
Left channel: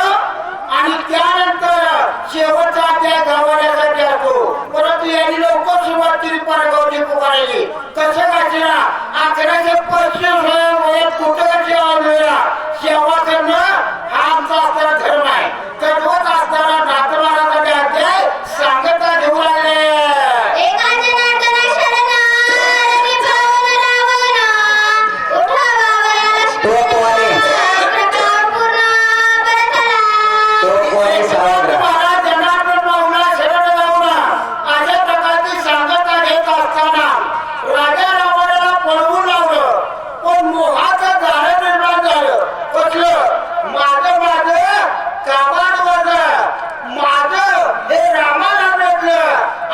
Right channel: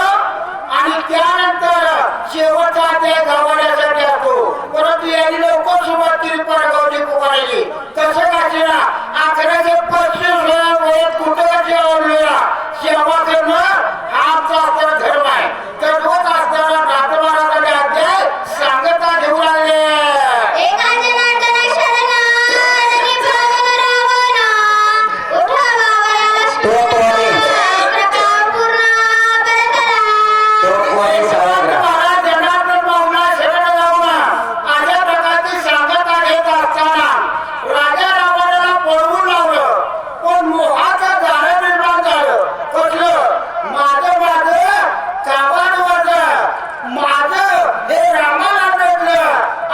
आणि त्यानंतर शेवटचा अध्याय गावाल्यासाठी असतो. परंतु यांनी लवकर सुरुवात केली परागावची पुकारायची. कसं काशीना आखड्याचे पैसे वयात कुठं जेवण सेवा करणं हा आमचा असणारा धर्म आहे. कधवत असताना नातमारामध्ये अध्याय सांगता घेऊ लागले. एकांजनार्दना शरण रवी भवन रावण. उठावा वराला तोफवाले प्रताप पूर्ण परतला. तोफवाले सावत्र महाराज जनार्दन बाबूला शरण लावणं अशा प्रकारची सांगता घेत असताना राजा रावणाला पळवून लावलं. पण मोहाचं गाणं निर्माण झालं. कसलं माझं काबाड वाजलं. माझं हे रामाला भेटलं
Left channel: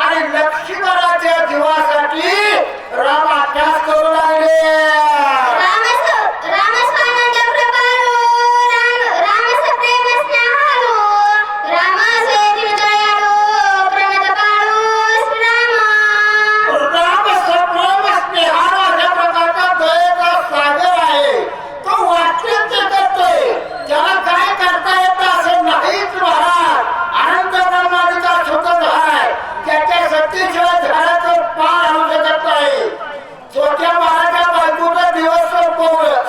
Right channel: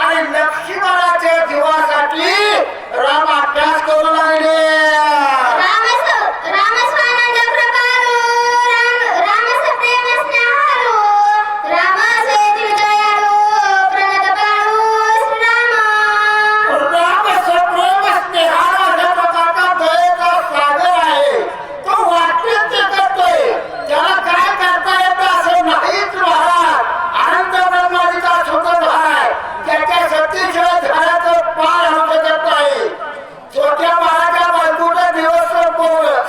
आणि लक्ष्मणाच्या जीवासाठी राम अभ्यास करू लागले. रामस्वानंद प्रकारू रामस प्रेम स्नेहाळू. राम सेतील दयाळू प्रणत काळू श्रीराम. राम सप्रेम स्नेहाळ अशा प्रकारचा दयेचा सागर आहे. तो वाटतं ते करतोय. त्याला काय करता येतं असं नाहीच महाराज. अनंत ब्रह्माजीचा सुखद आहे. त्याच्या शक्तीशिवाय झाडाचं पार आणू शकत नाही. छोट्या बाळाच्या बायकोचा दिवस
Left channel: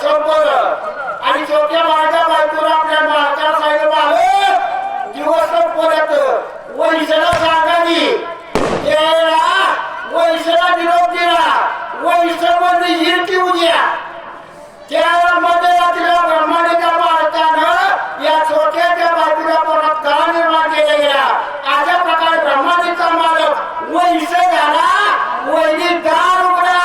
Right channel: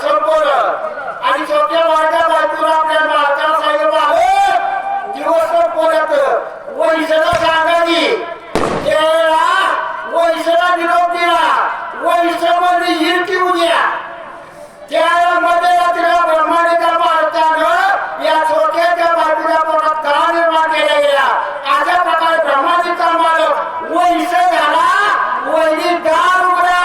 संपवलं आणि छोट्या बाळाच्या बायकोला आपल्या मालका सांगितलं मालक दिवस संपवल्यात वैशाला सांगावी. त्याला वैशाला निरोप दिला. वैशामध्ये हिरकी उद्या त्या मध्यरात्रीला ब्रह्मांडीच्या मालकानं या छोट्याच्या बायकोच्या पोटात गळा निर्माण केला गेला. अशा प्रकारे ब्रह्मांडीचा मालक वैश झाला. वैरी दार उघडा.